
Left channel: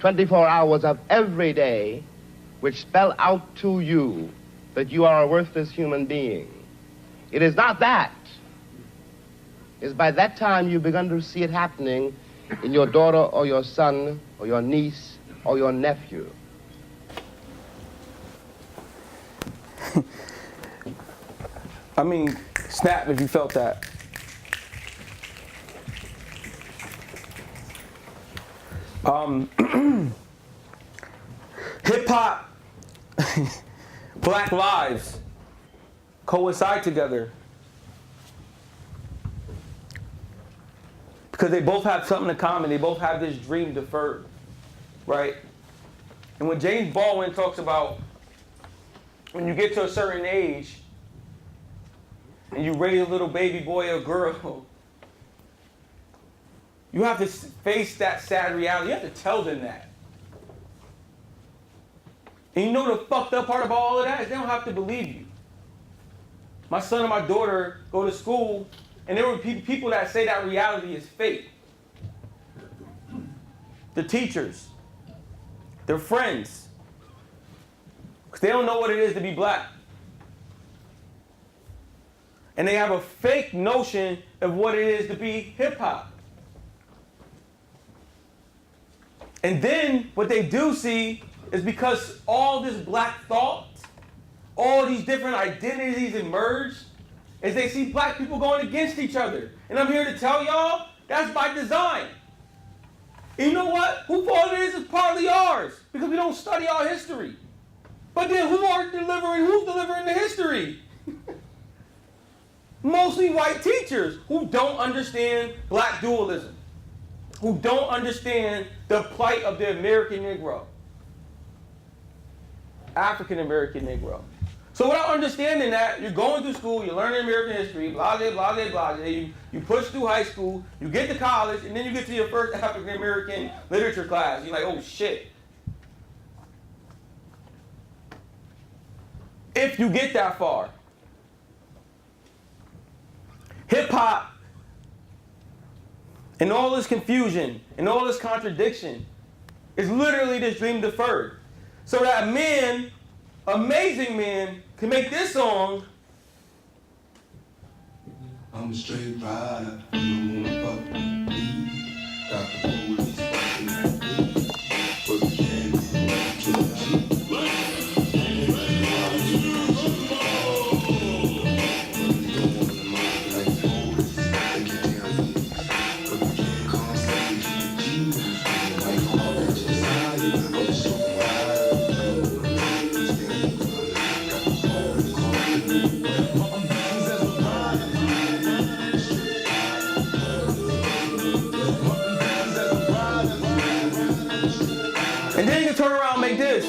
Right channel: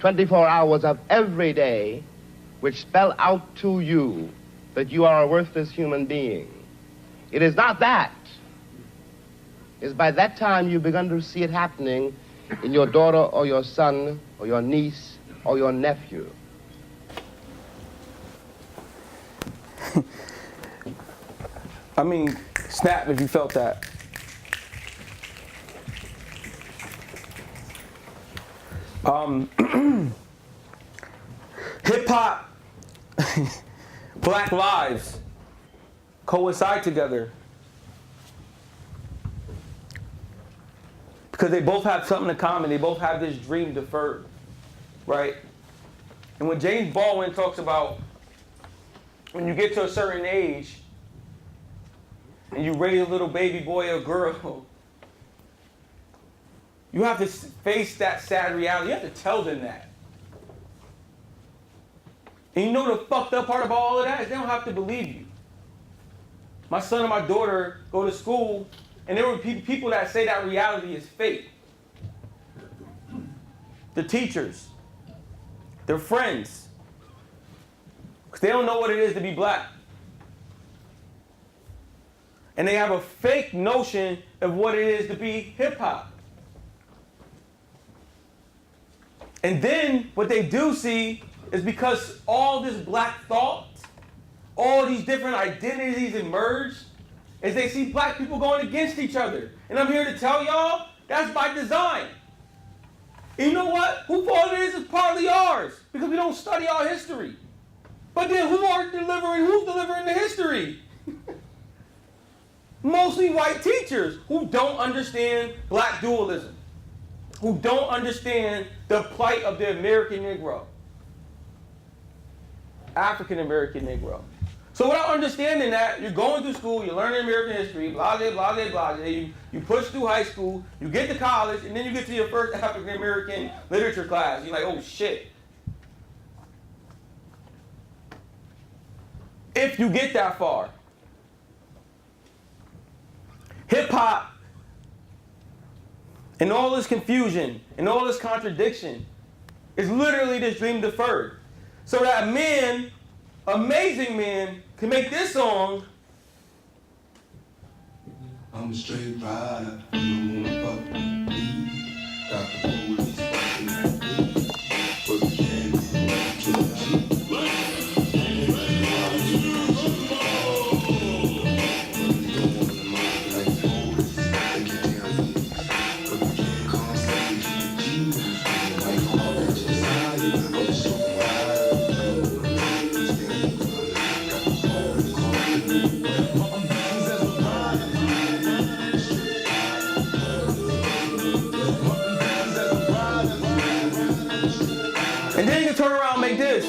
24 hours of every day, which spell out to you that you are a worthless human being. It is not that. It's by that time you've begun to see it happening in your daughter or your son or your niece or your nephew. I mean, snap if you felt that. Hip hop, Black lives coincide together because they both have something in common. They both have this dream deferred, right? And when James Baldwin talks about when you get to a certain age and you raise a little baby boy or girl, you have to face that sad reality. You have to tell them that. And you know the fucked up part about all of that is they don't have to believe you. My son and my daughter go to school, and there were people that say that reality is fake. The teachers, their friends, because they don't know what it is to be black. And they have a fake notion of what it is to be hip-hop. And then what they do see is because all this black thought, all these different identities emerge, is they see black people going against each other. And I'm here to tell y'all, that's by design. And you know what? Who fault it is partly ours, because we don't study our history. But then who's delivering the history? Mostly white teachers who don't understand black dualism, who don't understand the plight of the American Negro, African American Negro. So without understanding that, you're going through school, you're learning American history, blah, blah, blah, blah, blah. You push through high school, you get to college, and then you get to your first African American literature class. You're like, oh shit. If you get that far. Hip hop, and all this confusion, and all this contradiction, is literally this dream deferred. So that man, amazing man, can make this song. I'm a straight rider, you don't wanna fuck with me. Got the police fucking at me. But the candy to the Jeep. And then you can turn around and make this.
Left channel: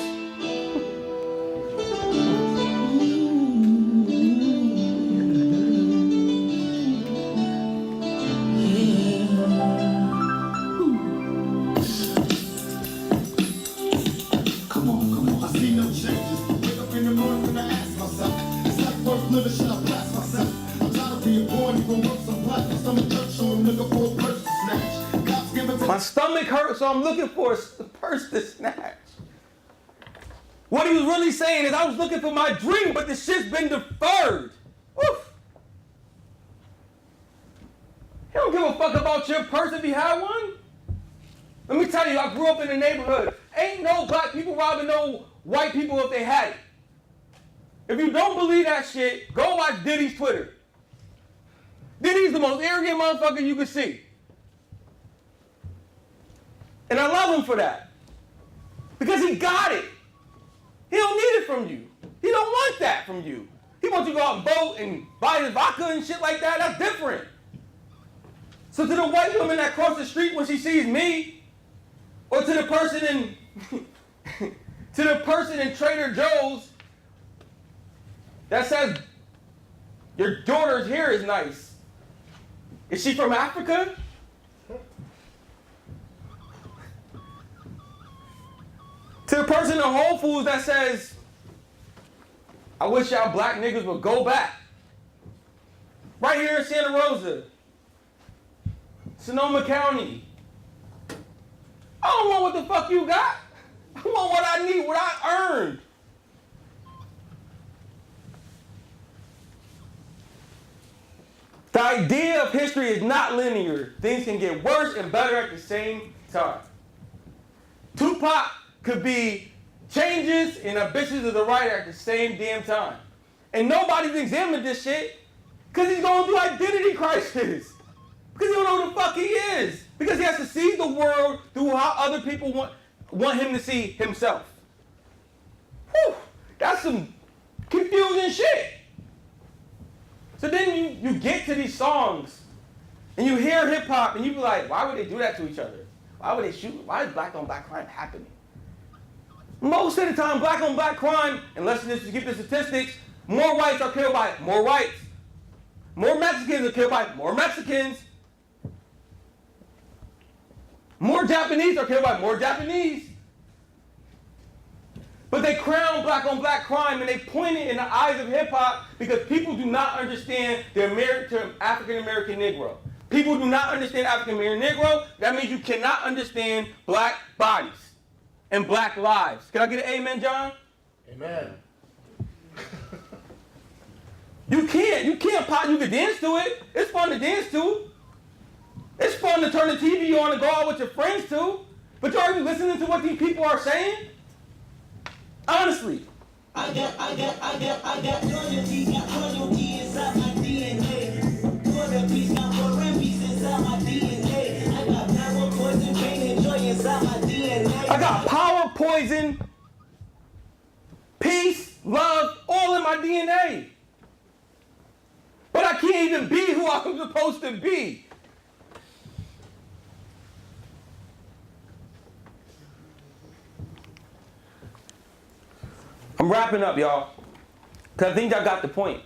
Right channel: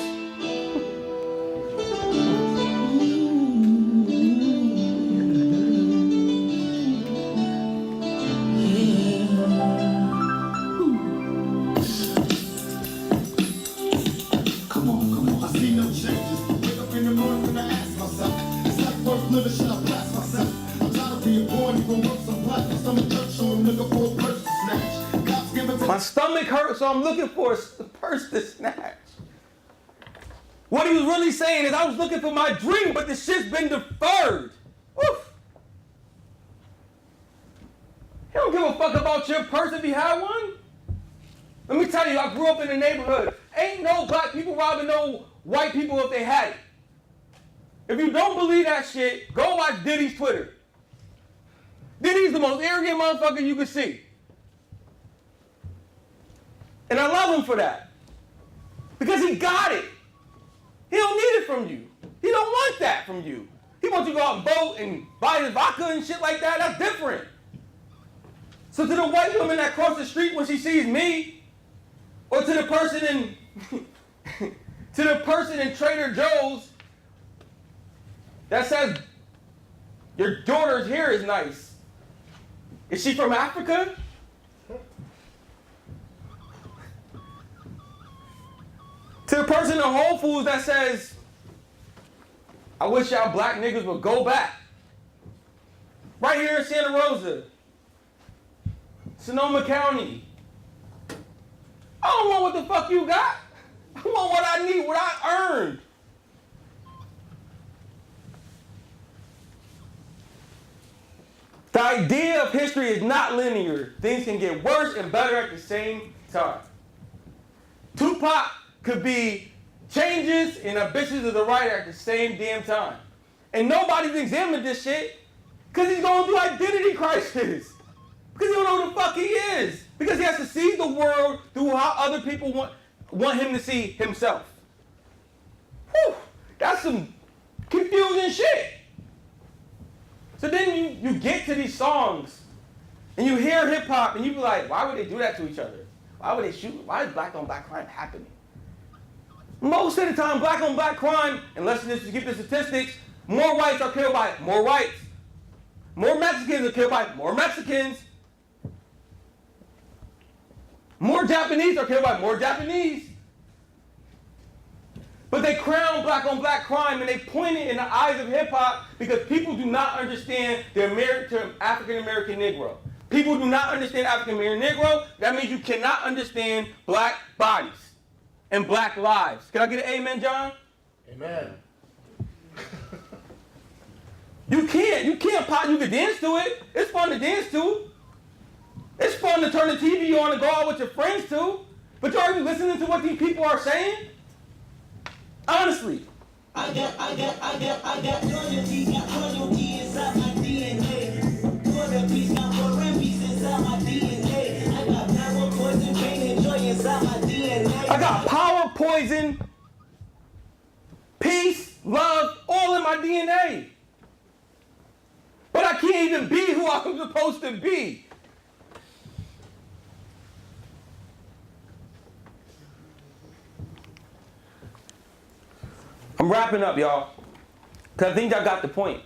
Come on, I see no changes. Wake up in the morning when I ask myself, is life worth living? Should I blast myself? I'm tired of being born, even work some black. My stomach hurts, so I'm looking for a purse to snatch. Cops giving My stomach hurts, so I'm looking for a purse to snatch. What he was really saying is, I was looking for my dream, but the shit's been deferred. Woof. He don't give a fuck about your purse if you had one. Let me tell you, I grew up in the neighborhood. Ain't no black people robbing no white people if they had it. If you don't believe that shit, go watch Diddy's Twitter. Diddy's the most arrogant motherfucker you can see. And I love him for that. Because he got it. He don't need it from you. He don't want that from you. He wants you to go out and vote and buy his vodka and shit like that. That's different. So to the white woman that crossed the street when she sees me, or to the person in Trader Joe's that says your daughter's hair is nice. Is she from Africa? To the person in Whole Foods that says, I wish y'all black niggas would go back. Right here in Santa Rosa, Sonoma County. I don't want what the fuck you got. I want what I need, what I earned. The idea of history is not linear. Things can get worse and better at the same time. Tupac could be changes and ambitions of the writer at the same damn time. And nobody's examined this shit because he's going through identity crisis. Because he don't know who the fuck he is. Because he has to see the world through how other people want him to see himself. Whew, that's some confusing shit. So then you get to these songs and you hear hip hop and you be like, why would they do that to each other? Why would they shoot? Why is black on black crime happening? Most of the time, black on black crime, unless you keep the statistics, more whites are killed by more whites. More Mexicans are killed by more Mexicans. More Japanese are killed by more Japanese. But they crown black on black crime and they point it in the eyes of hip hop because people do not understand the African American Negro. People do not understand African American Negro. That means you cannot understand black bodies and black lives. Can I get an amen, John? Amen. You can't pop. You can dance to it. It's fun to dance to. It's fun to turn the TV on and go out with your friends too. But are you listening to what these people are saying? Honestly. I got loyalty inside my DNA. Quarter piece, got war and peace inside my DNA. I got power, poison, pain, and joy inside my DNA. I got power, poison, peace, love, all in my DNA. But I can't even be who I'm supposed to be. I'm wrapping up, y'all, because I think y'all got the point.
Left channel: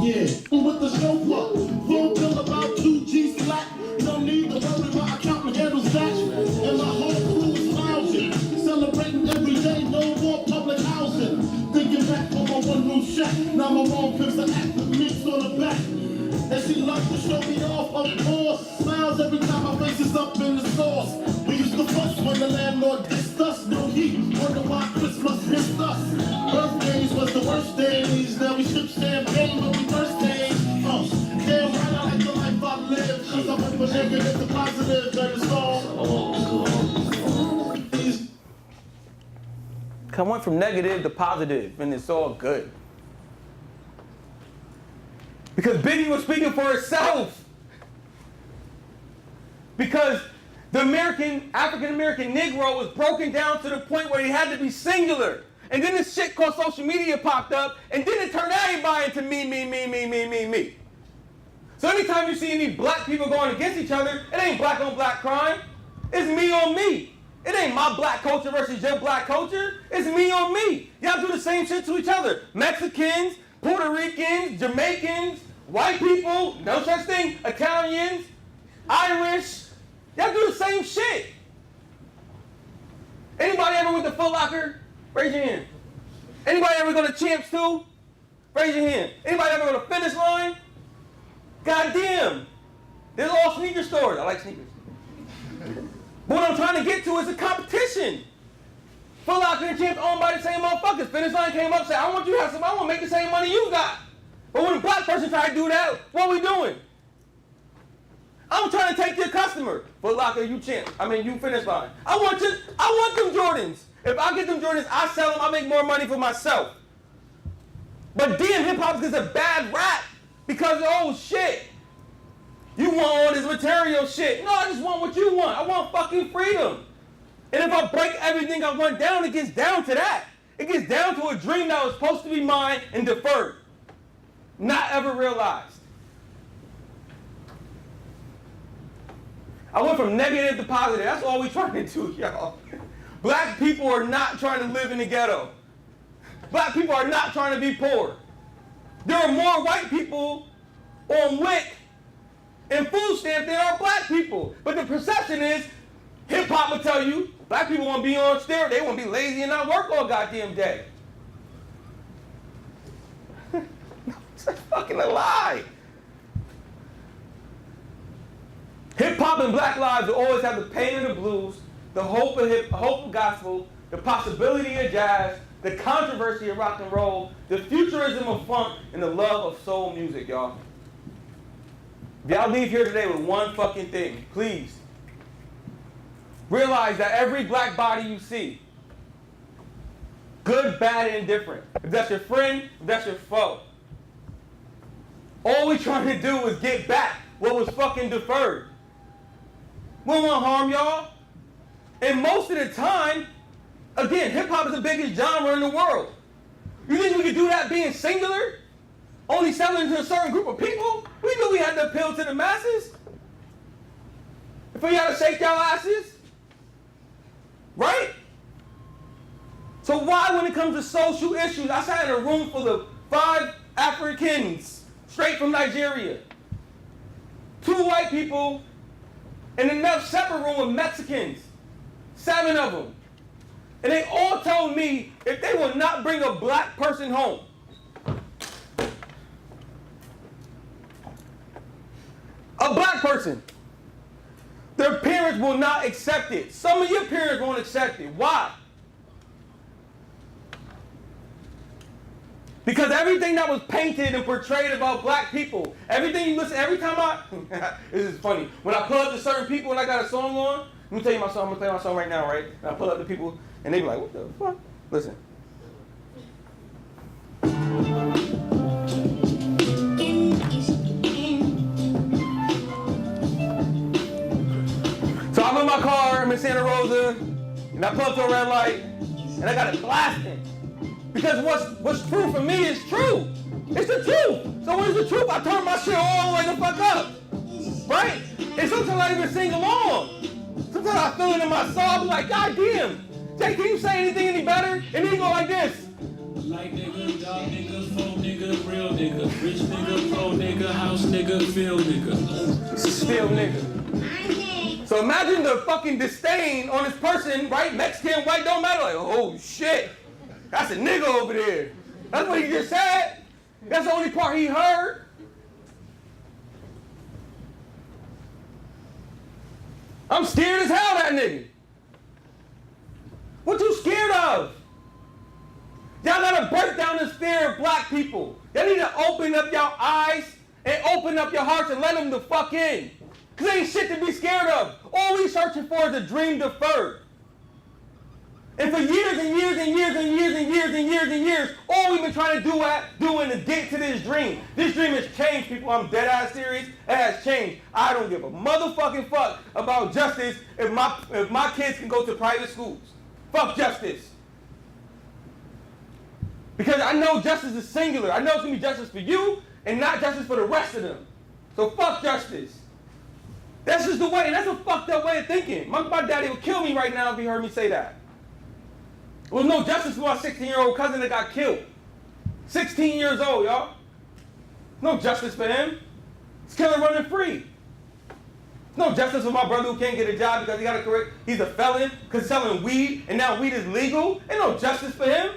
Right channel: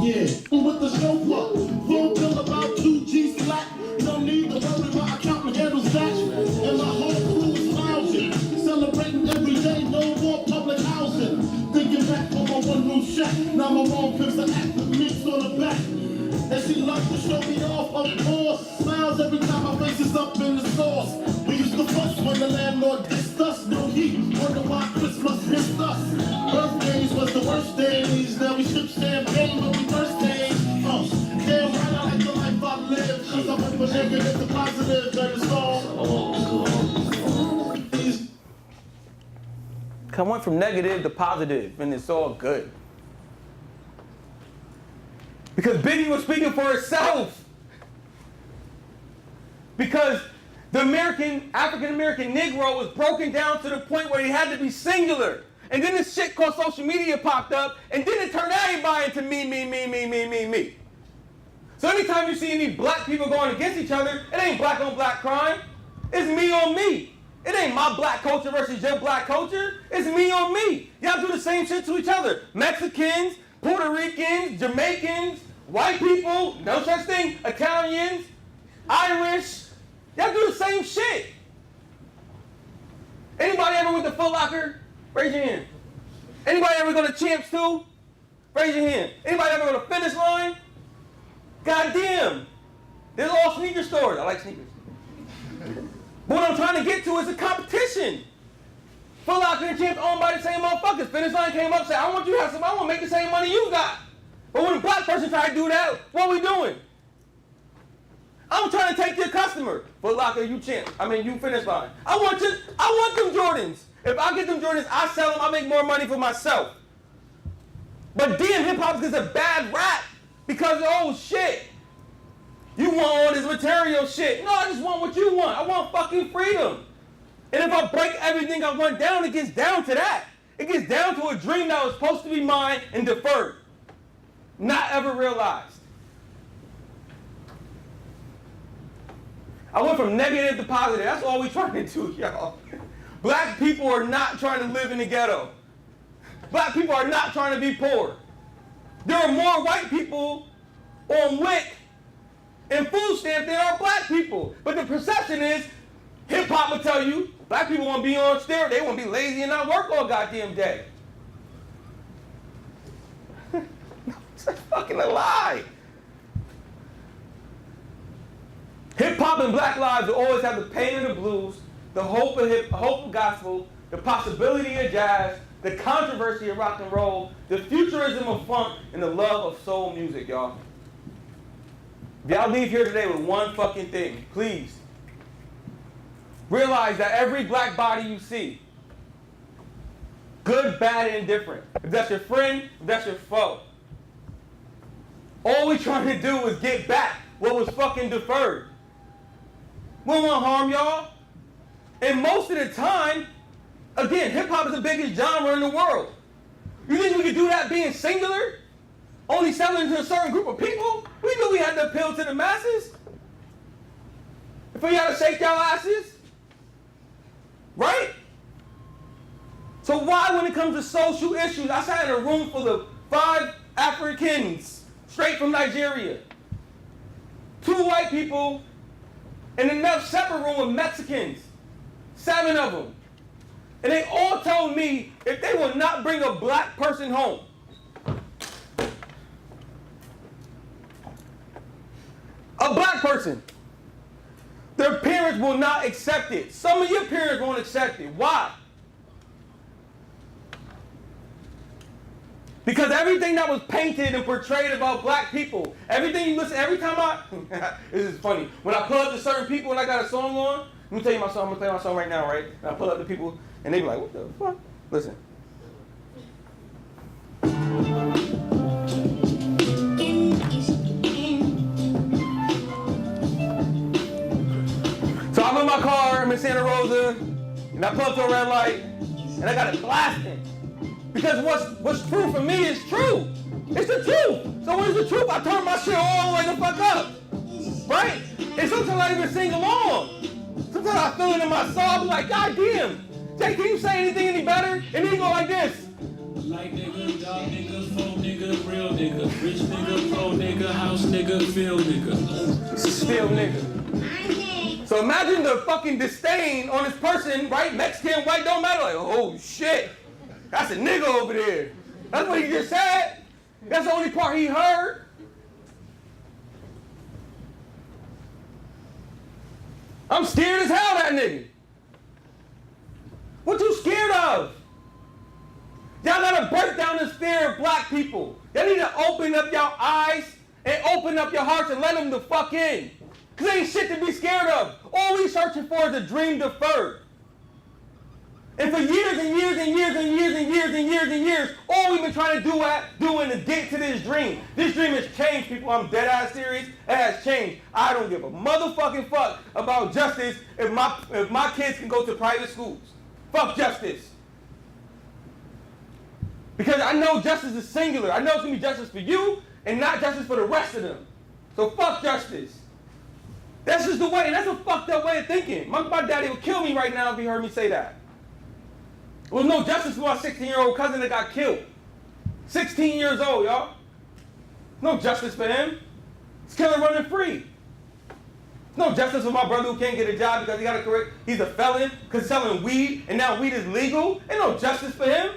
Yeah, with the chauffeur, phone bill about 2G slack. No need to worry, my accountant handles that. And my whole crew is lounging, celebrating every day, no more public housing. Thinking back on my one-room shack, now my mom pimps the act with mix on the back. And she loves to show me off, of course. Smiles every time my face is up in the sauce. We used to fuss when the landlord dissed us. No heat, wonder why Christmas missed us. Birthdays was the worst days. Now we sip champagne when we first days. Damn right, I like the life I live. Cause I went from negative to positive, and it's all. I went from negative to positive, and it's all good. Because Biggie was speaking for himself. Because the African American Negro was broken down to the point where he had to be singular. And then this shit called social media popped up, and then it turned everybody into me. So anytime you see any black people going against each other, it ain't black on black crime. It's me on me. It ain't my black culture versus your black culture. It's me on me. Y'all do the same shit to each other. Mexicans, Puerto Ricans, Jamaicans, white people, no such thing, Italians, Irish. Y'all do the same shit. Anybody ever went to Foot Locker? Raise your hand. Anybody ever go to Champs too? Raise your hand. Anybody ever go to Finish Line? Goddamn. They're all sneaker stores. I like sneakers. But what I'm trying to get to is a competition. Foot Locker and Champs owned by the same motherfuckers. Finish Line came up and said, I want you to have some, I want to make the same money you got. But when a black person try to do that, what are we doing? I'm trying to take your customer. Foot Locker, you Champs. You Finish Line. I want them Jordans. If I get them Jordans, I sell them, I make more money for myself. But damn, hip-hop gets a bad rap because, oh shit, you want all this material shit. No, I just want what you want. I want fucking freedom. And if I break everything I want down, it gets down to that. It gets down to a dream that was supposed to be mine and deferred. Not ever realized. I went from negative to positive. That's all we trying to do, y'all. Black people are not trying to live in the ghetto. Black people are not trying to be poor. There are more white people on WIC and food stamps than are black people. But the perception is, hip-hop will tell you, black people want to be on steroids. They want to be lazy and not work all goddamn day. It's fucking a lie. Hip-hop and black lives will always always have the pain of the blues, the hope of gospel, the possibility of jazz, the controversy of rock and roll, the futurism of funk, and the love of soul music, y'all. If y'all leave here today with one fucking thing, please realize that every black body you see, good, bad, and indifferent, if that's your friend, if that's your foe, all we're trying to do is get back what was fucking deferred. We don't want to harm y'all. And most of the time, again, hip-hop is the biggest genre in the world. You think we could do that being singular? Only selling to a certain group of people? We knew we had to appeal to the masses. If we had to shake y'all asses. Right? So why, when it comes to social issues, I sat in a room full of 5 Africans, straight from Nigeria, 2 white people, and another separate room with Mexicans, 7 of them. And they all told me if they will not bring a black person home, a black person, their parents will not accept it. Some of your parents won't accept it. Why? Because everything that was painted and portrayed about black people, everything you listen, every time this is funny. When I pull up to certain people and I got a song on, let me tell you my song, I'm gonna play my song right now, right? And I pull up to people and they be like, what the fuck? Listen. So I'm in my car, I'm in Santa Rosa, and I pull up to a red light, and I got it blasting. Because what's true for me is true. It's the truth. So when it's the truth, I turn my shit all the way the fuck up. Right? And sometimes I even sing along. Sometimes I feel it in my soul. I be like, God damn. Jay, can you say anything any better? And then you go like this. Like nigga, dog nigga, phone nigga, real nigga, rich nigga, pro nigga, house nigga, field nigga. Still nigga. So imagine the fucking disdain on this person, right? Mexican, white, don't matter. Like, oh shit. That's a nigga over there. That's what he just said. That's the only part he heard. I'm scared as hell of that nigga. What you scared of? Y'all gotta break down this fear of black people. Y'all need to open up your eyes and open up your hearts and let them the fuck in. Cause ain't shit to be scared of. All we searching for is a dream deferred. And for years and years and years and years and years and years and years, all we've been trying to doing is get to this dream. This dream has changed, people. I'm dead ass serious. It has changed. I don't give a motherfucking fuck about justice if my kids can go to private schools. Fuck justice. Because I know justice is singular. I know it's gonna be justice for you and not justice for the rest of them. So fuck justice. That's just the way, and that's a fucked up way of thinking. My daddy would kill me right now if he heard me say that. There was no justice for my 16-year-old cousin that got killed. 16 years old, y'all. No justice for him. He's killer running free. No justice for my brother who can't get a job because he got a career. He's a felon because selling weed, and now weed is legal. Ain't no justice for him.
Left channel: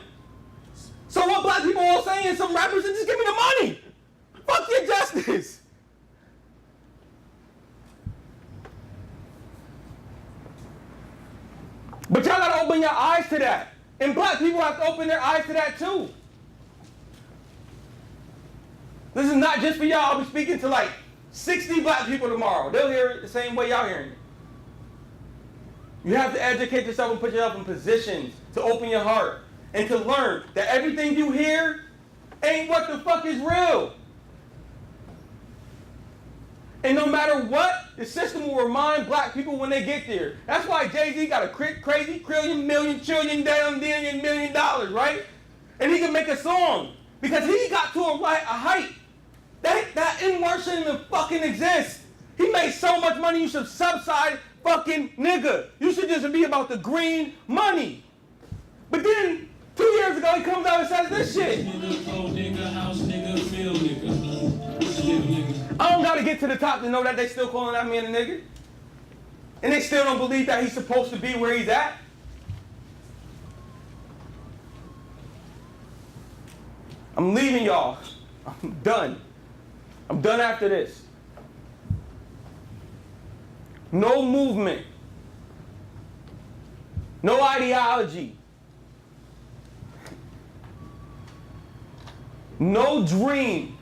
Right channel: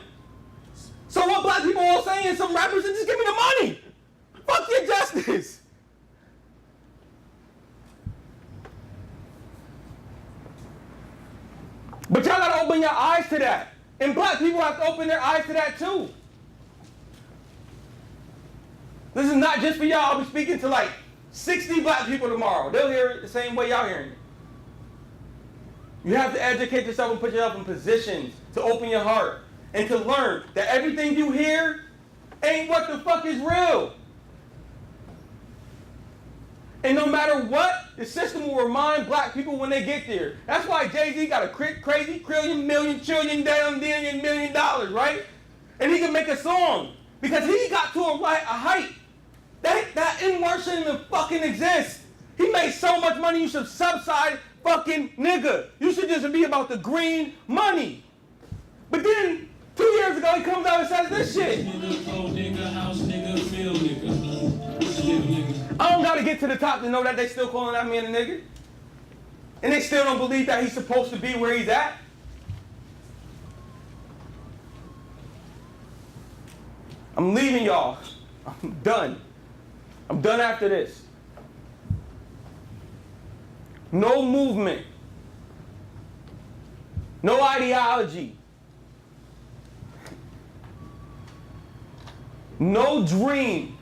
So what black people all saying, some rappers, just give me the money. Fuck your justice. But y'all gotta open your eyes to that. And black people have to open their eyes to that too. This is not just for y'all. I'll be speaking to like 60 black people tomorrow. They'll hear it the same way y'all hearing it. You have to educate yourself and put yourself in positions to open your heart and to learn that everything you hear ain't what the fuck is real. And no matter what, the system will remind black people when they get there. That's why Jay-Z got a crazy $1 million, right? And he can make a song because he got to a height. That N-word shouldn't even fucking exist. He made so much money, you should subside fucking nigga. You should just be about the green money. But then, 2 years ago, he comes out and says this shit. I don't gotta get to the top to know that they still calling that man a nigga. And they still don't believe that he's supposed to be where he's at. I'm leaving y'all. I'm done. I'm done after this. No movement No ideology. No dream.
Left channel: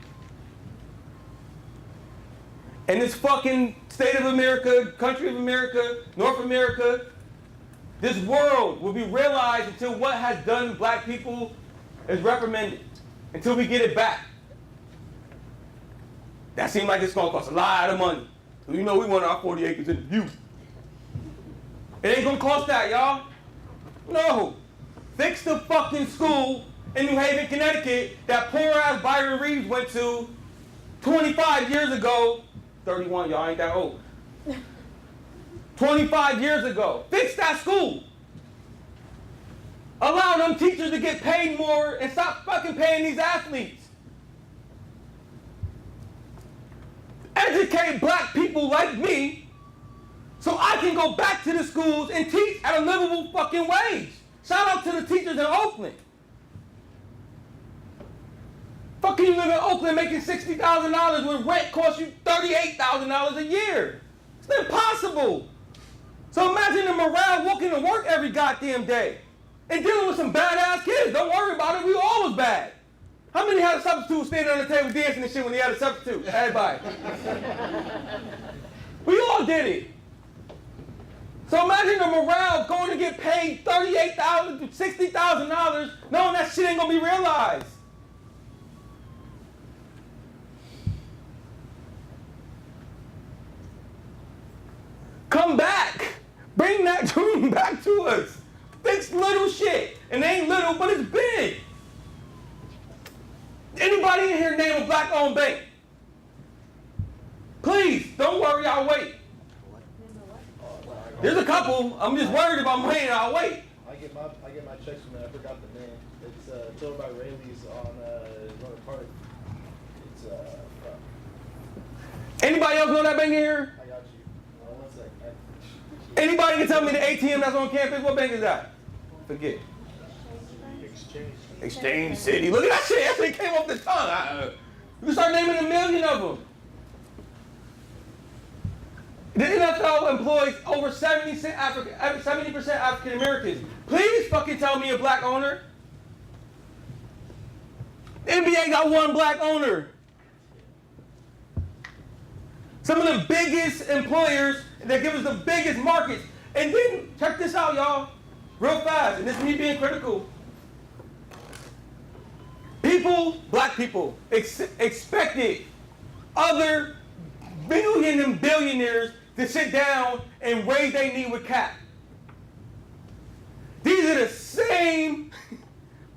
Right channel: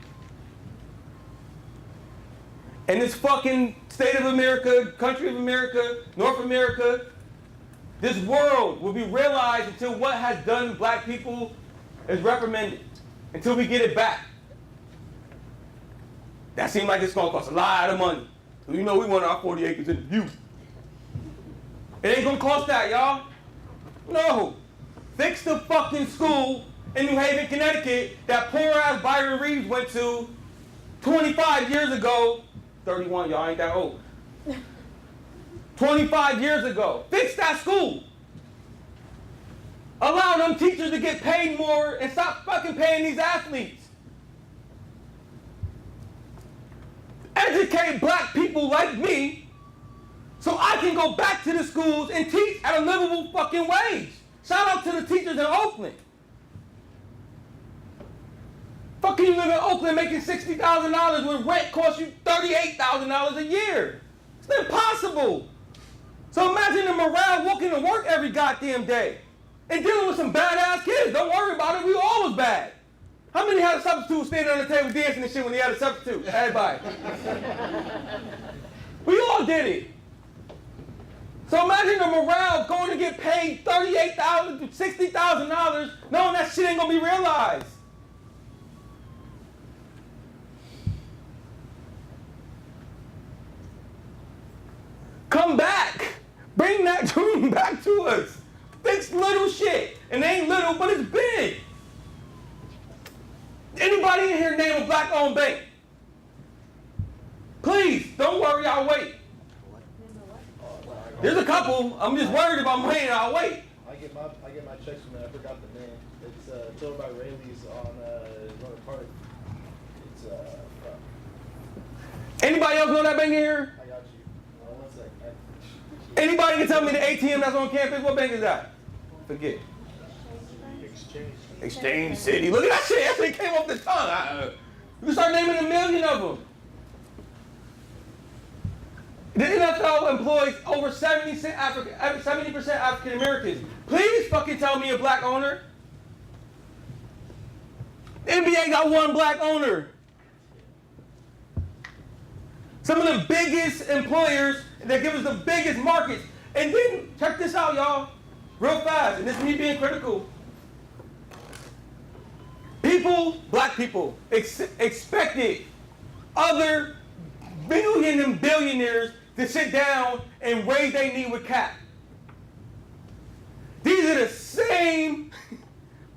In this fucking state of America, country of America, North America, this world will be realized until what has done black people is reprimanded, until we get it back. That seems like it's gonna cost a lot of money. So you know we want our 40 acres in the view. It ain't gonna cost that, y'all. No. Fix the fucking school in New Haven, Connecticut that poor ass Byron Reaves went to 25 years ago. 31, y'all ain't that old. 25 years ago. Fix that school. Allow them teachers to get paid more and stop fucking paying these athletes. Educate black people like me so I can go back to the schools and teach at a livable fucking wage. Shout out to the teachers in Oakland. Fucking you live in Oakland making $60,000 when rent costs you $38,000 a year. It's impossible. So imagine the morale walking to work every goddamn day and dealing with some badass kids. Don't worry about it, we all was bad. How many had a substitute standing on the table dancing and shit when they had a substitute? Everybody. We all did it. So imagine the morale going to get paid $38,000 to $60,000 knowing that shit ain't gonna be realized. Come back. Bring that dream back to us. Fix little shit. And it ain't little, but it's big. Anybody in here name a black-owned bank? Please, don't worry, I'll wait. There's a couple. I'm just worried about money, I'll wait. I get my checks from it. I forgot the name. It's told by Rayleigh's on North Park. It's Anybody else know that bank in here? I got you. One sec. Anybody can tell me the ATM that's on campus? What bank is that? Forget. Exchange City. Look at that shit. That shit came off the tongue. You start naming a million of them. The NFL employs over 70% African Americans. Please fucking tell me a black owner. The NBA got one black owner. Some of the biggest employers that give us the biggest markets. And then, check this out, y'all, real fast, and this is me being critical. People, black people, expected other billion and billionaires to sit down and raise their knee with cap. These are the same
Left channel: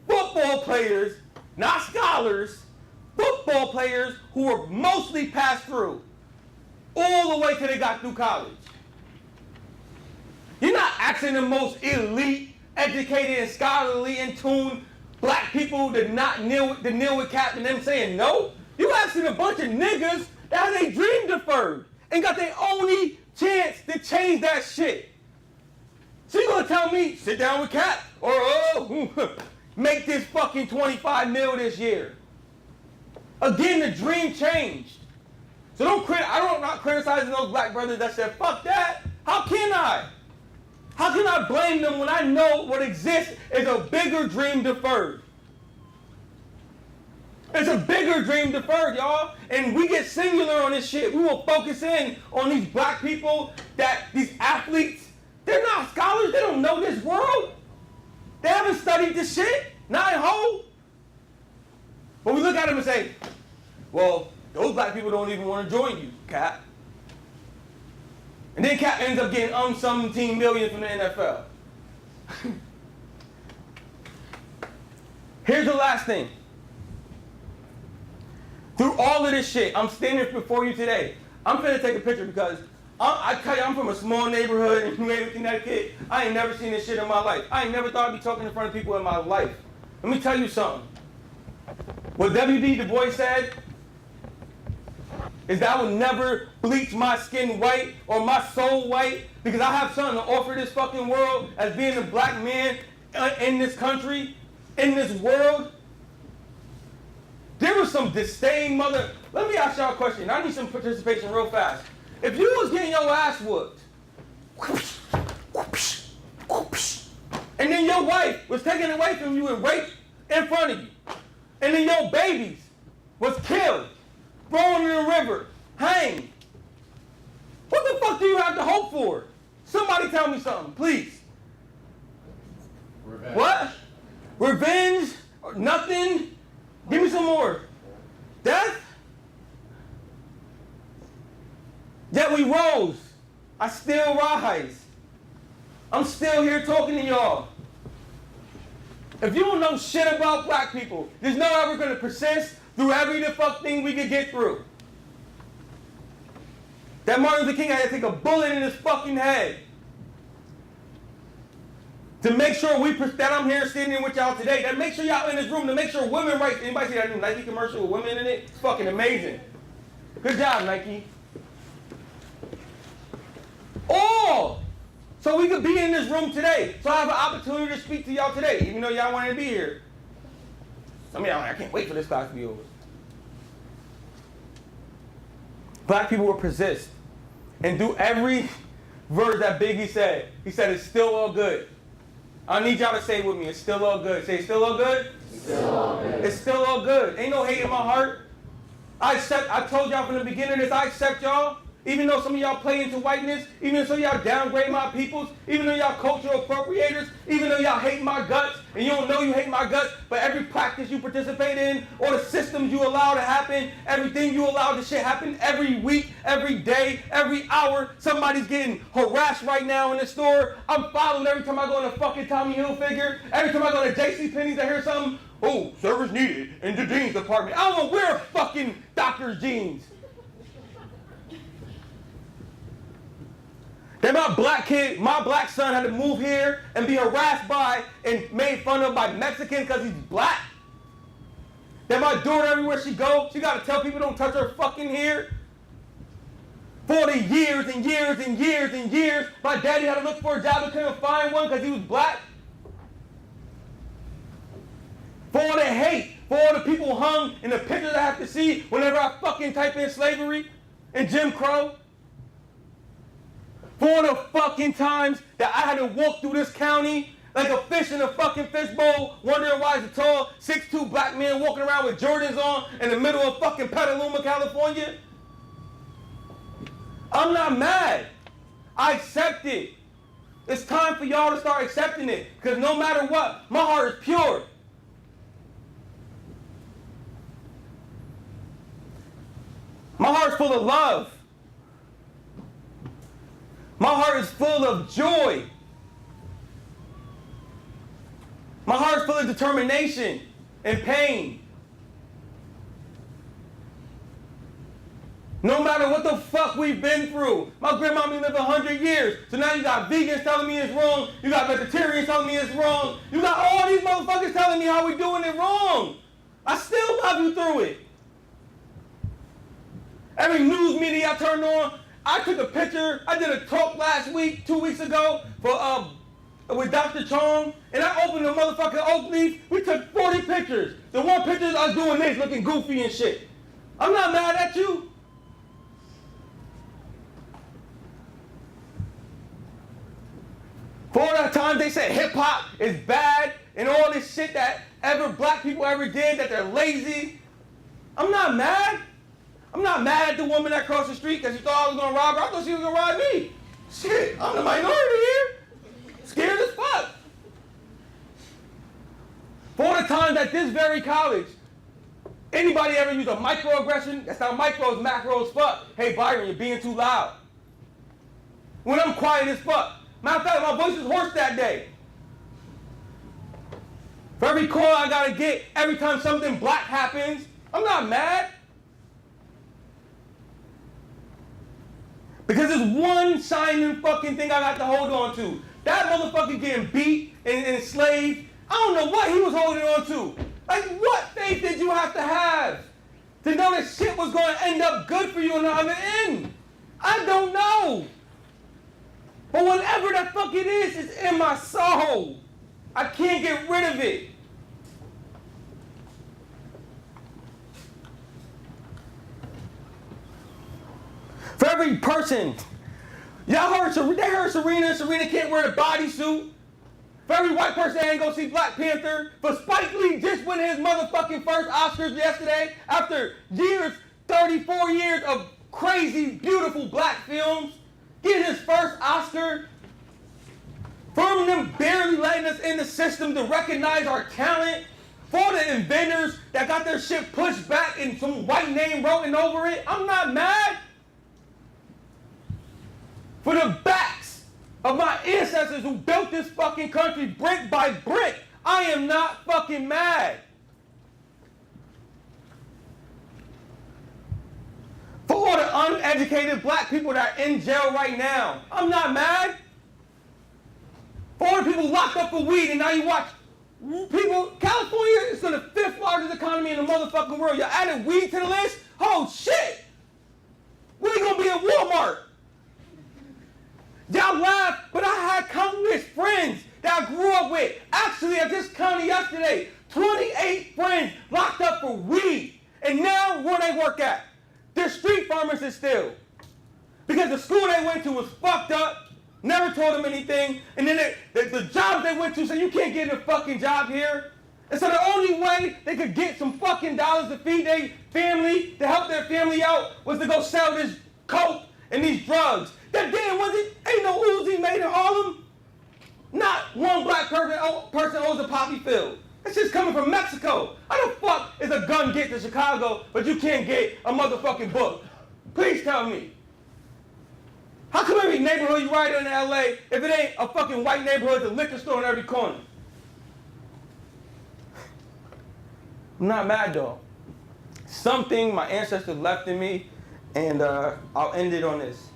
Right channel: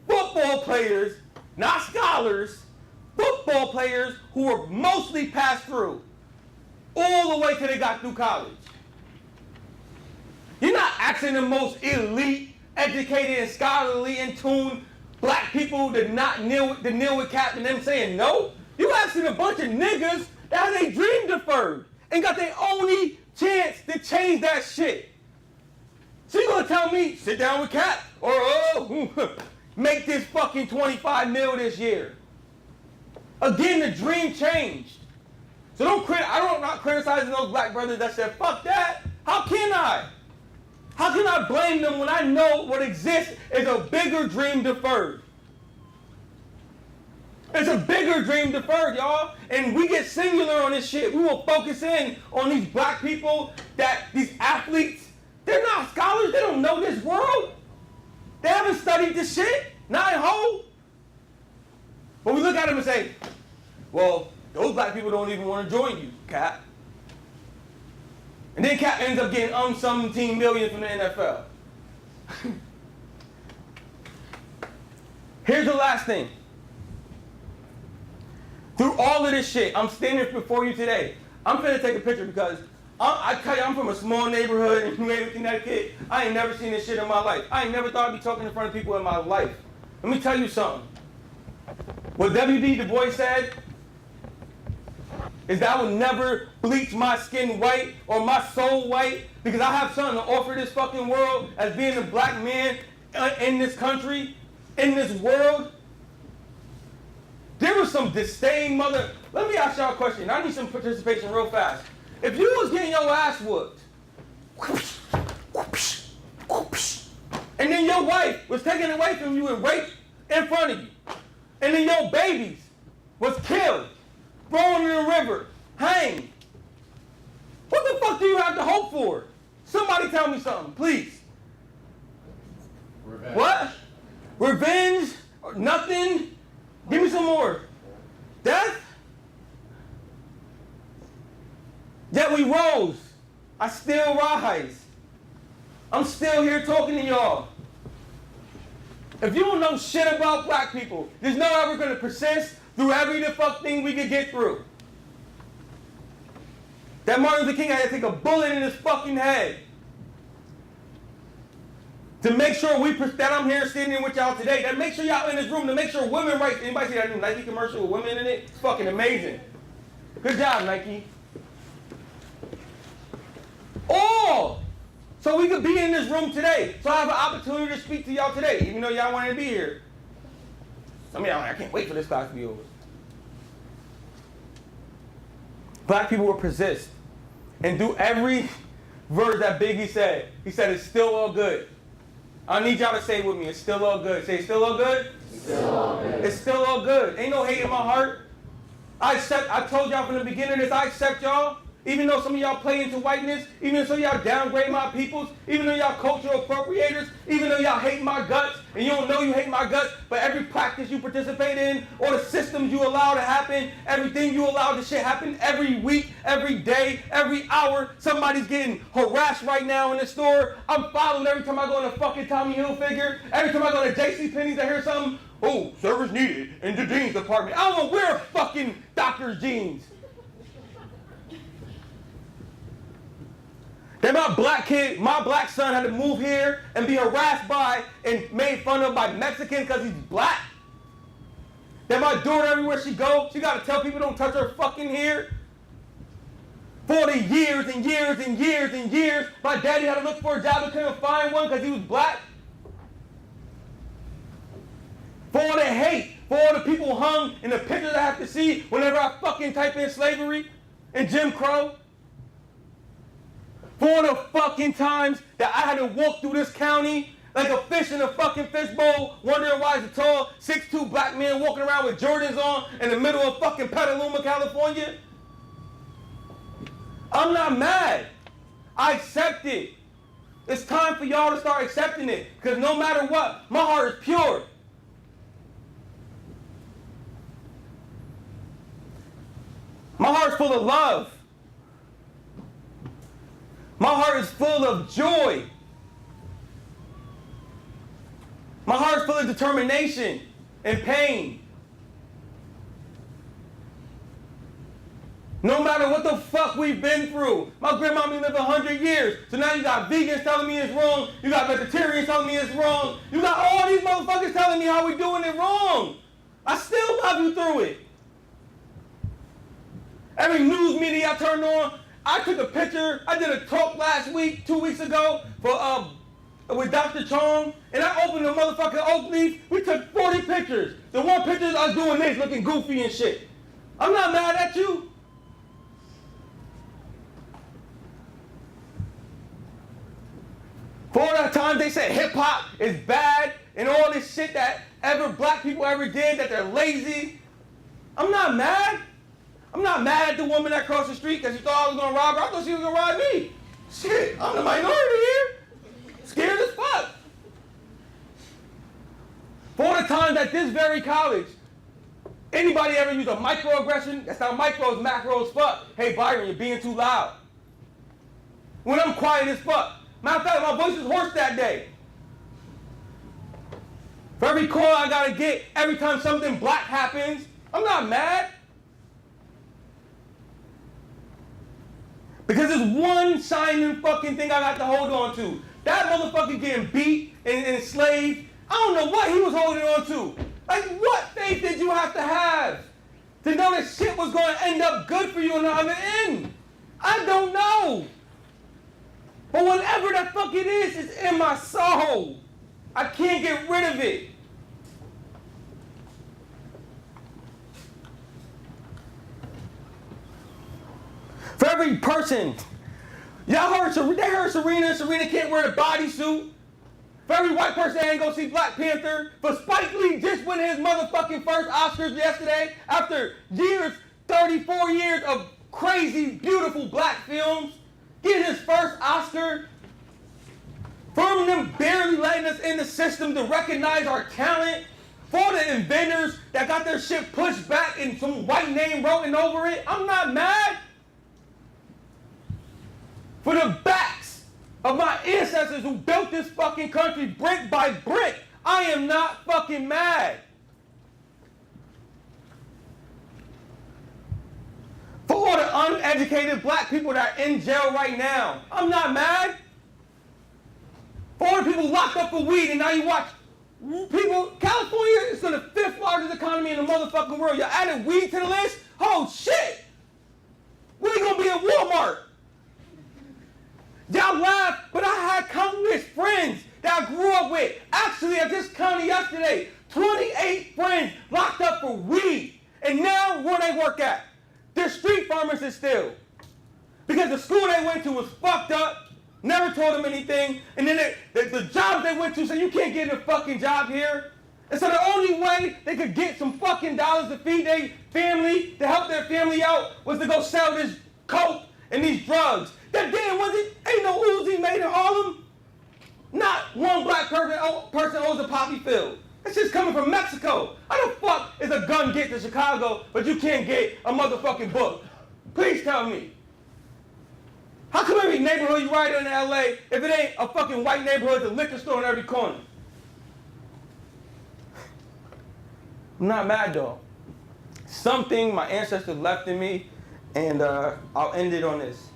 football players, not scholars, football players who were mostly passed through all the way till they got through college. You're not asking the most elite, educated, and scholarly, in tune black people to kneel with cap and them saying no. You asking a bunch of niggas that had their dream deferred and got their only chance to change that shit. So you gonna tell me, sit down with cap, or make this fucking 25 mil this year. Again, the dream changed. So I'm not criticizing those black brothers that said, fuck that. How can I? How can I blame them when I know what exists is a bigger dream deferred? It's a bigger dream deferred, y'all. And we get singular on this shit. We will focus in on these black people, these athletes. They're not scholars. They don't know this world. They haven't studied this shit. Not in whole. But we look at them and say, well, those black people don't even want to join you, Cap. And then Cap ends up getting 17 million from the NFL. Here's the last thing. Through all of this shit, I'm standing before you today. I'm finna take a picture because I tell you, I'm from a small neighborhood in New Haven, Connecticut. I ain't never seen this shit in my life. I ain't never thought I'd be talking in front of people in my life. Let me tell you something. What W.B. Du Bois said is that I would never bleach my skin white or my soul white because I have something to offer this fucking world as being a black man in this country, in this world. There was some disdain, Let me ask y'all a question. I need some participation real fast. If you was getting your ass whooped, your wife was taken away from you and raped in front of you. And then your babies was killed, thrown in the river, hanged. What the fuck do you have to hope for? Somebody tell me something, please. Revenge. What? Revenge? Or nothing? Give me some more. Death? Yet we rose. I still rise. I'm still here talking to y'all. If you don't know shit about black people, there's no way we're going to persist through every the fuck thing we could get through. That Martin Luther King had to take a bullet in his fucking head to make sure that I'm here standing with y'all today, that make sure y'all in this room, to make sure women rights. Anybody see that new Nike commercial with women in it? It's fucking amazing. Good job, Nike. All so we could be in this room today. So I have an opportunity to speak to y'all today, even though y'all wanted to be here. I mean, I can't wait for this class to be over. Black people will persist and do every verse that Biggie said. He said, it's still all good. I need y'all to say it with me. It's still all good. Say, it's still all good? It's still all good. It's still all good. Ain't no hate in my heart. I told y'all from the beginning of this, I accept y'all. Even though some of y'all play into whiteness, even though some of y'all downgrade my peoples, even though y'all cultural appropriators, even though y'all hate my guts, and you don't know you hate my guts, but every practice you participate in, or the systems you allow to happen, everything you allow to shit happen every week, every day, every hour, somebody's getting harassed right now in the store. I'm followed every time I go in a fucking Tommy Hilfiger. Every time I go to JCPenney's, I hear something, oh, service needed in the jeans department. I don't want to wear fucking doctor's jeans. Then my black son had to move here and be harassed by and made fun of by Mexicans because he's black. Then my daughter, everywhere she goes, she got to tell people don't touch her fucking hair. For the years and years and years and years, my daddy had to look for a job and couldn't find one because he was black. For all the hate, for all the people hung in the pictures I have to see whenever I fucking type in slavery and Jim Crow. For the fucking times that I had to walk through this county like a fish in a fucking fishbowl, wondering why it's a tall 6'2" black man walking around with Jordans on in the middle of fucking Petaluma, California. I'm not mad. I accept it. It's time for y'all to start accepting it, because no matter what, my heart is pure. My heart's full of love. My heart is full of joy. My heart is full of determination and pain. No matter what the fuck we've been through. My grandma lived 100 years. So now you got vegans telling me it's wrong. You got vegetarians telling me it's wrong. You got all these motherfuckers telling me how we doing it wrong. I still love you through it. Every news media I turned on, I took a picture. I did a talk last week, 2 weeks ago, for with Dr. Chong, and I opened the motherfucking oak leaf. We took 40 pictures. The one picture I was doing this, looking goofy and shit. I'm not mad at you. For all that time they said hip hop is bad and all this shit that black people ever did, that they're lazy. I'm not mad. I'm not mad at the woman that crossed the street because she thought I was going to rob her. I thought she was going to rob me. Shit, I'm the minority here. Scared as fuck. For the times at this very college, anybody ever use a microaggression? That's not micro, it's macro as fuck. Hey, Byron, you're being too loud. When I'm quiet as fuck. Matter of fact, my voice was hoarse that day. For every call I got to get, every time something black happens, I'm not mad. Because there's one shining fucking thing I got to hold on to. That motherfucker getting beat and enslaved, I don't know what he was holding on to. Like, what faith did you have to know that shit was going to end up good for you on the other end? I don't know. But whatever the fuck it is, it's in my soul. I can't get rid of it. For every person, y'all heard Serena. Serena can't wear the bodysuit. For every white person that ain't go see Black Panther, for Spike Lee just winning his motherfucking first Oscars yesterday after years, 34 years of crazy, beautiful black films, getting his first Oscar. For them barely letting us in the system to recognize our talent. For the inventors that got their shit pushed back and some white name written over it. I'm not mad. For the backs of my ancestors who built this fucking country brick by brick, I am not fucking mad. For all the uneducated black people that are in jail right now, I'm not mad. For all the people locked up for weed and now you watch people, California is the 5th largest economy in the motherfucking world. Y'all added weed to the list? Oh shit! We ain't gonna be at Walmart. Y'all laugh, but I had countless friends that I grew up with. Actually, I just counted yesterday, 28 friends locked up for weed. And now, where they work at? They're street pharmacists still. Because the school they went to was fucked up, never told them anything, and then the jobs they went to said, you can't get a fucking job here. And so the only way they could get some fucking dollars to feed their family, to help their family out, was to go sell this coke and these drugs. That damn ain't no Uzi made in Harlem. Not one black person owns a poppy field. It's just coming from Mexico. How the fuck is a gun get to Chicago, but you can't get a motherfucking book? Please tell me. How come every neighborhood you ride in LA, if it ain't a fucking white neighborhood, there's a liquor store in every corner? I'm not mad though. Something my ancestors left in me, and I'll end it on this.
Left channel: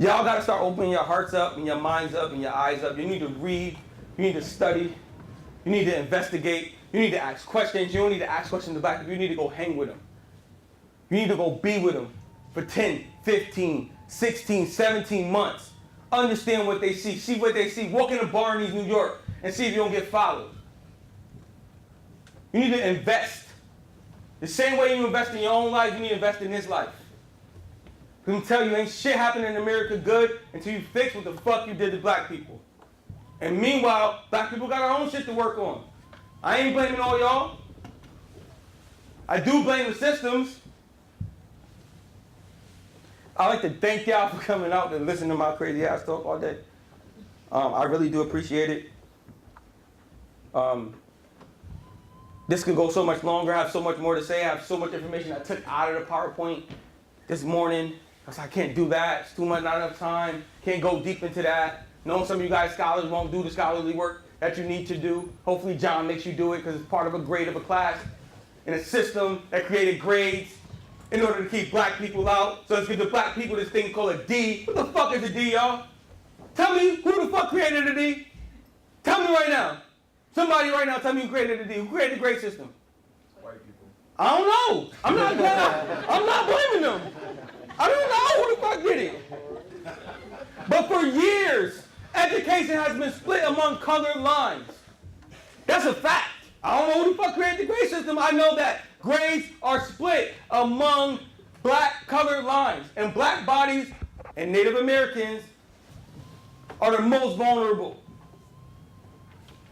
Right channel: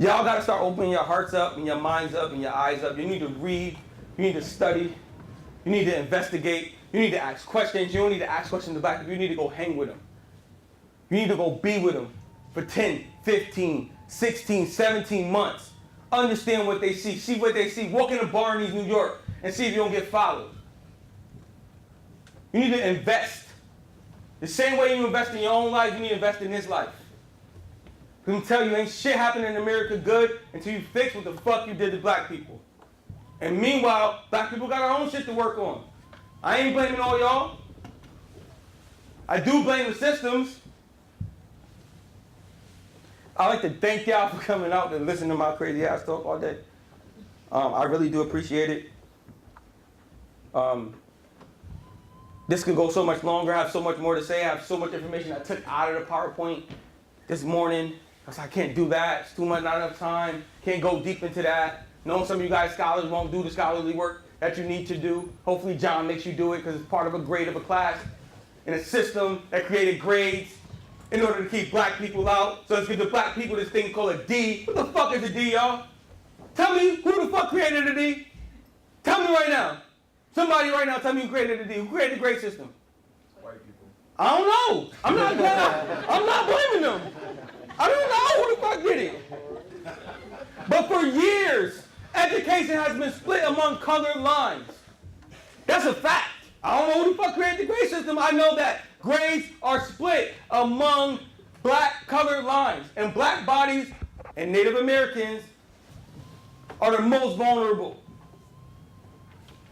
Y'all gotta start opening your hearts up and your minds up and your eyes up. You need to read, you need to study, you need to investigate, you need to ask questions. You don't need to ask questions to black people, you need to go hang with them. You need to go be with them for 10, 15, 16, 17 months. Understand what they see what they see. Walk in a bar in New York and see if you don't get followed. You need to invest. The same way you invest in your own life, you need to invest in his life. I'm tell you, ain't shit happening in America good until you fix what the fuck you did to black people. And meanwhile, black people got our own shit to work on. I ain't blaming all y'all. I do blame the systems. I'd like to thank y'all for coming out and listening to my crazy ass talk all day. I really do appreciate it. This could go so much longer. I have so much more to say. I have so much information I took out of the PowerPoint this morning. I was like, I can't do that. It's too much, not enough time. Can't go deep into that. Knowing some of you guys scholars won't do the scholarly work that you need to do. Hopefully John makes you do it because it's part of a grade of a class in a system that created grades in order to keep black people out. So let's give the black people this thing called a D. What the fuck is a D, y'all? Tell me who the fuck created a D? Tell me right now. Somebody right now tell me who created a D. Who created the grade system? White people. I don't know. I'm not blaming them. I don't know who the fuck did it. But for years, education has been split among colored lines. That's a fact. I don't know who the fuck created the grade system. I know that grades are split among black colored lines. And black bodies and Native Americans are the most vulnerable.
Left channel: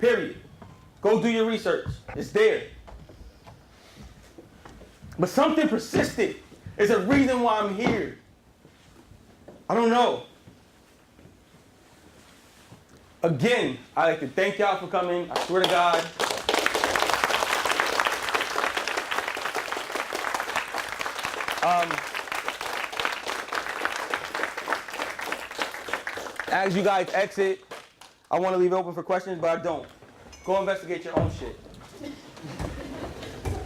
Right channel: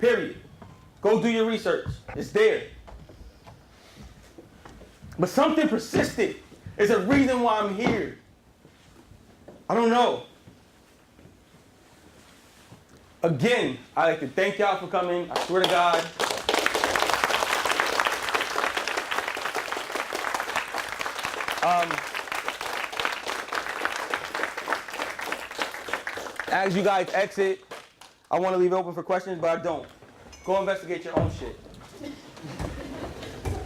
Period. Go do your research. It's there. But something persisted. It's a reason why I'm here. I don't know. Again, I'd like to thank y'all for coming. I swear to God. As you guys exit, I want to leave it open for questions, but I don't. Go investigate your own shit.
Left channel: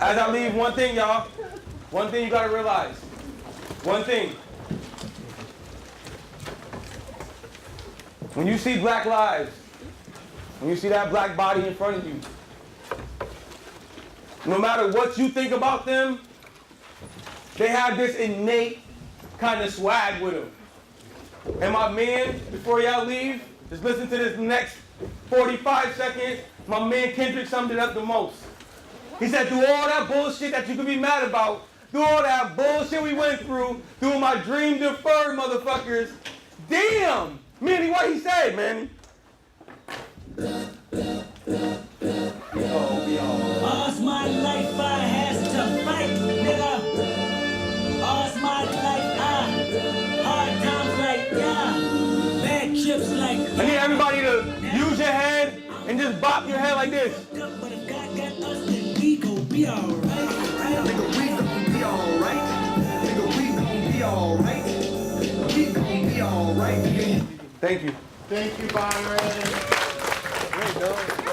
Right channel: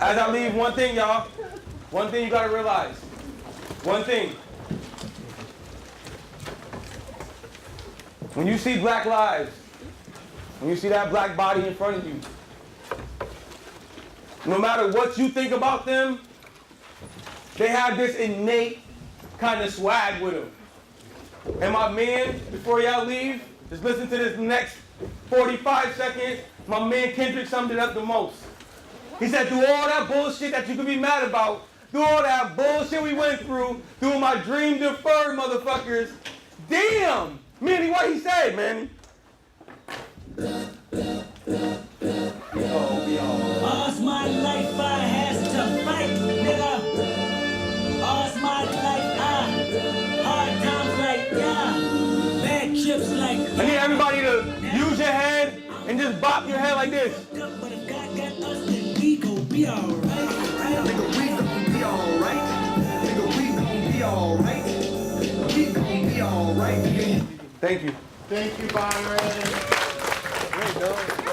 As I leave, one thing, y'all. One thing you gotta realize. One thing. When you see black lives, when you see that black body in front of you, no matter what you think about them, they have this innate kind of swag with them. And my man, before y'all leave, just listen to this next 45 seconds. My man Kendrick summed it up the most. He said, through all that bullshit that you could be mad about, through all that bullshit we went through my dream deferred motherfuckers, damn, Manny, what he said, Manny? All's my life I has to fight, nigga. All's my life hard times like bad trips like. I need everybody to use your head and just bop your head like this. But if God got us, then we gon' be alright. Nigga, we gon' be alright. Nigga, we gon' be alright. We gon' be alright. Thank you. Thank you, Byron. Great, dog.